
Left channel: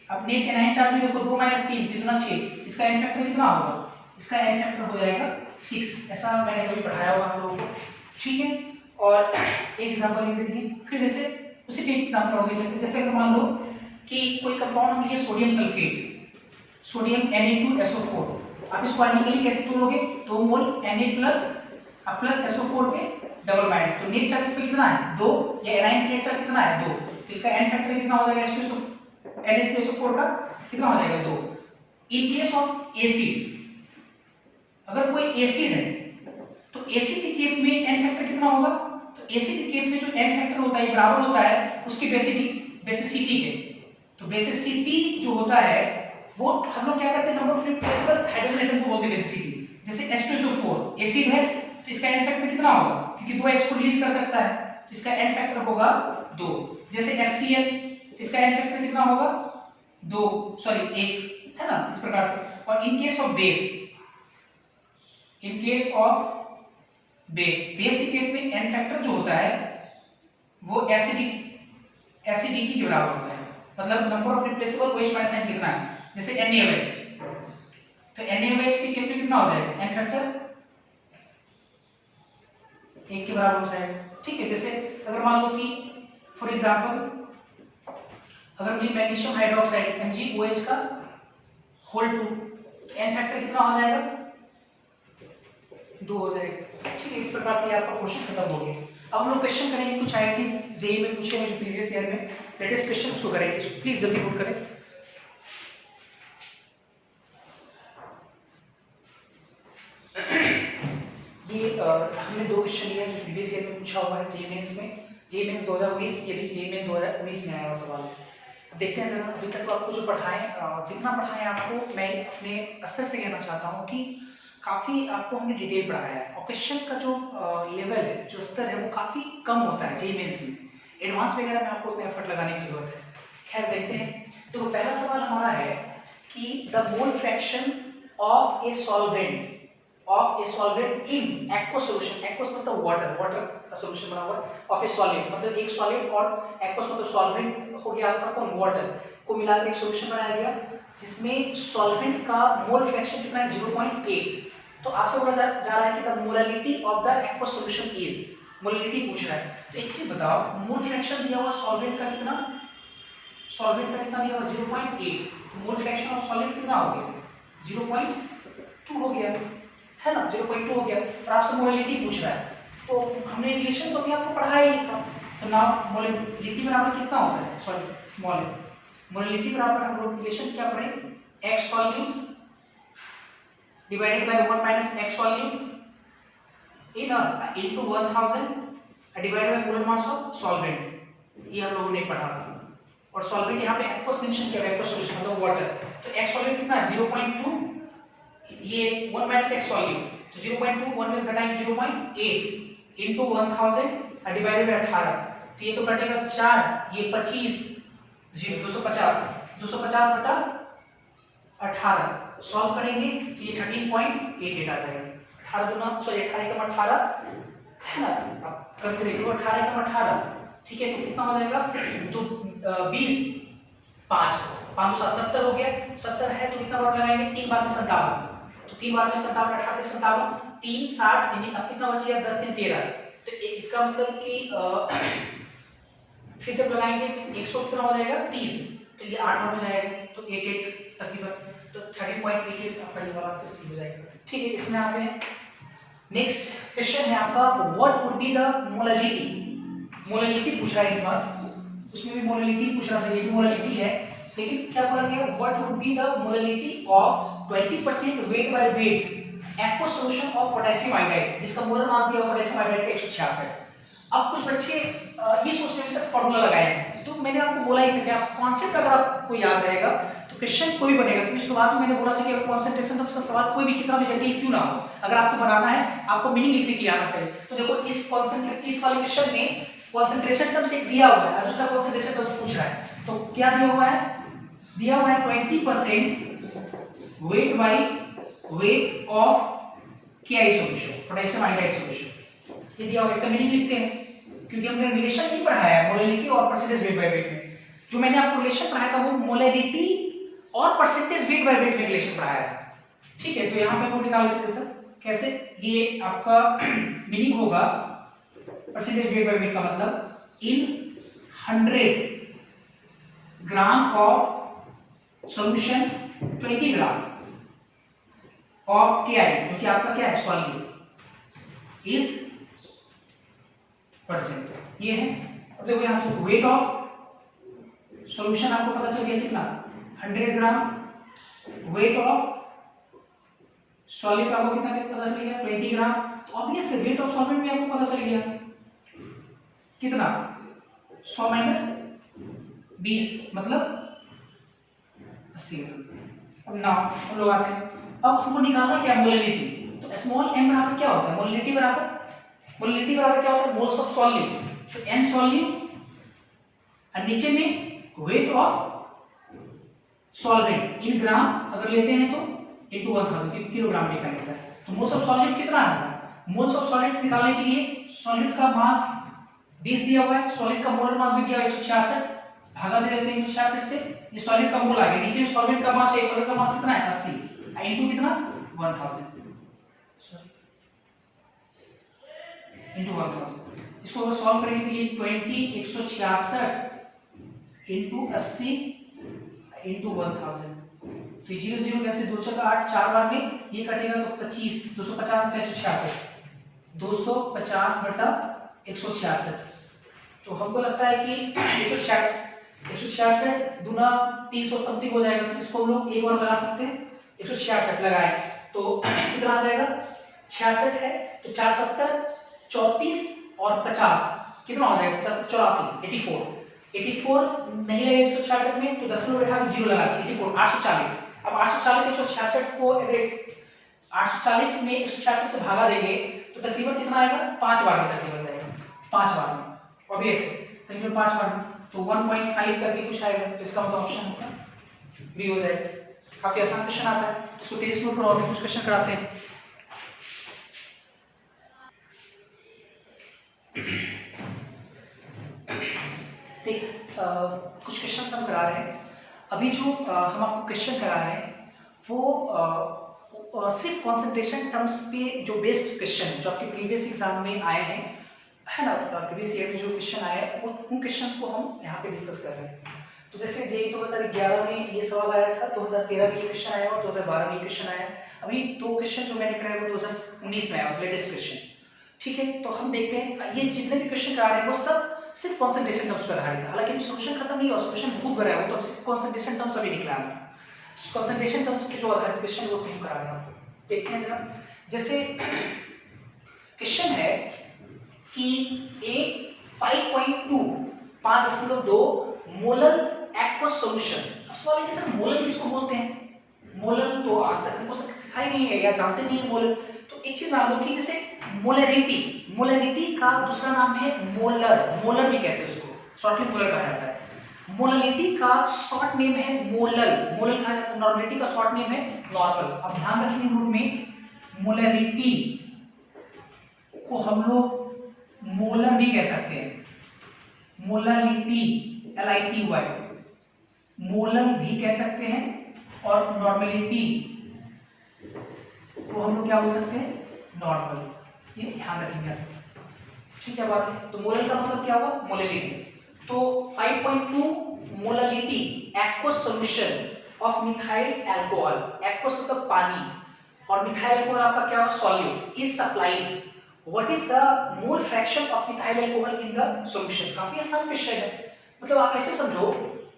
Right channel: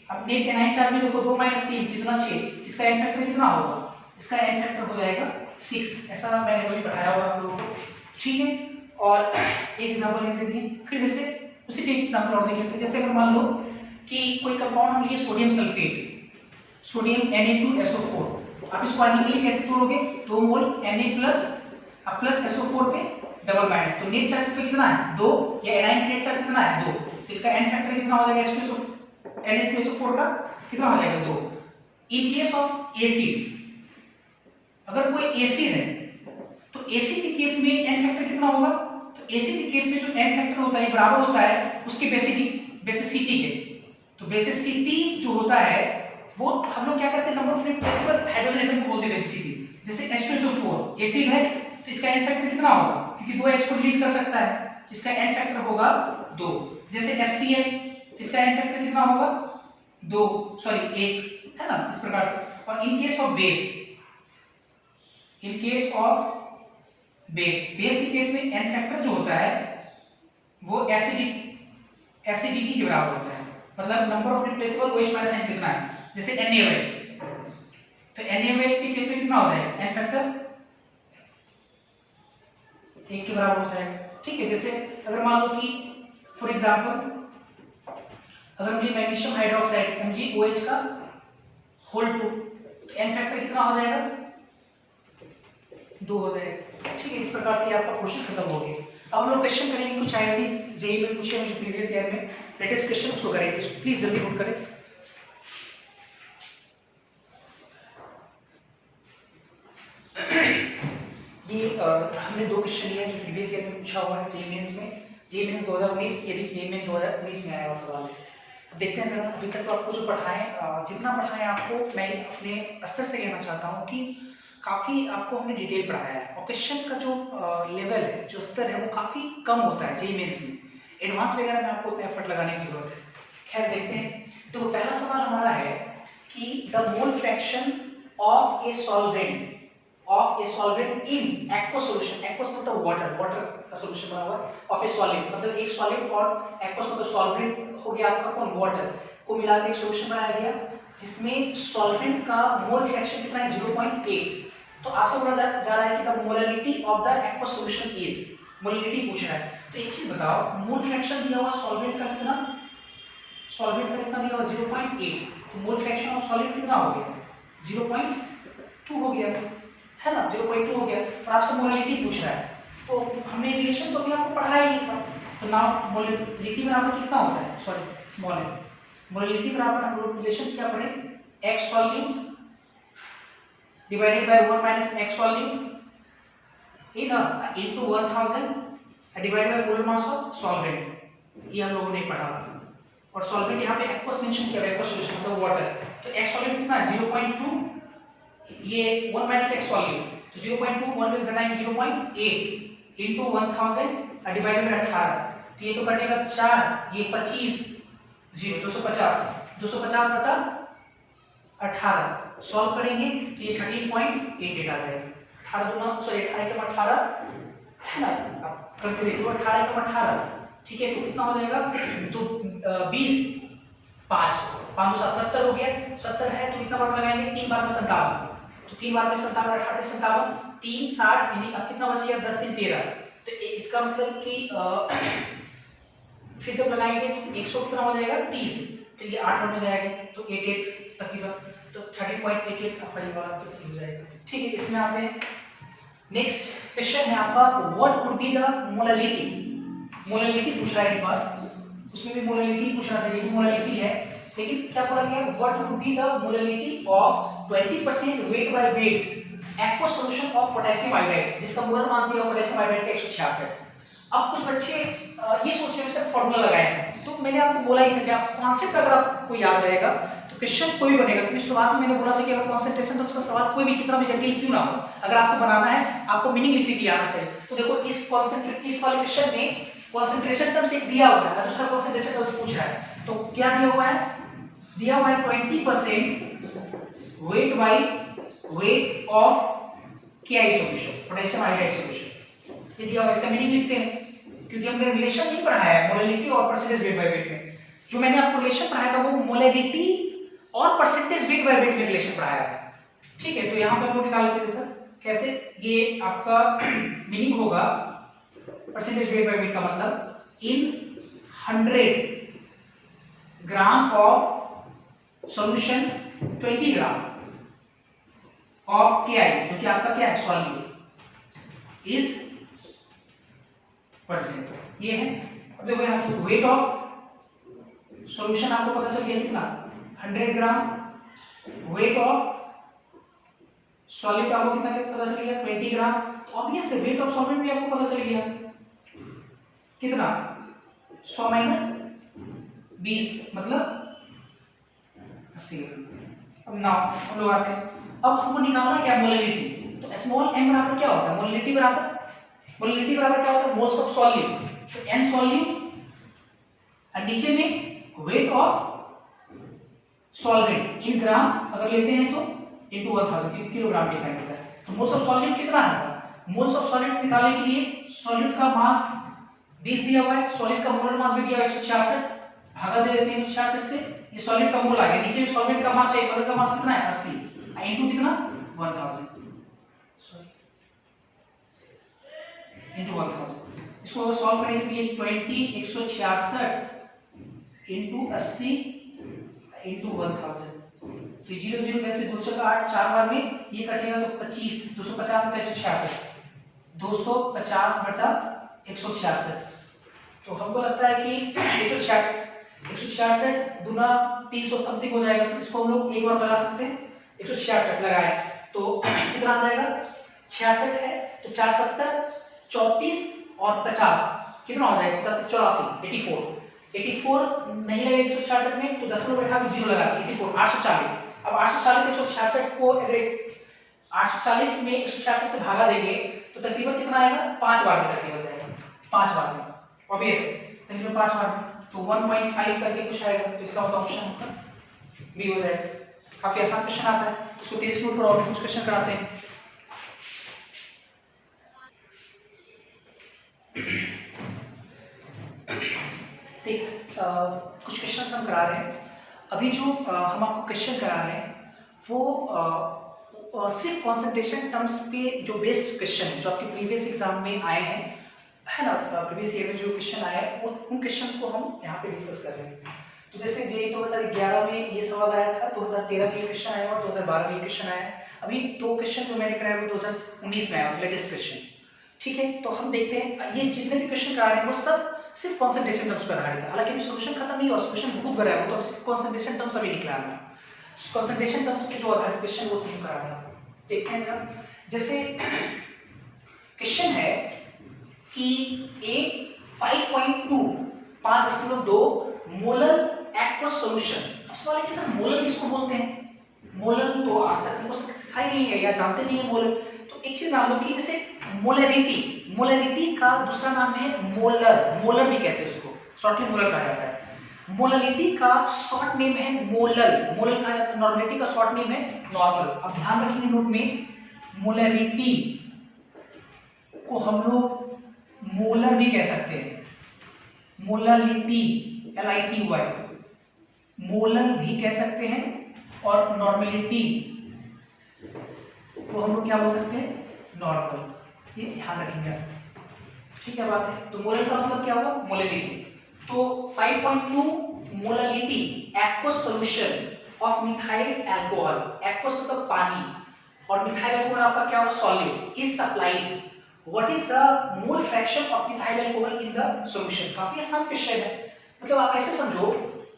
अब नेट एनायन चार्ज में देखो 2 माइनस 3 3 गुना 6, इसका एन फैक्टर कितना होगा, इसका एन फैक्टर हो जाएगा 6। ऐसा मैंने कभी पढ़ाया होगा आप लोगों को, ठीक है। और एक एग्जांपल लिख देते हैं, फिर जैसे उसी पे एग्जांपल और देख लेते हैं। जैसे अगर मान लो कि कोई कंपाउंड हम लिए सोडियम सल्फेट, सोडियम Na2SO4, आप इसको आइडेंटिकली कैसे तोड़ोगे, 2 मोल Na+ प्लस SO4 पे डबल माइनस, तो नेट चार्ज पे कितना है, 2, या एनायन नेट चार्ज कितना है, 2, तो इसका एन फैक्टर कितना हो जाएगा, Na2SO4 का कितना हो जाएगा, 2। इन केस ऑफ एसिड, अगर कोई एसिड है तो एसिड के केस में एन फैक्टर कितना होगा, तो एसिड के केस में जो एन फैक्टर होता है बराबर होता है उसकी बेसिसिटी के। तो बेसिसिटी जो होता है वो हम लोग क्या करते हैं, number of replaceable hydrogen atom को बोलते हैं बेसिसिटी। जैसे H2SO4 एसिड है तो इसका एन फैक्टर कितना होगा, क्योंकि 2 H को रिलीज कर सकता है तो इसका एन फैक्टर होगा 2। जैसे HCl, तो इसका एन फैक्टर कितना होगा, 1 है ना, इस प्रकार से। और इन केस ऑफ बेस के केस में एन फैक्टर जो होता है वो एसिडिटी के बराबर होता है, मतलब number of replaceable OH minus sign कितना है। जैसे NaOH, तो NaOH के केस में कितना हो जाएगा, एन फैक्टर 1 के बराबर हो जाएगा, ठीक है। जैसे अगर मान लो कि फॉर एग्जांपल अगर हमने मैग्नीशियम हाइड्रोक्साइड MgOH का होल 2, तो एन फैक्टर कितना हो जाएगा, 2 हो जाएगा, ठीक है। इस प्रकार से आपका क्वेश्चन खत्म हो गया। अब हम लोग क्वेश्चन करेंगे कुछ IITs जेईई में पूछे हैं जो प्रीवियस ईयर में लेटेस्ट क्वेश्चन उसको करेंगे, प्लीज जल्दी नोट करें। ये हमने 2 क्वेश्चन लिए जो प्रीवियस ईयर में पूछा हुआ है जेईई मेंस में, जेईई मेंस 2019, ये जेईई मेंस 2019 में आया हुआ सवाल है। देखते हैं जरा, अभी तक तो आपको जो पढ़ाएं, जितना पढ़ाएं आपको मैं अपने स्तर से कहना चाहता हूँ कि काफ़ी आपको हमने डिटेल पढ़ाया है, और क्वेश्चन का जो लेवल है, जो स्तर है वो काफ़ी कम होता है जेईई मेंस में। एडवांस वगैरह में आपको उतना एफर्ट लगाने की जरूरत है। खैर देखते हैं। तो पहला सवाल हमारा है कि the mole fraction of a solvent of a solvent in aqueous solution, aqueous मतलब वाटर, वाटर का सॉल्यूशन बना हुआ है, ऑफ ए सॉलिड मतलब एक सॉलिड और एक्वस मतलब सॉल्वेंट हो गया आपका कौन, वाटर को मिलाकर एक सॉल्यूशन बनाया गया जिसमें सॉल्वेंट का मोल फ्रैक्शन कितना है 0.8। तो आपसे बोला जा रहा है कि the molality of the aqueous solution is, molality पूछ रहा है। तो एक चीज बताओ, मोल फ्रैक्शन दिया हुआ सॉल्वेंट का कितना, सॉल्वेंट का कितना दिया हुआ 0.8, तो मोल फ्रैक्शन ऑफ सॉलिड कितना हो गया 0.2 हो गया है ना, 0.2 हो गया। और आपसे मोलैलिटी पूछ रहा है, तो हमने रिलेशन तो अभी आपको पढ़ाया ही था, तो ना मोलैलिटी बराबर कितना होता है, सॉरी स्मॉल m, मोलैलिटी बराबर हम लोग रिलेशन क्या पढ़े, x volume divided by 1 minus x volume इधर into 1000 divided by molar mass of solvent, ये हम लोगों ने पढ़ा। और सॉल्वेंट यहाँ पे एक्वस मेंशन किया है, एक्वस सॉल्यूशन मतलब वाटर, तो x वॉल्यूम कितना है 0.2, ये 1 माइनस x वॉल्यूम, तो 0.2 1 में घटाएंगे 0.8 इनटू 1000 डिवाइडेड बाय 18, तो ये तो कटेगा 4, ये 25 0 250 बटा 18 सॉल्व करेंगे तो ये 13.88 आ जाएगा। 18 गुना सॉरी 18 कम 18 है ना, अब करके देखिए 18 कम 18 ठीक है, तो कितना हो जाएगा, तो 20 5 570 हो गया, 70 है तो कितना बार लगाएंगे 3 बार में 57, तो 3 बार में 57 18 से 57 3 60, यानी अब कितना बच गया 10 3 13, तो इसका मतलब कि फिर जब लगाएंगे तो 100 कितना हो जाएगा 30, तो ये 8 हो जाएगा, तो 88 तकरीबन, तो 13.88 आपका ये वाला आंसर सी हो जाएगा। ठीक है, इसमें आते हैं नेक्स्ट क्वेश्चन है आपका, what would be the molality, molality पूछ रहा है इस बार, उसमें भी मोलैलिटी पूछ रहा था, ये भी मोलैलिटी है, लेकिन क्या बोला गया, what would be the molality of 20% weight by weight aqueous solution of potassium iodide, जिसका मोलर मास दिया हुआ पोटेशियम आयोडाइड का 166। अब कुछ बच्चे ये सोच रहे हैं सर फॉर्मूला लगाए हैं, तो मैंने आपको बोला ही था कि आप कॉन्सेप्ट अगर आपको याद रहेगा तो क्वेश्चन कोई भी बनेगा, क्योंकि शुरुआत में मैंने बोला था कि अगर कॉन्सेंट्रेशन टर्म्स का सवाल कोई भी कितना भी जटिल क्यों ना हो, अगर आपको बनाना है आपको मीनिंग लिखने के लिए आना चाहिए। तो देखो इस वाले क्वेश्चन में कॉन्सेंट्रेशन टर्म्स एक दिया हुआ है, दूसरा कॉन्सेंट्रेशन टर्म्स पूछ रहा है, तो क्या दिया हुआ है, दिया हुआ है 20% weight by weight of KI solution, potassium iodide solution, ये दिया हुआ है, इसका मीनिंग लिखते हैं, क्योंकि हमने रिलेशन नहीं पढ़ाया है मोलैलिटी और परसेंटेज वेट बाय वेट में, जो मैंने आपको रिलेशन पढ़ाया था वो मोलैलिटी और परसेंटेज वेट बाय वेट में रिलेशन पढ़ाया था। ठीक है, तो यहाँ पे हम लोग निकाल लेते हैं सर कैसे, ये आपका मीनिंग होगा परसेंटेज वेट बाय वेट का मतलब इन 100 gram of solution 20 gram of KI, जो कि आपका क्या है सॉल्यूट इज परसेंट, ये है। अब देखो यहां से वेट ऑफ सॉल्यूशन आपको पता चल गया कितना 100 ग्राम, वेट ऑफ सॉलिड आपको कितना पता चल गया 20 ग्राम, तो अब ये से वेट ऑफ सॉल्वेंट भी आपको पता चल गया कितना 100 माइनस 20 मतलब 80 ग्राम। अब नाउ हम लोग आते हैं, अब हमको निकालना है क्या मोलैलिटी, तो स्मॉल m बराबर क्या होता है, मोलैलिटी बराबर क्या होता है मोल्स ऑफ सॉल्यूट, तो n सॉल्यूट और नीचे में वेट ऑफ सॉल्वेंट इन ग्राम अगर लेते हैं तो इनटू 1000 क्योंकि किलोग्राम डिफाइन होता है, तो मोल्स ऑफ सॉल्वेंट कितना होगा, मोल्स ऑफ सॉल्वेंट निकालने के लिए सॉल्वेंट का मास 20 दिया हुआ है, सॉलिड का मोलर मास भी दिया हुआ है 166, भागा दे देते हैं 166 से, ये सॉलिड का मोल आ गया, नीचे में सॉल्वेंट का मास है, सॉलिड का मास कितना है 80 इनटू कितना 1000 इनटू 1000, इसको अगर सॉल्व करेंगे तो ये 20 166 इनटू 80 इनटू 1000, तो 0 0 कैसे 2 4 8 4 बार में ये कटेगा तो 25 250 बटा 166 250 बटा 166, तो हमको लगता है कि 166 दूना 300 समथिंग हो जाएगा, तो इसको हम लोग एक और लगा सकते हैं 166 लगाए तो कितना आ जाएगा 66 है तो 4 70 34 और 50 कितना हो जाएगा 84 84 नहीं लगेगा 166 में तो 10 में बैठा के 0 लगा के 84 840, अब 840 166 को अगर 840 में 166 से भागा देंगे तो तकरीबन कितना आएगा 5 बार में तकरीबन जाएगा 5 बार में ऑब्वियस तकरीबन 5 बार में, तो 1.5 करके कुछ आएगा, तो इसका मतलब ऑप्शन बी हो जाएगा। काफी आसान क्वेश्चन आता है, इसको 30 मिनट पर और कुछ क्वेश्चन कराते हैं। ठीक, कुछ क्वेश्चन हम करा रहे हैं अभी। जो हम आपको क्वेश्चन करा रहे हैं वो सिर्फ कंसंट्रेशन टर्म्स पे जो बेस्ड क्वेश्चन है, जो आपके प्रीवियस एग्जाम में आए हैं, है ना, प्रीवियस ईयर में जो क्वेश्चन आए हैं उन क्वेश्चंस को हम यहाँ पे डिस्कस कर रहे हैं। तो जैसे जे 2011 में ये सवाल आया था, 2013 में ये क्वेश्चन आया और 2012 में ये क्वेश्चन आया। अभी दो क्वेश्चन जो मैंने कराया वो 2019 में आया, लेटेस्ट क्वेश्चन। ठीक है, तो हम देखते हैं ये जितने भी क्वेश्चन करा रहे हैं वो सब सिर्फ कंसंट्रेशन टर्म्स पर आधारित है। हालांकि सोल्यूशन खत्म नहीं हुआ, सोल्यूशन बहुत बड़ा है, वो तो कंसंट्रेशन टर्म्स अभी निकला है। कंसंट्रेशन टर्म्स पे जो आधारित क्वेश्चन वो सेम करा रहे हैं। देखते हैं जरा, जैसे क्वेश्चन है कि ए 5.2 मोलर एक्वस सॉल्यूशन। अब सवाल है कि सर मोलर किसको बोलते हैं? मोलर तो आज तक हमको सिखाई नहीं है या जानते नहीं है मोलर। तो एक चीज जान लो कि जैसे मोलरिटी का दूसरा नाम है मोलर, मोलर भी कहते हैं उसको, शॉर्टली मोलर कहा जाता है। मोलरिटी का शॉर्ट नेम है मोलल, मोलल कहा जाता है। नॉर्मलिटी का शॉर्ट नेम है नॉर्मल। अब ध्यान रखिए नोट में, मोलरिटी को हम लोग मोलर भी कह सकते हैं, मोलरिटी LITY मोलर भी कह सकते हैं, और नॉर्मलिटी को हम लोग क्या बोल सकते हैं? नॉर्मल। ये ध्यान रखेंगे, ठीक है बात है। तो मोलर का मतलब क्या हुआ? मोलरिटी। तो 5.2 molarity aqueous solution of methyl alcohol, aqueous मतलब पानी, और मिथाइल अल्कोहल आपका क्या हुआ? Solute, is supplied. What is the mole fraction of methyl alcohol in the solution? काफी आसान क्वेश्चन है। मतलब आप ऐसे समझो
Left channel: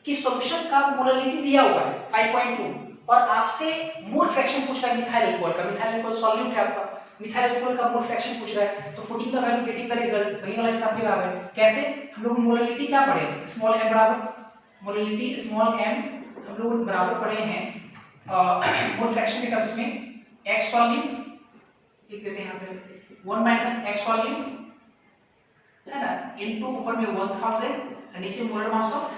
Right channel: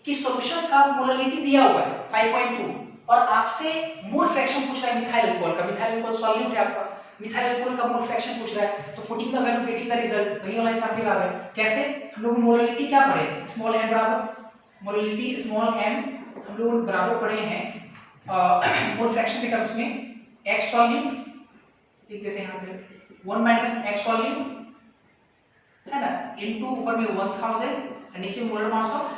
कि सॉल्यूशन का मोलरिटी दिया हुआ है 5.2 और आपसे मोल फ्रैक्शन पूछ रहा है मिथाइल अल्कोहल का। मिथाइल अल्कोहल सॉल्यूट है आपका, मिथाइल अल्कोहल का मोल फ्रैक्शन पूछ रहा है। तो putting the value getting the result, वही वाला हिसाब भी आ रहा है। कैसे? हम लोग मोलरिटी क्या पढ़े? स्मॉल m बराबर मोलरिटी स्मॉल m हम लोग बराबर पढ़े हैं मोल फ्रैक्शन के टर्म्स में x सॉल्यूट लिख देते हैं यहां पे 1 माइनस x सॉल्यूट है ना, इनटू ऊपर में 1000 और नीचे molar mass of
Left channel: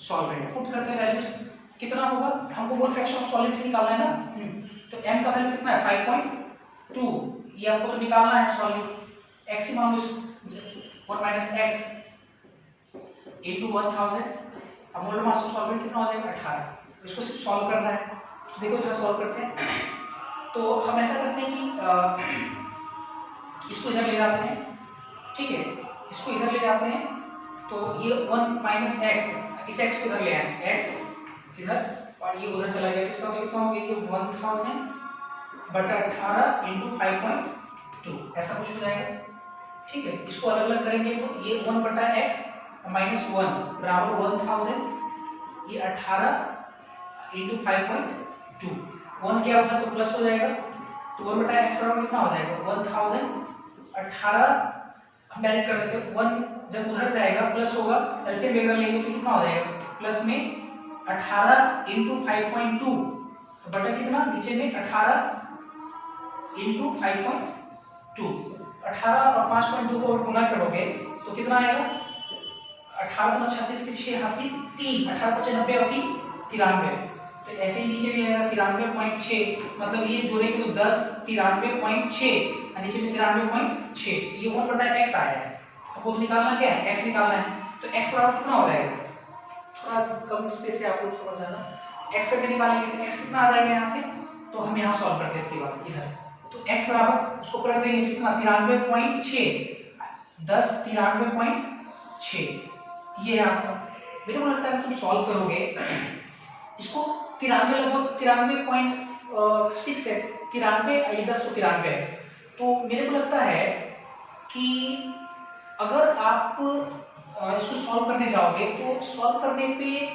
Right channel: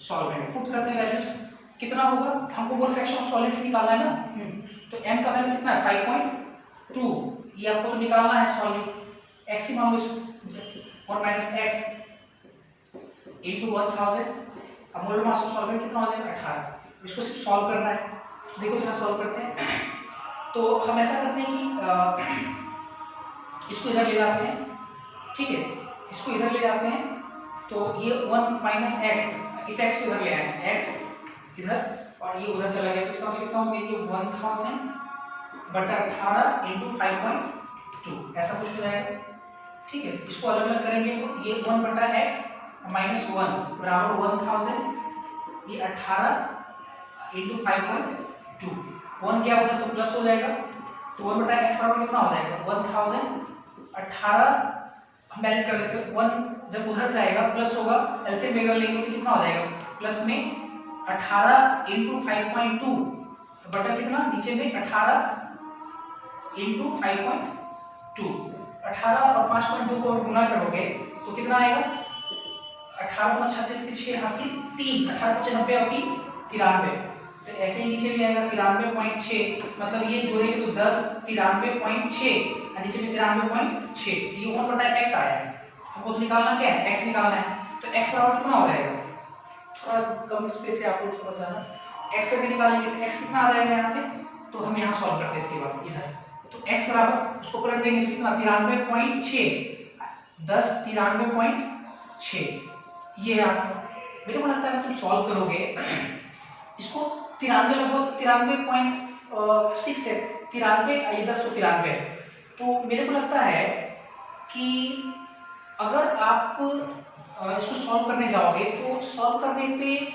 solvent. Put करते हैं वैल्यूज, कितना होगा? हमको मोल फ्रैक्शन ऑफ सॉल्वेंट निकालना है ना। तो m का वैल्यू कितना है? 5.2। ये आपको तो निकालना है सॉल्वेंट। x ही मान लो इसको, 1 माइनस x इनटू 1000। अब मोलर मास ऑफ सॉल्वेंट कितना हो जाएगा? 18। इसको सिर्फ सॉल्व करना है। तो देखो जरा सॉल्व करते हैं। तो हम ऐसा करते हैं कि इसको इधर ले जाते हैं, ठीक है, इसको इधर ले जाते हैं। तो ये 1 माइनस x, इस x को इधर ले आए, x इधर और ये उधर चला गया। तो इसका मतलब कितना हो गया? ये 1000 बटा 18 इंटू 5.2 ऐसा कुछ हो जाएगा। ठीक है, इसको अलग अलग करेंगे तो ये 1 बटा x माइनस 1 बराबर 1000, ये 18 इंटू 5.2। 1 क्या होगा तो प्लस हो जाएगा। तो 1 बटा x बराबर कितना हो जाएगा? 1000 18 हम डायरेक्ट कर देते हैं। 1 जब उधर जाएगा प्लस होगा, एलसीएम वगैरह लेंगे तो कितना हो जाएगा? प्लस में 18 इंटू 5.2 बटा कितना? नीचे में 18 इंटू 5.2। 18 और 5.2 को गुना करोगे तो कितना आएगा? 18 गुना 36 के 6 हासी 3, 18 × 5 90 और 3 93। तो ऐसे ही नीचे भी आएगा 93.6, मतलब ये जोड़ेंगे तो 10 93.6 और नीचे में 93.6। ये 1 बटा x आया है। आपको तो निकालना क्या है? x निकालना है। तो x बराबर कितना हो जाएगा? थोड़ा कम स्पेस है, आप लोग समझ जाना। x करके निकालेंगे तो x कितना आ जाएगा यहाँ से? तो हम यहाँ सॉल्व करते हैं इसके बाद इधर। तो x बराबर उसको पलट देंगे तो कितना? 93.6 10 93.6। ये है आपको। मेरे को लगता है तुम सॉल्व करोगे इसको 93 लगभग 93.6 है, 93 ये 10 तो 93 है। तो मेरे को लगता है कि अगर आप इसको सॉल्व करने जाओगे तो सॉल्व करने पे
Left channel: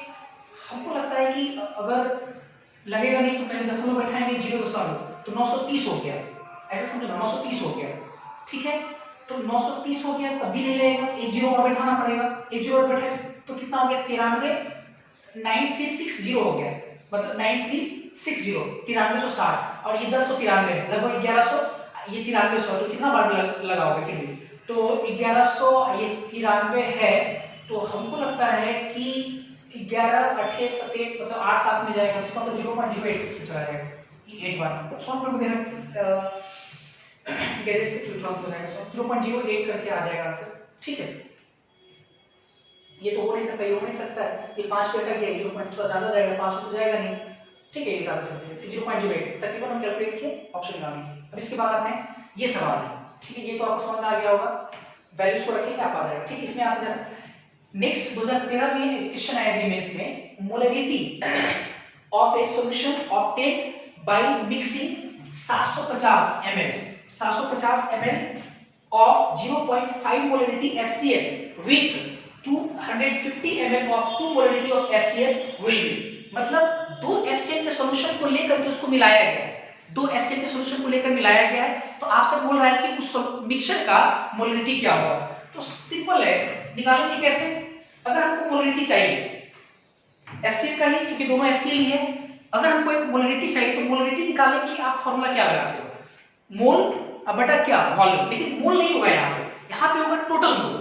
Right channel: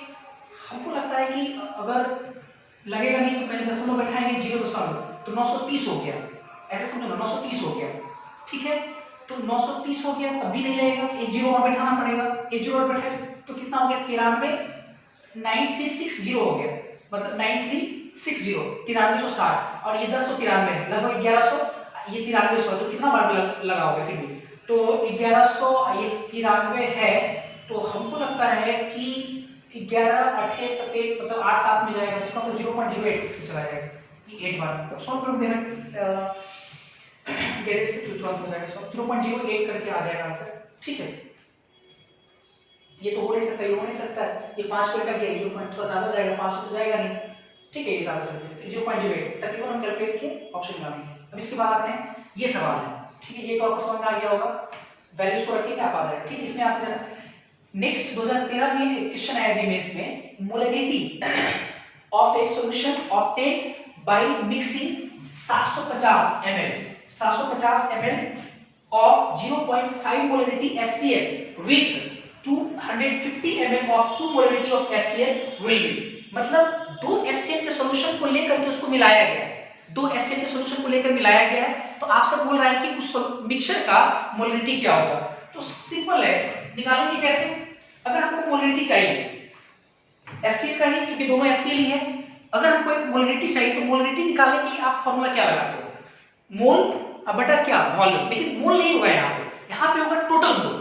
हमको लगता है कि अगर लगेगा नहीं तो पहले दशमलव बैठाएंगे 0 तो 930 हो गया, ऐसे समझो ना, 930 हो गया। ठीक है, तो 930 हो गया तब भी नहीं लगेगा, एक 0 और बैठाना पड़ेगा। एक 0 और बैठे तो कितना हो गया? 93,9360 हो गया, मतलब 9360 9360 और ये 10 तो 93 है, लगभग 1100, ये 9300 तो कितना बार लगाओगे फिर भी? तो 1100 ये 93 है। तो हमको लगता है कि 11 8 7 मतलब 8 7 में जाएगा, जिसका मतलब 0.086 में चला जाएगा। ये 8 बार सॉल्व कर देना। गैरेज से तुरंत हो जाएगा, 0.08 करके आ जाएगा आंसर। ठीक है, ये तो हो नहीं सकता, ये हो नहीं सकता है, ये 5 पे करके 0 पॉइंट थोड़ा ज्यादा जाएगा, 5 तो जाएगा नहीं। ठीक है, ये ज्यादा चल रहा है 0.08 तकरीबन हम कैलकुलेट किए, ऑप्शन लगाएंगे। अब इसके बाद आते हैं ये सवाल है। ठीक है, ये तो आपको समझ में आ गया होगा, वैल्यूज को रखिए आप आ जाएगा। ठीक है, इसमें आते हैं नेक्स्ट 2013 में क्वेश्चन आया जी मेंस में, molarity of A solution obtained by mixing 750 ml of 0.5 molarity HCl with 250 ml of 2 molarity of HCl will be, मतलब दो HCl के सॉल्यूशन को लेकर के उसको मिलाया गया है, दो HCl के सॉल्यूशन को लेकर मिलाया गया है, तो आपसे बोल रहा है कि उस मिक्सचर का मोलरिटी क्या होगा। तो सिंपल है, निकालेंगे कैसे? अगर हमको मोलरिटी चाहिए HCl का ही, क्योंकि दोनों HCl ही है, अगर हमको एक मोलरिटी चाहिए तो मोलरिटी निकालने के लिए आप फॉर्मूला क्या लगाते हो? मोल अब बटा क्या, वॉल्यूम। लेकिन मोल नहीं होगा यहाँ पे होगा टोटल मोल,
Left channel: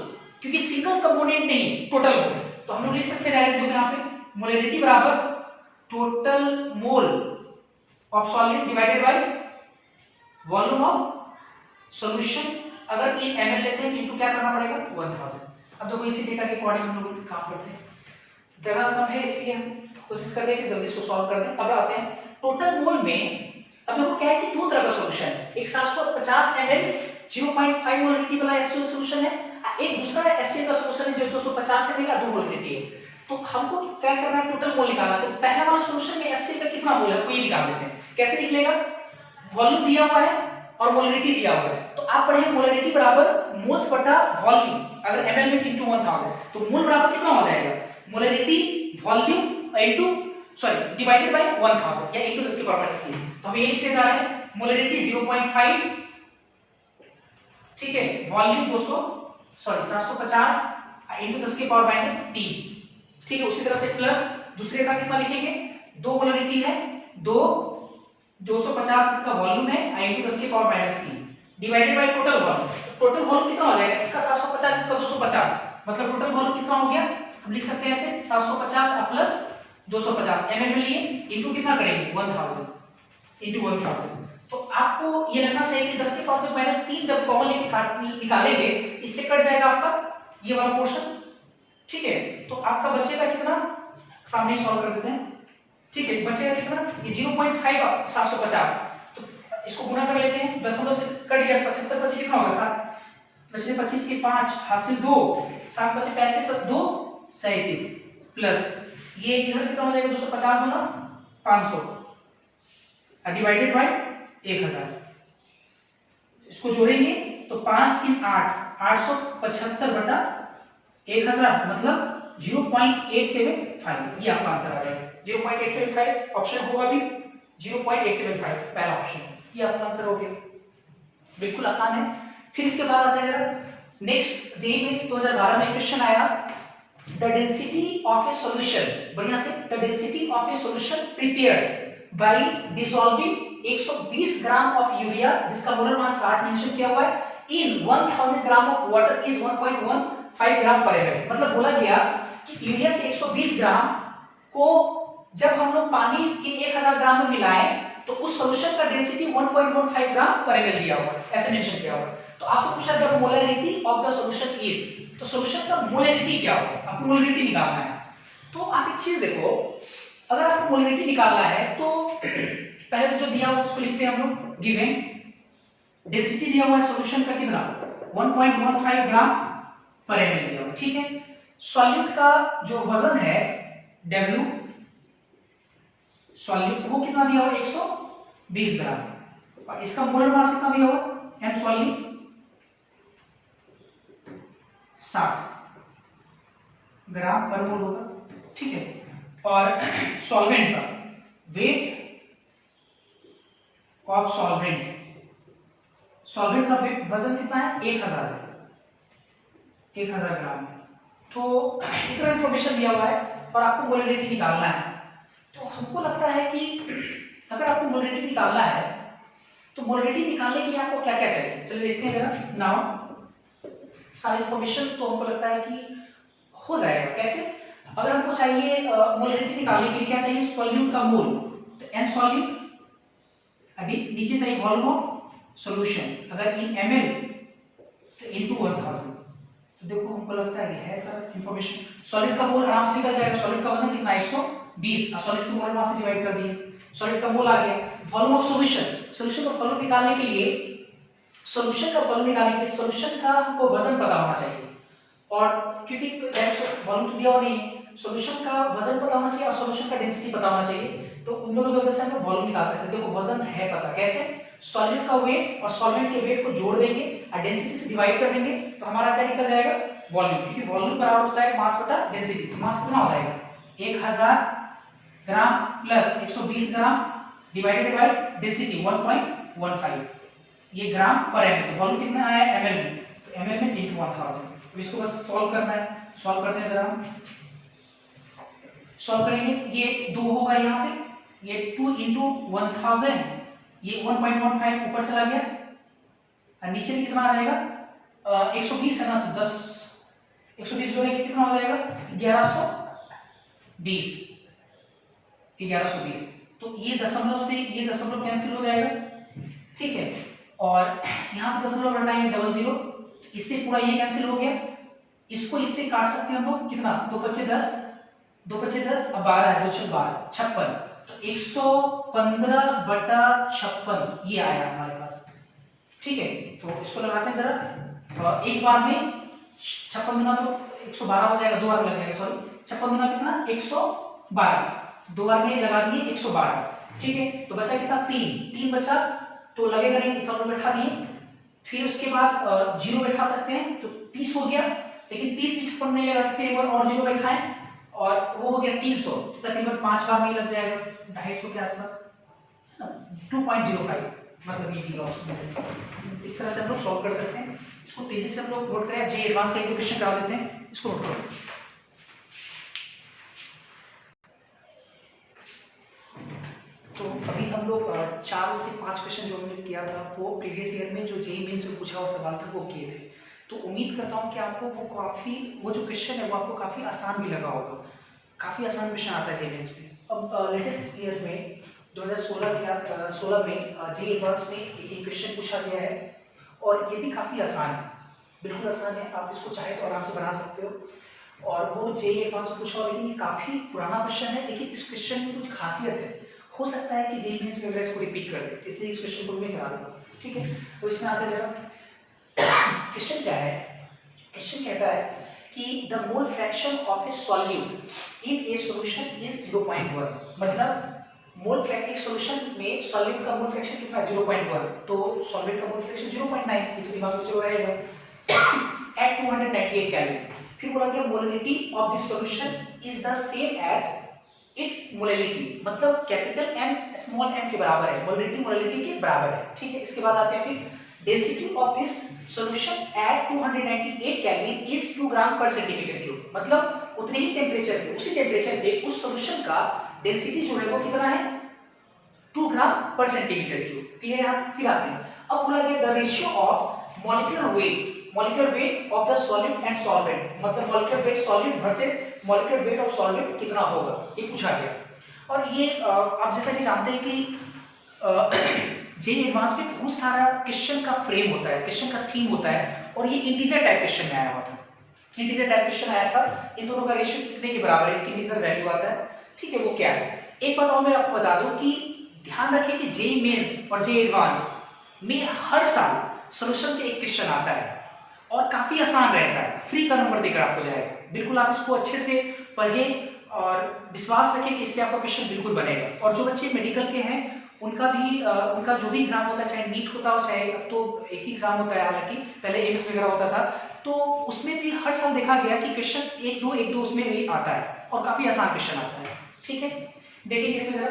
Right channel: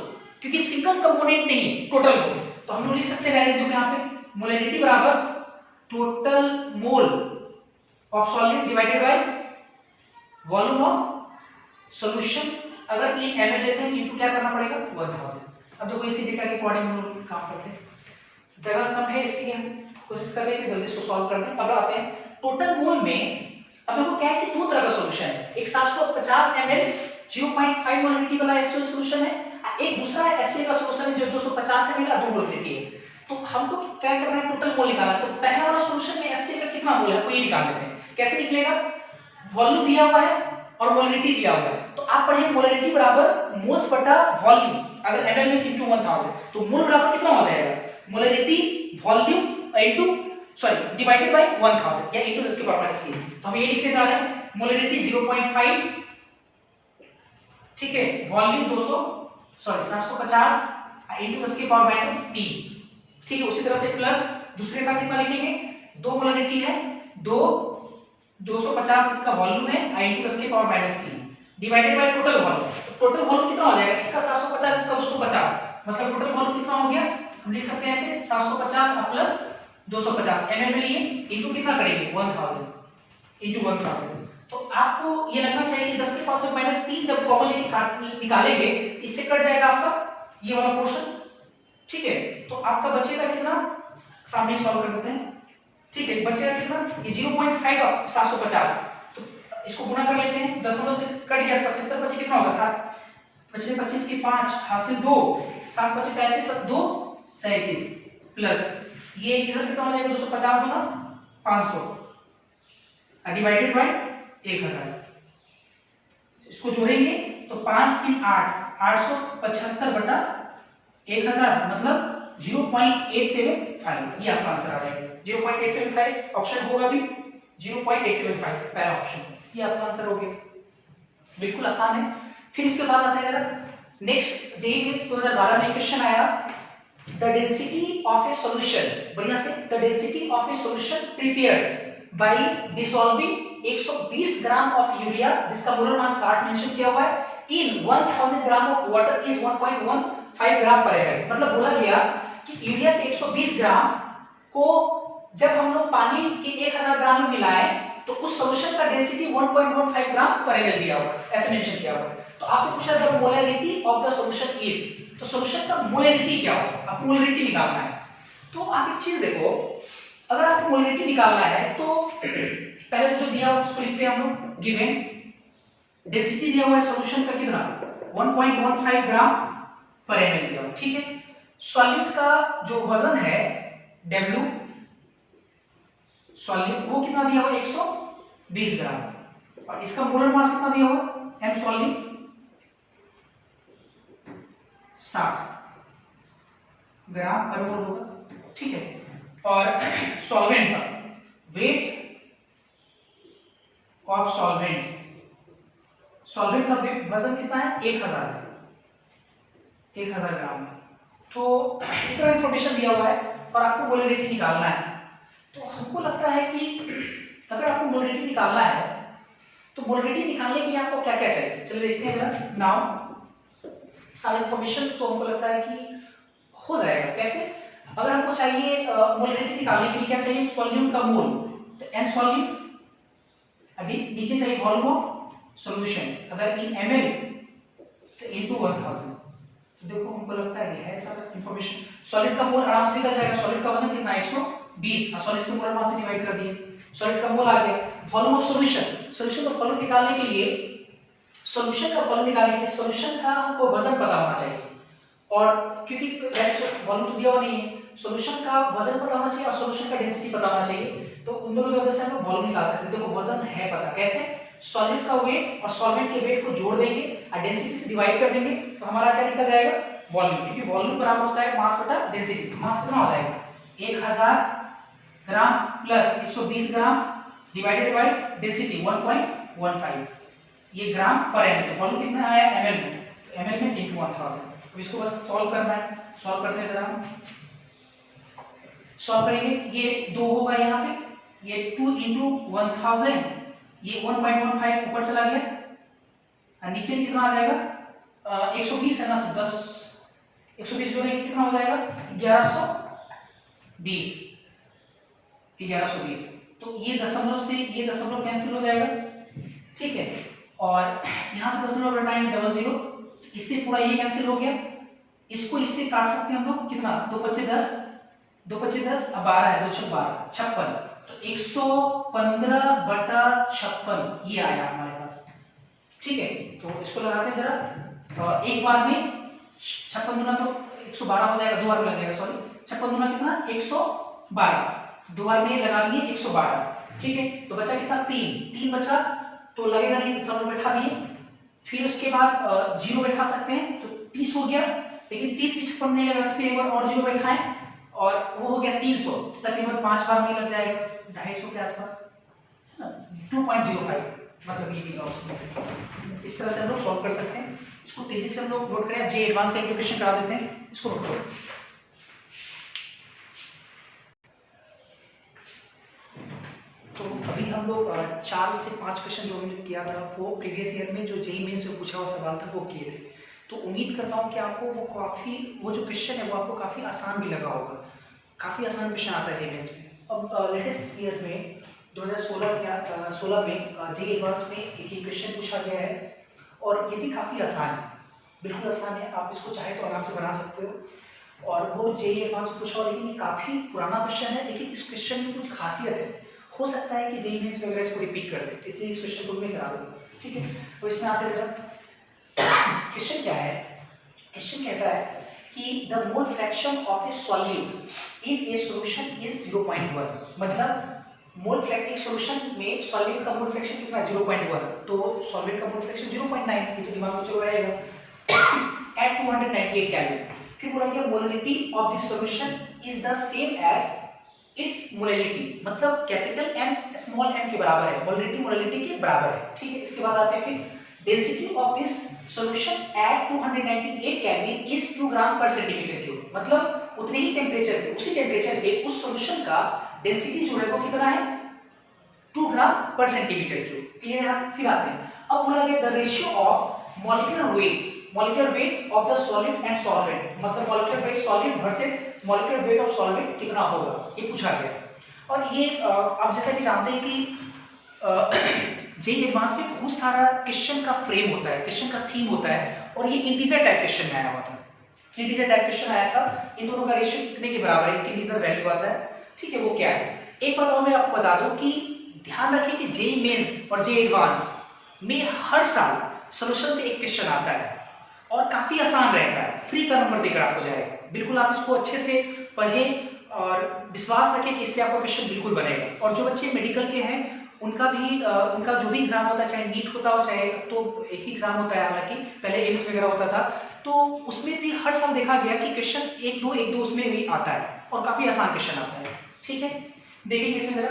क्योंकि सिंगल कंपोनेंट नहीं, टोटल मोल। तो हम लोग लिख सकते हैं डायरेक्ट यहाँ पे मोलरिटी बराबर total mole of solute divided by volume of solution. अगर इन ml लेते हैं इनटू क्या करना पड़ेगा 1000। अब देखो इसी डेटा के अकॉर्डिंग हम लोग काम करते हैं, जगह कम है इसलिए हम कोशिश कर रहे हैं कि जल्दी इसको सॉल्व कर दें। अब आते हैं टोटल मोल में। अब देखो क्या है कि दो तरह का सॉल्यूशन है, एक 750 ml 0.5 मोलरिटी वाला HCl सॉल्यूशन है, एक दूसरा HCl का सॉल्यूशन है जो 250 ml का 2 मोलरिटी है। तो हमको क्या करना है, टोटल मोल निकालना। तो पहला वाला सॉल्यूशन में HCl का कितना मोल है कोई निकाल देते हैं। कैसे निकलेगा? वॉल्यूम दिया हुआ है और मोलरिटी दिया हुआ है, तो आप पढ़े मोलरिटी बराबर मोल्स बटा वॉल्यूम। अगर ml में इनटू 1000 तो मोल बराबर कितना हो जाएगा, molarity volume into divided by 1000 या इनटू इसके पावर माइनस 3। तो हम ये लिखने जा रहे हैं मोलरिटी 0.5, ठीक है, वॉल्यूम 750 इनटू 10 के पावर माइनस 3। ठीक है, उसी तरह से प्लस दूसरे का कितना लिखेंगे, दो मोलरिटी है, 250 इसका वॉल्यूम है इनटू 10 के power minus 3 divided by total volume. Total volume कितना हो जाएगा, इसका 750 इसका 250, मतलब टोटल वॉल्यूम कितना हो गया, हम लिख सकते हैं ऐसे 750 प्लस 250 ml में लिए इनटू कितना करेंगे 1000 इनटू 1000। तो आपको ये लगना चाहिए कि 10 के पावर माइनस 3 जब कॉमन लेके निकालेंगे इससे कट जाएगा आपका ये वाला पोर्शन। ठीक है, तो आपका बचेगा कितना, सामने सॉल्व कर देते हैं। ठीक है, बचेगा कितना, ये 0.5 750, तो इसको गुणा कर लेते हैं, दशमलव से कट गया 75 बचे कितना होगा 7 बचे 25 के 5 हासिल 2 7 बचे 35 2 37 प्लस ये इधर कितना हो जाएगा 250 गुना 500 डिवाइडेड बाय 1000। इसको जोड़ेंगे तो 5 3 8 875 बटा 1000 मतलब 0.875। ये आपका आंसर आ जाएगा 0.875। ऑप्शन होगा भी 0.875 पहला ऑप्शन, ये आपका आंसर हो गया। बिल्कुल आसान है। फिर इसके बाद आता है जरा नेक्स्ट जेईई मेंस 2012 में क्वेश्चन आया, the density of A solution, बढ़िया से, the density of A solution prepared by dissolving 120 gram of urea जिसका मोलर मास 60 मेंशन किया हुआ है इन 1000 ग्राम ऑफ वाटर इज 1.15 ग्राम पर एमएल। मतलब बोला गया कि यूरिया के 120 ग्राम को जब हम लोग पानी के 1000 ग्राम में मिलाएं तो उस सॉल्यूशन का डेंसिटी 1.15 ग्राम पर एमएल दिया हुआ है, ऐसे मेंशन किया हुआ है। तो आपसे पूछा the molarity of the solution is, तो सॉल्यूशन का मोलरिटी क्या होगा, आपको मोलरिटी निकालना है। तो आप एक चीज देखो, अगर आपको मोलरिटी निकालना है तो पहले तो जो दिया हुआ उसको लिखते हैं हम लोग, गिवन डेंसिटी दिया हुआ है सॉल्यूशन का कितना 1.15 ग्राम पर एमएल दिया हुआ, ठीक है। सॉल्यूट का जो वजन है W सॉल्यूट वो कितना दिया हुआ 120 ग्राम और इसका मोलर मास कितना दिया हुआ M सॉल्यूट 60 ग्राम पर मोल होगा, ठीक है। और सॉल्वेंट का वेट ऑफ सॉल्वेंट, सॉल्वेंट का वजन कितना है 1000 ग्राम। तो इतना इंफॉर्मेशन दिया हुआ है और आपको मोलरिटी निकालना है। तो हमको लगता है कि अगर आपको मोलरिटी निकालना है तो मोलरिटी निकालने के लिए आपको क्या क्या चाहिए, चलिए देखते हैं जरा। नाउ सारी इंफॉर्मेशन तो हमको लगता है कि हो जाएगा। कैसे, अगर हमको चाहिए मोलरिटी निकालने के लिए क्या चाहिए, सॉल्यूट का मोल, तो एन सॉल्यूट, अभी नीचे चाहिए वॉल्यूम ऑफ सॉल्यूशन अगर इन ml तो इनटू 1000, तो देखो हमको लगता है ये है सर इंफॉर्मेशन। सॉलिड का मोल आराम से निकल जाएगा, सॉलिड का वजन कितना है 120, सॉलिड को मोल मास से डिवाइड कर दिए, सॉलिड का मोल आ गया। वॉल्यूम ऑफ सॉल्यूशन, सॉल्यूशन का वॉल्यूम निकालने के लिए सॉल्यूशन का हमको वजन पता होना चाहिए, और क्योंकि वॉल्यूम तो दिया हुआ नहीं है, सॉल्यूशन का वजन पता होना चाहिए और सॉल्यूशन का डेंसिटी पता होना चाहिए, तो उन दोनों की वजह से हम वॉल्यूम निकाल सकते हैं। देखो वजन है पता, कैसे? सॉलिड का वेट और सॉल्वेंट के वेट को जोड़ देंगे और डेंसिटी से डिवाइड कर देंगे, तो हमारा क्या निकल जाएगा? वॉल्यूम, क्योंकि वॉल्यूम बराबर होता है मास बटा डेंसिटी। तो मास कितना हो जाएगा? 1000 gram plus 120 gram divided by density 1.15, ये ग्राम पर एम। तो वॉल्यूम कितना आया एमएल में, एमएल में इनटू 1000। अब इसको बस सॉल्व करना है, सॉल्व करते हैं जरा, सॉल्व करेंगे। ये 2 होगा यहाँ पे, ये 2 इंटू 1000, ये 1.15 ऊपर चला गया और नीचे भी कितना आ जाएगा? 120 है ना, तो 10 120 जोड़ेंगे कितना हो जाएगा? 1120। तो ये दशमलव से ये दशमलव कैंसिल हो जाएगा, ठीक है। और यहां से दशमलव हटाएंगे 00, इससे पूरा ये कैंसिल हो गया। इसको इससे काट सकते हैं हम लोग, कितना? 2 पच्चे 10, 2 पच्चे 10, अब 12 है, 2 छक 12, 56। तो 115/56 ये आया हमारे पास, ठीक है। तो इसको लगाते हैं जरा, एक बार में 56 गुना तो 112 हो जाएगा, 2 बार में लग जाएगा, सॉरी 56 गुना कितना? 112, 2 बार में लगा दिए 112, ठीक है। तो बचा कितना? 3 बचा, तो लगेगा नहीं, दशमलव बैठा दिए, फिर उसके बाद 0 बैठा सकते हैं, तो 30 हो गया। लेकिन 30 भी 56 नहीं लगा, फिर एक बार और 0 बैठाएं और वो हो गया 300, तकरीबन 5 बार में लग जाएगा 250 के आसपास, 2.05, मतलब ये किलोग्राम में। इस तरह से हम लोग सॉल्व कर सकते हैं। इसको तेजी से हम लोग नोट करें, जे एडवांस का एक दो क्वेश्चन करा देते हैं, इसको नोट करो। तो अभी हम लोग 4 से 5 क्वेश्चन जो हमने किया था वो प्रीवियस ईयर में जो जेईई मेंस में पूछा हुआ सवाल था वो किए थे। तो उम्मीद करता हूँ कि आपको वो जो क्वेश्चन है वो आपको काफ़ी आसान भी लगा होगा। काफ़ी आसान क्वेश्चन आता है जेईई मेंस में। अब लेटेस्ट ईयर में 2016 में जेईई एडवांस में एक क्वेश्चन पूछा गया है और ये भी काफ़ी आसान है, बिल्कुल आसान है, आप इसको चाहे तो आराम से बना सकते हो। और वो जेईई एडवांस में पूछा, लेकिन ये काफ़ी पुराना क्वेश्चन है, लेकिन इस क्वेश्चन में कुछ खासियत है, हो सकता है कि जेईई मेंस में अगर इसको रिपीट कर दे, इसलिए इस क्वेश्चन को मैं करा दूंगा, ठीक है। तो इसमें आते जरा, क्वेश्चन क्या है? क्वेश्चन कहता है कि the mole fraction of A solute in A solution is 0.1, मतलब मोल फ्रैक्शन एक सॉल्यूशन में सॉल्वेंट का मोल फ्रैक्शन कितना है? 0.1, तो सॉल्वेंट का मोल फ्रैक्शन 0.9, ये तो दिमाग में चल रहेगा, एट 298 केल्विन। फिर बोला गया molarity of this solution is the same as its molarity, मतलब कैपिटल एम स्मॉल एम के बराबर है, मोलरिटी के बराबर है, ठीक है। इसके बाद आते हैं फिर density of this solution at 298 kelvin is 2 ग्राम पर सेंटीमीटर क्यूब, मतलब उतने ही टेंपरेचर पे, उसी टेंपरेचर पे उस सॉल्यूशन का डेंसिटी जो है वो कितना है? 2 ग्राम पर सेंटीमीटर क्यूब। क्लियर है? फिर आते हैं, अब बोला गया the ratio of molecular weight of the solid and solvent, मतलब molecular weight solid versus molecular weight of solvent कितना होगा, ये पूछा गया। और ये आप जैसा कि जानते हैं कि जेईई एडवांस में बहुत सारा क्वेश्चन का फ्रेम होता है, क्वेश्चन का थीम होता है, और ये इंटीजर टाइप क्वेश्चन में आया हुआ था, इंटीजर टाइप क्वेश्चन आया था। इन दोनों का रेशियो कितने के बराबर है? इंटीजर वैल्यू आता है, ठीक है, वो क्या है? एक बात और मैं आपको बता दूं कि ध्यान रखिए कि जेईई मेंस और जेईई एडवांस में हर साल सॉल्यूशन से एक क्वेश्चन आता है और काफी आसान रहता है, फ्री का नंबर देकर आपको जाएगा। बिल्कुल आप इसको अच्छे से पढ़ें और विश्वास रखें कि इससे आपका क्वेश्चन बिल्कुल बनेगा। और जो बच्चे मेडिकल के हैं उनका जो भी एग्जाम होता है, चाहे नीट होता हो, चाहे अब तो एक ही एग्जाम होता है, हालांकि पहले एम्स वगैरह होता था, तो उसमें भी हर साल देखा गया कि क्वेश्चन एक दो उसमें भी आता है और काफी आसान क्वेश्चन आता है, ठीक है। देखेंगे इसमें जरा,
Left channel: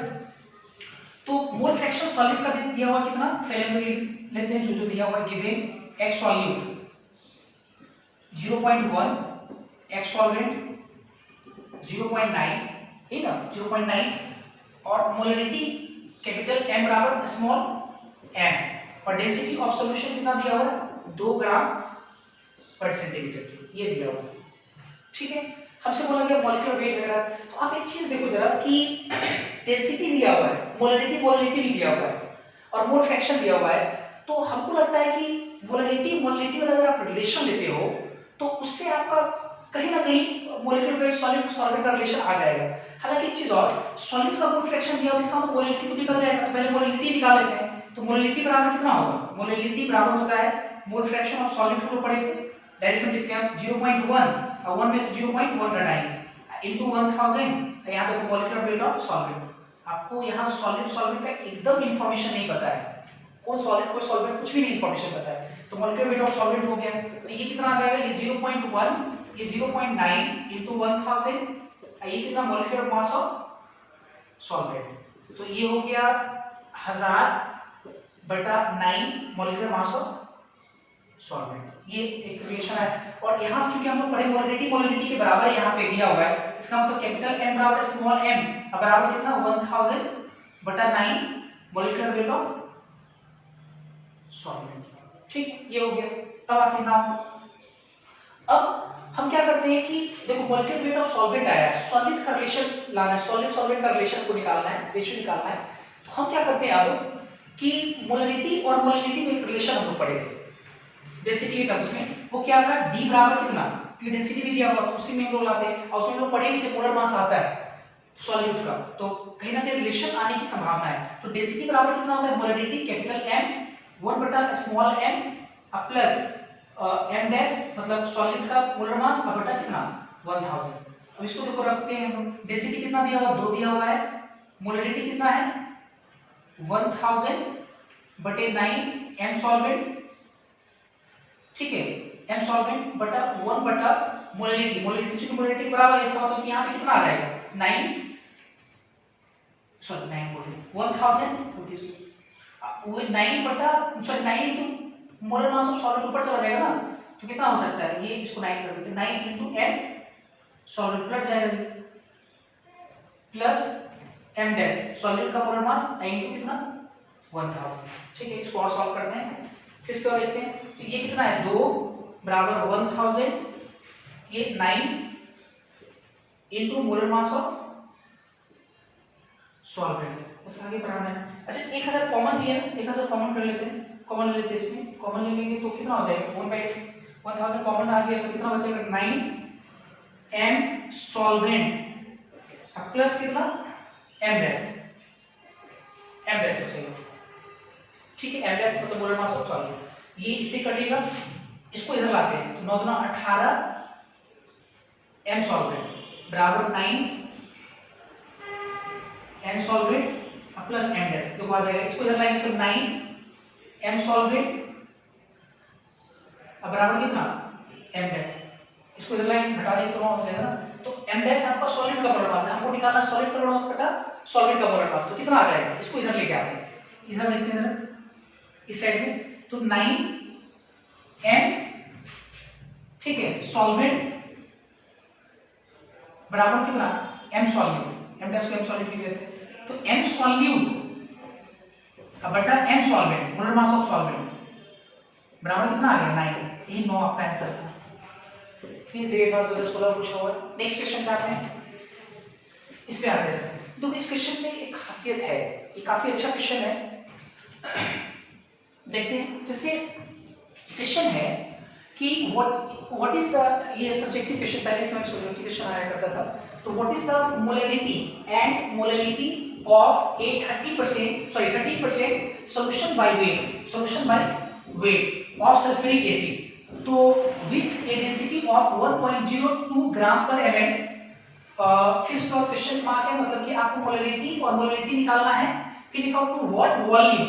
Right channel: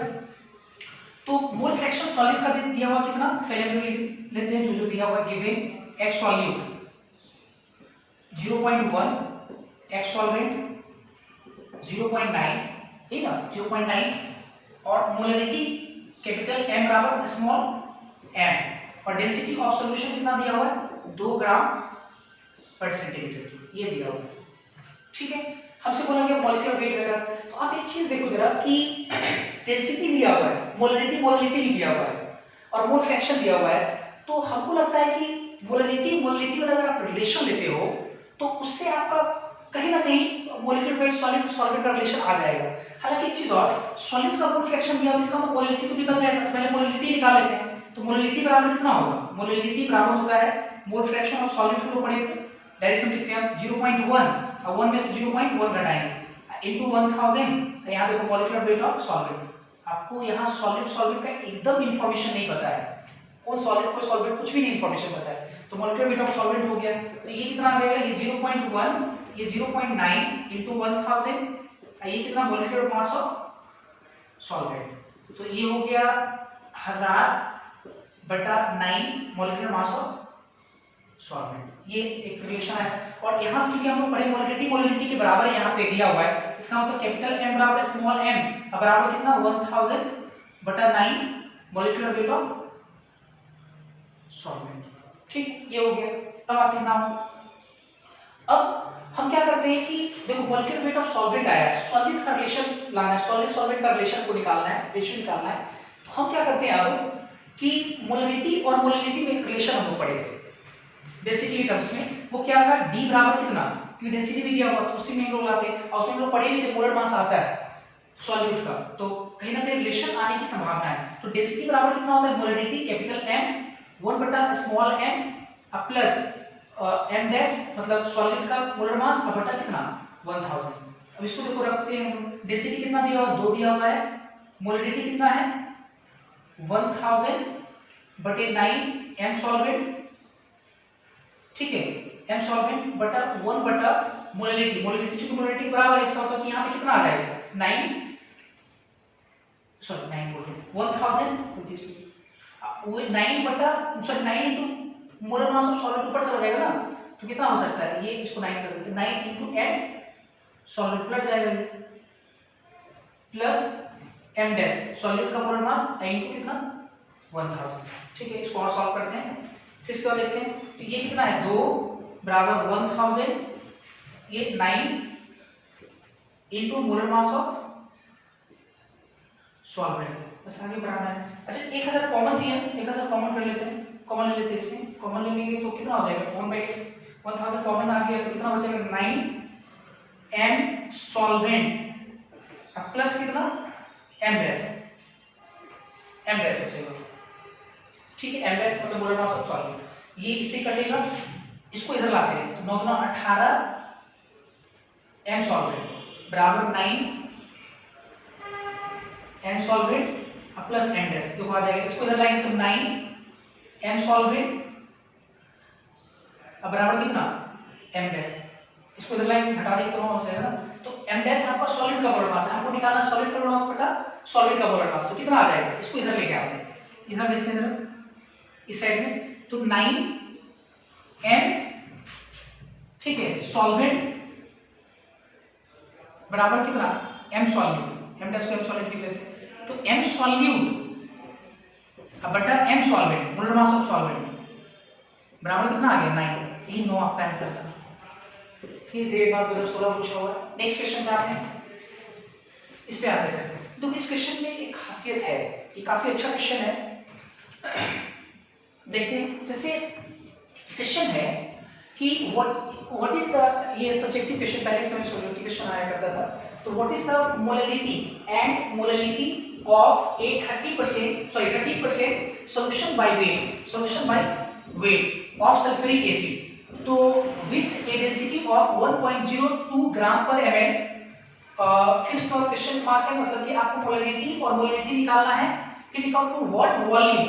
तो मोल फ्रैक्शन सॉल्यूट का दिया हुआ कितना, पहले हम लेते हैं जो दिया हुआ है, given x solute 0.1, x solvent 0.9, ठीक है 0.9, और मोलरिटी कैपिटल एम बराबर स्मॉल एम, और डेंसिटी ऑफ सॉल्यूशन कितना दिया हुआ है? 2 ग्राम पर सेंटीमीटर, ये दिया हुआ है, ठीक है। हमसे बोला गया मॉलिक्यूलर वेट वगैरह, तो आप एक चीज देखो जरा कि डेंसिटी दिया हुआ है, मोलरिटी भी दिया हुआ है और मोल फ्रैक्शन दिया हुआ है, तो हमको लगता है कि मोलरिटी मोलरिटी वाला अगर आप रिलेशन लेते हो तो उससे आपका कहीं ना कहीं मोलिक्यूलर वेट सॉलिड सॉल्वेंट का रिलेशन आ जाएगा। हालांकि एक चीज और, सॉलिड का मोल फ्रैक्शन दिया होगा, इसका मतलब मोलरिटी तो निकल जाएगा, तो पहले मोलरिटी निकाल लेते हैं। तो मोलरिटी बराबर कितना होगा? मोलरिटी बराबर होता है मोल फ्रैक्शन ऑफ सॉलिड, को पढ़े थे डायरेक्ट हम लिखते हैं 0.1 और 1 में से 0.1 घटाएंगे इनटू 1000। यहां देखो मोलिक्यूलर वेट ऑफ सॉल्वेंट, आपको यहां सॉलिड सॉल्वेंट का एकदम इंफॉर्मेशन नहीं पता है, कौन सॉलिड कौन सॉल्वेंट कुछ भी नहीं इंफॉर्मेशन पता है, तो मोलिक्यूलर वेट ऑफ सॉल्वेंट हो गया। तो ये कितना आ जाएगा? ये 0.1, ये 0.9 इनटू 1000, ये कितना मोलिक्यूलर मास ऑफ सॉल्वेंट, तो ये हो गया 1000/9 मोलिक्यूलर मास ऑफ सॉल्वेंट। ये एक रिलेशन है। और यहां से भी हम लोग पढ़े मोलरिटी मोलरिटी के बराबर यहां पे दिया हुआ है, इसका मतलब कैपिटल M बराबर स्मॉल m बराबर कितना 1000/9 मोलिक्यूलर वेट ऑफ सॉल्वेंट। ठीक, ये हो गया। अब आते हैं नाउ, अब हम क्या करते हैं कि देखो मोलिक्यूलर वेट ऑफ सॉल्वेंट आया है, सॉलिड का रिलेशन लाना है, सॉलिड सॉल्वेंट का रिलेशन को निकालना है, रेशियो निकालना है। तो हम क्या करते हैं अब कि मोलरिटी और मोलरिटी में एक रिलेशन हम लोग पढ़े थे डेंसिटी के टर्म्स में, वो क्या था? D बराबर कितना, क्योंकि डेंसिटी भी दिया हुआ तो उसी में हम लोग लाते हैं, और उसमें हम लोग पढ़े भी थे मोलर मास आता है सॉल्यूट का, तो कहीं ना कहीं रिलेशन आने की संभावना है। तो डेंसिटी बराबर कितना होता है? Molarity capital M 1 small m plus m dash मतलब सॉलिड का मोलर मास बटा कितना 1000। अब इसको देखो रखते हैं हम, डेंसिटी कितना दिया हुआ? 2 दिया हुआ है, मोलरिटी कितना है 1000/9 m सॉल्वेंट, ठीक है, m सॉल्वेंट बटा 1 मोलरिटी, मोलरिटी चूंकि मोलरिटी बराबर है, इसका मतलब कि यहां पे कितना आ जाएगा 9 सॉरी 9 बोल 1000 वो 9 into molar mass of solid ऊपर चला जाएगा ना, तो कितना हो सकता है? ये इसको 9 कर देते हैं, 9 इनटू m सॉलिड प्लस जाएगा ये प्लस m डैश सॉलिड का मोलर मास इनटू कितना 1000। ठीक है, इसको और सॉल्व करते हैं, फिर इसको देखते हैं। तो ये कितना है 2 बराबर 1000, ये 9 into molar mass of solvent, बस आगे बढ़ाना है। अच्छा 1000 कॉमन भी है, 1000 कॉमन कर लेते हैं, कॉमन ले लेते हैं, इसमें कॉमन ले लेंगे तो कितना हो जाएगा 1/1000 कॉमन आ गया तो कितना बचेगा 9 m सॉल्वेंट अब प्लस कितना m डैश बचेगा। ठीक है, m डैश मतलब मोलर मास ऑफ सॉल्वेंट, ये इससे कटेगा, इसको इधर लाते हैं तो 9 दूना 18 m सॉल्वेंट बराबर 9 m solvent plus m dash, तो आ जाएगा, इसको इधर लाएंगे तो 9 m सॉल्वेंट अब बराबर कितना m डैश, इसको इधर लाएंगे घटा देंगे तो हो जाएगा ना, तो m डैश आपका सॉलिड का मोलर मास है, हमको निकालना सॉलिड का मोलर मास बटा सॉलिड का मोलर मास, तो कितना आ जाएगा? इसको इधर लेके आते हैं, इधर लेते हैं जरा इस साइड में, तो 9m ठीक है सॉल्वेंट बराबर कितना m सॉल्यूट, m डैश को m सॉल्यूट लिख देते हैं, तो m सॉल्यूट बटा m solvent molar mass of solvent बराबर कितना आ गया 9, यही 9 आपका आंसर था। फिर से 2016 पूछा हुआ है। नेक्स्ट क्वेश्चन पे आते हैं, इस पे आते हैं। तो इस क्वेश्चन में एक खासियत है, ये काफी अच्छा क्वेश्चन है, देखते हैं। जैसे क्वेश्चन है कि व्हाट इज द, ये सब्जेक्टिव क्वेश्चन पहले समय सॉल्यूट क्वेश्चन आया करता था, तो what is the molarity and molarity of a 30% solution by weight of sulfuric acid, तो with a density of 1.02 ग्राम पर ml, फिर उसका क्वेश्चन मार्क है, मतलब कि आपको मोलरिटी और मोलरिटी निकालना है, फिर निकाल to what volume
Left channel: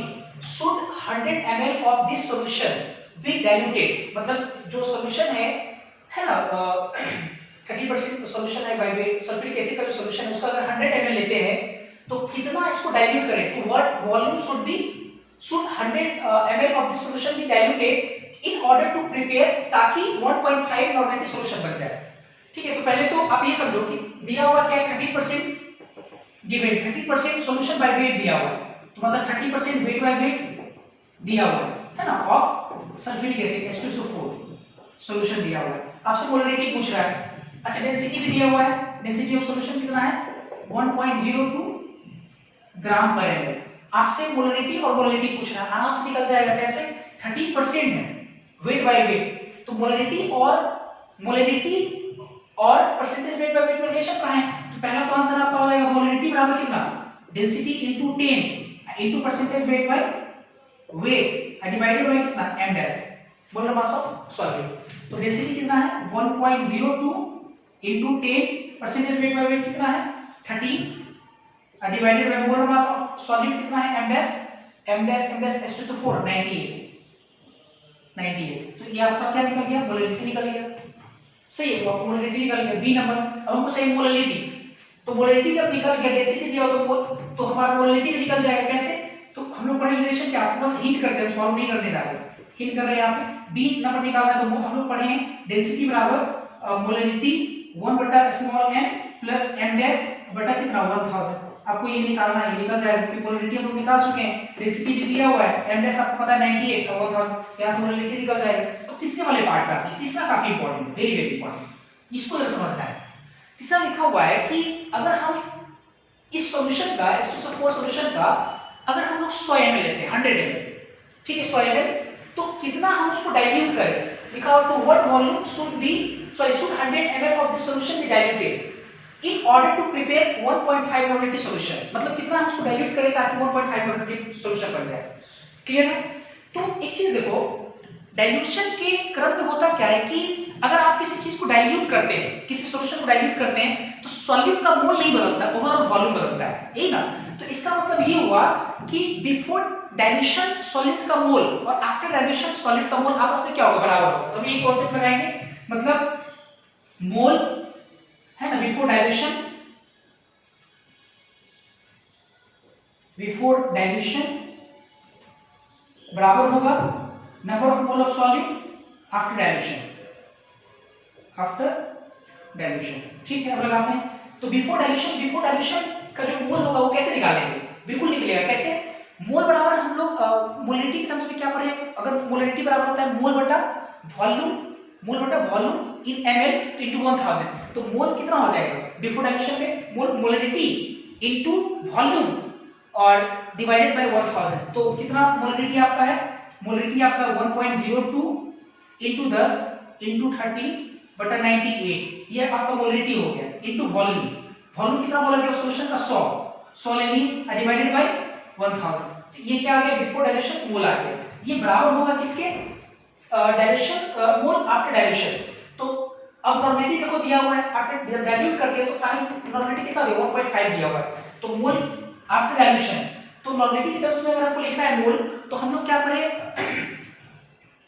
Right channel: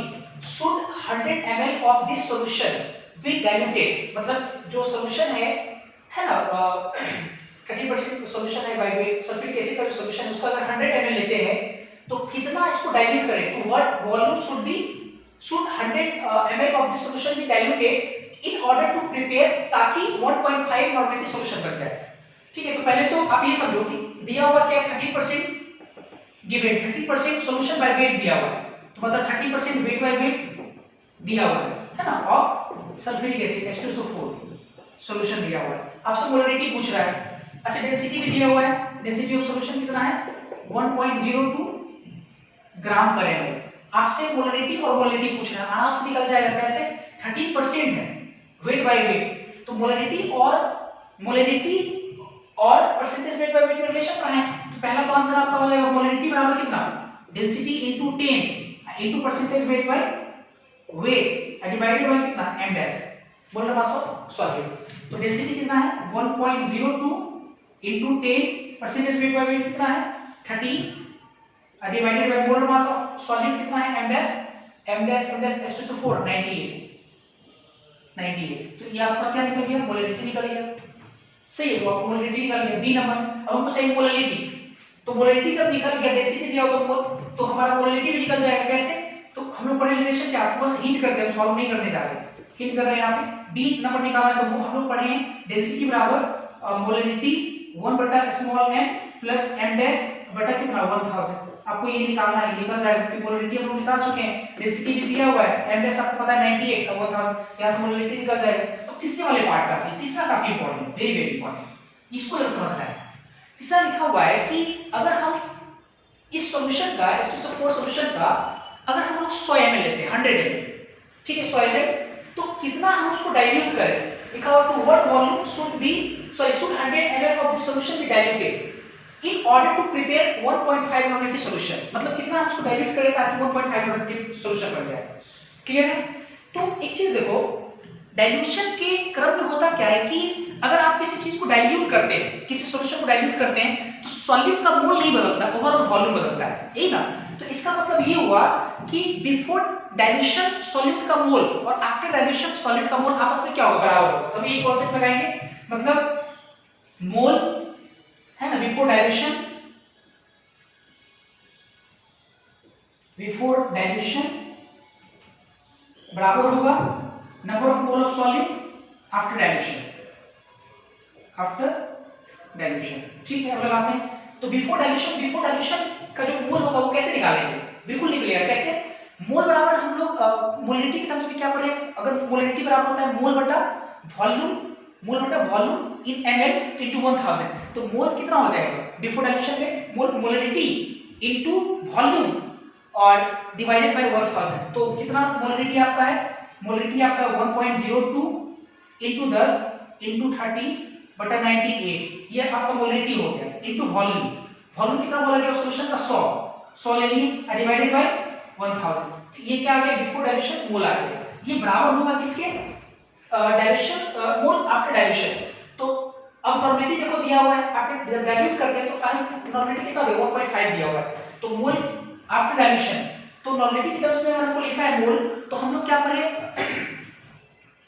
should 100 ml of this solution be diluted, मतलब जो सॉल्यूशन है ना 30% सॉल्यूशन है बाय वेट, सल्फ्यूरिक एसिड का जो सॉल्यूशन है उसका अगर 100 ml लेते हैं तो कितना इसको डाइल्यूट करें, तो what volume should 100 ml of this solution be diluted in order to prepare, ताकि 1.5 नॉर्मेटिव सॉल्यूशन बन जाए। ठीक है, तो पहले तो आप ये समझो कि दिया हुआ क्या है 30% गिवन, 30% सॉल्यूशन बाय वेट दिया हुआ है, तो मतलब 30% वेट बाय वेट दिया हुआ है ना, of sulphuric acid H2SO4 solution दिया हुआ है। आपसे मोलरिटी पूछ रहा है, अच्छा डेंसिटी भी दिया हुआ है, डेंसिटी ऑफ सॉल्यूशन कितना है 1.02 ग्राम पर ml। आपसे मोलरिटी और मोलरिटी पूछ रहा है, आराम से निकल जाएगा। कैसे? 13% है वेट बाय वेट, तो मोलरिटी और परसेंटेज वेट बाय वेट में रिलेशन कहां है? तो पहला तो आंसर आपका हो जाएगा मोलरिटी बराबर कितना, density into 10 into percentage weight by weight divided bye कितना, m dash molar mass of solute. तो डेंसिटी कितना है 1.02 into 10 percentage weight by weight कितना है 30 divided by molar mass of solute कितना है m डैश s/4 98। तो ये आपका क्या निकल गया, मोलरिटी निकल गया। सही है, तो आपको मोलरिटी निकल गया बी नंबर। अब हमको चाहिए मोलरिटी, तो मोलरिटी जब निकल गया, डेंसिटी दिया हो तो हमारा मोलरिटी भी निकल जाएगा। कैसे? तो हम लोग पढ़े रिलेशन क्या, आपको बस हिंट करते हैं, सॉल्व नहीं करने जा रहे, हिंट कर रहे हैं। यहाँ पे बी नंबर निकालना है, तो हम लोग पढ़े हैं डेंसिटी बराबर molarity 1/m plus m dash बटा कितना 1000। आपको ये निकालना है, निकल जाएगा क्योंकि मोलरिटी हम लोग निकाल चुके हैं, डेंसिटी भी दिया हुआ है, m डैश आपको पता है 98 का 1000, यहां से मोलरिटी निकल जाएगा। तो तीसरे वाले पार्ट पे आते हैं, तीसरा काफी इंपॉर्टेंट है, वेरी वेरी इंपॉर्टेंट, इसको जरा समझना है। तीसरा लिखा हुआ है कि अगर हम इस सॉल्यूशन का, H2SO4 सॉल्यूशन का अगर हम लोग 100 ml लेते हैं, 100 ml, ठीक है 100 ml, तो कितना हम उसको डाइल्यूट करें। लिखा हुआ to what volume should 100 ml of this solution be diluted in order to prepare 1.5 normative solution. मतलब कितना हम उसको डाइल्यूट करें ताकि 1.5 नॉर्मेटिव सॉल्यूशन बन जाए। क्लियर है? तो एक चीज देखो, डाइल्यूशन के क्रम में होता क्या है कि अगर आप किसी चीज को डाइल्यूट करते हैं, किसी सॉल्यूशन को डाइल्यूट करते हैं, तो सॉल्यूट का मोल नहीं बदलता, ओवरऑल वॉल्यूम बदलता है, यही ना। तो इसका मतलब ये हुआ कि बिफोर डाइल्यूशन सॉल्यूट का मोल और आफ्टर डाइल्यूशन सॉल्यूट का मोल आपस में क्या होगा, बराबर होगा। तो ये कॉन्सेप्ट लगाएंगे, मतलब मोल है ना, बिफोर डाइल्यूशन बराबर होगा number of mole of solute after dilution. ठीक है, अब लगाते हैं। तो बिफोर डाइल्यूशन का जो मोल होगा वो कैसे निकालेंगे, बिल्कुल निकलेगा। कैसे? मोल बराबर हम लोग मोलरिटी के टर्म्स में क्या पढ़े, अगर मोलरिटी बराबर होता है मोल बटा वॉल्यूम इन ml तो इनटू 1000, तो मोल कितना हो जाएगा बिफोर डाइल्यूशन में, मोलरिटी इनटू वॉल्यूम और डिवाइडेड बाय 1000। तो कितना मोलरिटी आपका है, मोलरिटी आपका 1.02 इनटू 10 इनटू 30 बटा 98, ये आपका मोलरिटी हो गया, इनटू वॉल्यूम कितना बोला गया सॉल्यूशन का 100 ले लिए डिवाइडेड बाय 1000। तो ये क्या आ गया, बिफोर डाइल्यूशन मोल आ गया। ये बराबर होगा किसके, डाइल्यूशन मोल आफ्टर डाइल्यूशन। तो अब नॉर्मेलिटी देखो दिया हुआ है, आफ्टर जब डाइल्यूट करते हैं तो फाइनल नॉर्मेलिटी कितना दिया 1.5 दिया हुआ है, तो मोल आफ्टर डाइल्यूशन। तो नॉर्मेलिटी के टर्म्स में अगर हमको लिखना है मोल, तो हम लोग क्या पढ़े,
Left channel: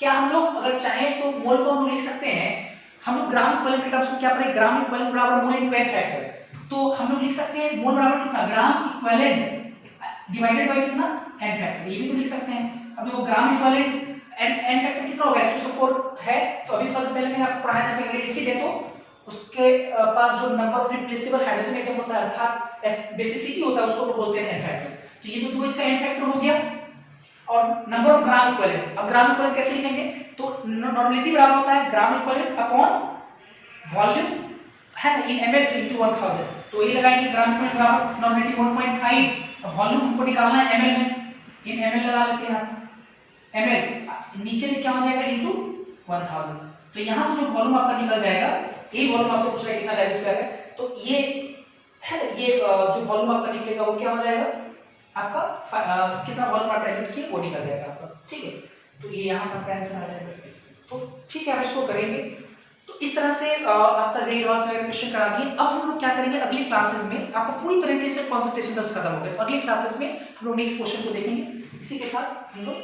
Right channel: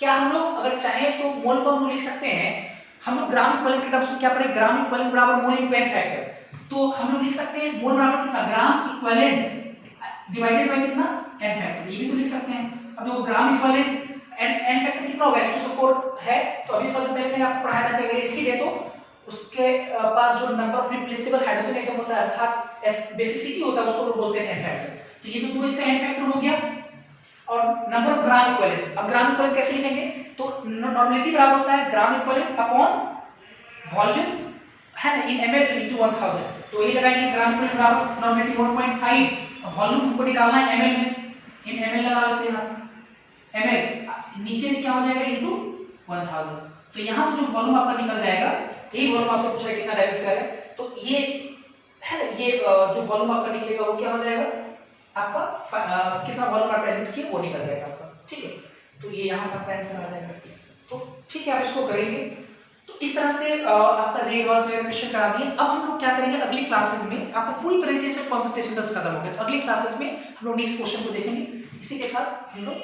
क्या हम लोग अगर चाहे तो मोल को हम लिख सकते हैं, हम लोग ग्राम इक्विवेलेंट के टर्म्स में क्या पढ़े, ग्राम इक्विवेलेंट बराबर मोल इनटू n फैक्टर। तो हम लोग लिख सकते हैं मोल बराबर कितना, ग्राम इक्विवेलेंट डिवाइडेड बाय कितना n फैक्टर, ये भी तो लिख सकते हैं। अब देखो ग्राम इक्विवेलेंट n फैक्टर कितना होगा, H2SO4 है, तो अभी थोड़ा पहले मैंने आपको पढ़ाया था कि अगर एसिड है तो उसके पास जो number of replaceable hydrogen atom होता है अर्थात बेसिसिटी होता है, उसको बोलते हैं n फैक्टर। तो ये तो 2 इसका n फैक्टर हो गया, और नंबर ऑफ ग्राम इक्विवेलेंट। अब ग्राम इक्विवेलेंट कैसे लिखेंगे, तो नॉर्मेलिटी बराबर होता है ग्राम इक्विवेलेंट अपॉन वॉल्यूम है ना इन ml इनटू 1000। तो ये लगाएंगे ग्राम इक्विवेलेंट बराबर नॉर्मेलिटी 1.5, वॉल्यूम हमको निकालना है ml में, इन ml लगा लेते हैं हम, ml नीचे में क्या हो जाएगा इनटू 1000। तो यहां से जो वॉल्यूम आपका निकल जाएगा, यही वॉल्यूम आपसे पूछ रहा है कितना डाइल्यूट कर रहा है, तो ये है ना, ये जो वॉल्यूम आपका निकलेगा वो क्या हो जाएगा आपका, कितना वॉल्यूम आप डाइल्यूट किए वो निकल जाएगा आपका। ठीक है, तो ये यहां से आपका आंसर आ जाएगा। तो ठीक है, आप इसको करेंगे। तो इस तरह से आपका जेईई एडवांस वगैरह क्वेश्चन करा दिए। अब हम लोग क्या करेंगे, अगली क्लासेस में आपको पूरी तरीके से कंसंट्रेशन टर्म्स खत्म हो गए, तो अगली क्लासेस में हम लोग नेक्स्ट क्वेश्चन को देखेंगे। इसी के साथ हम लोग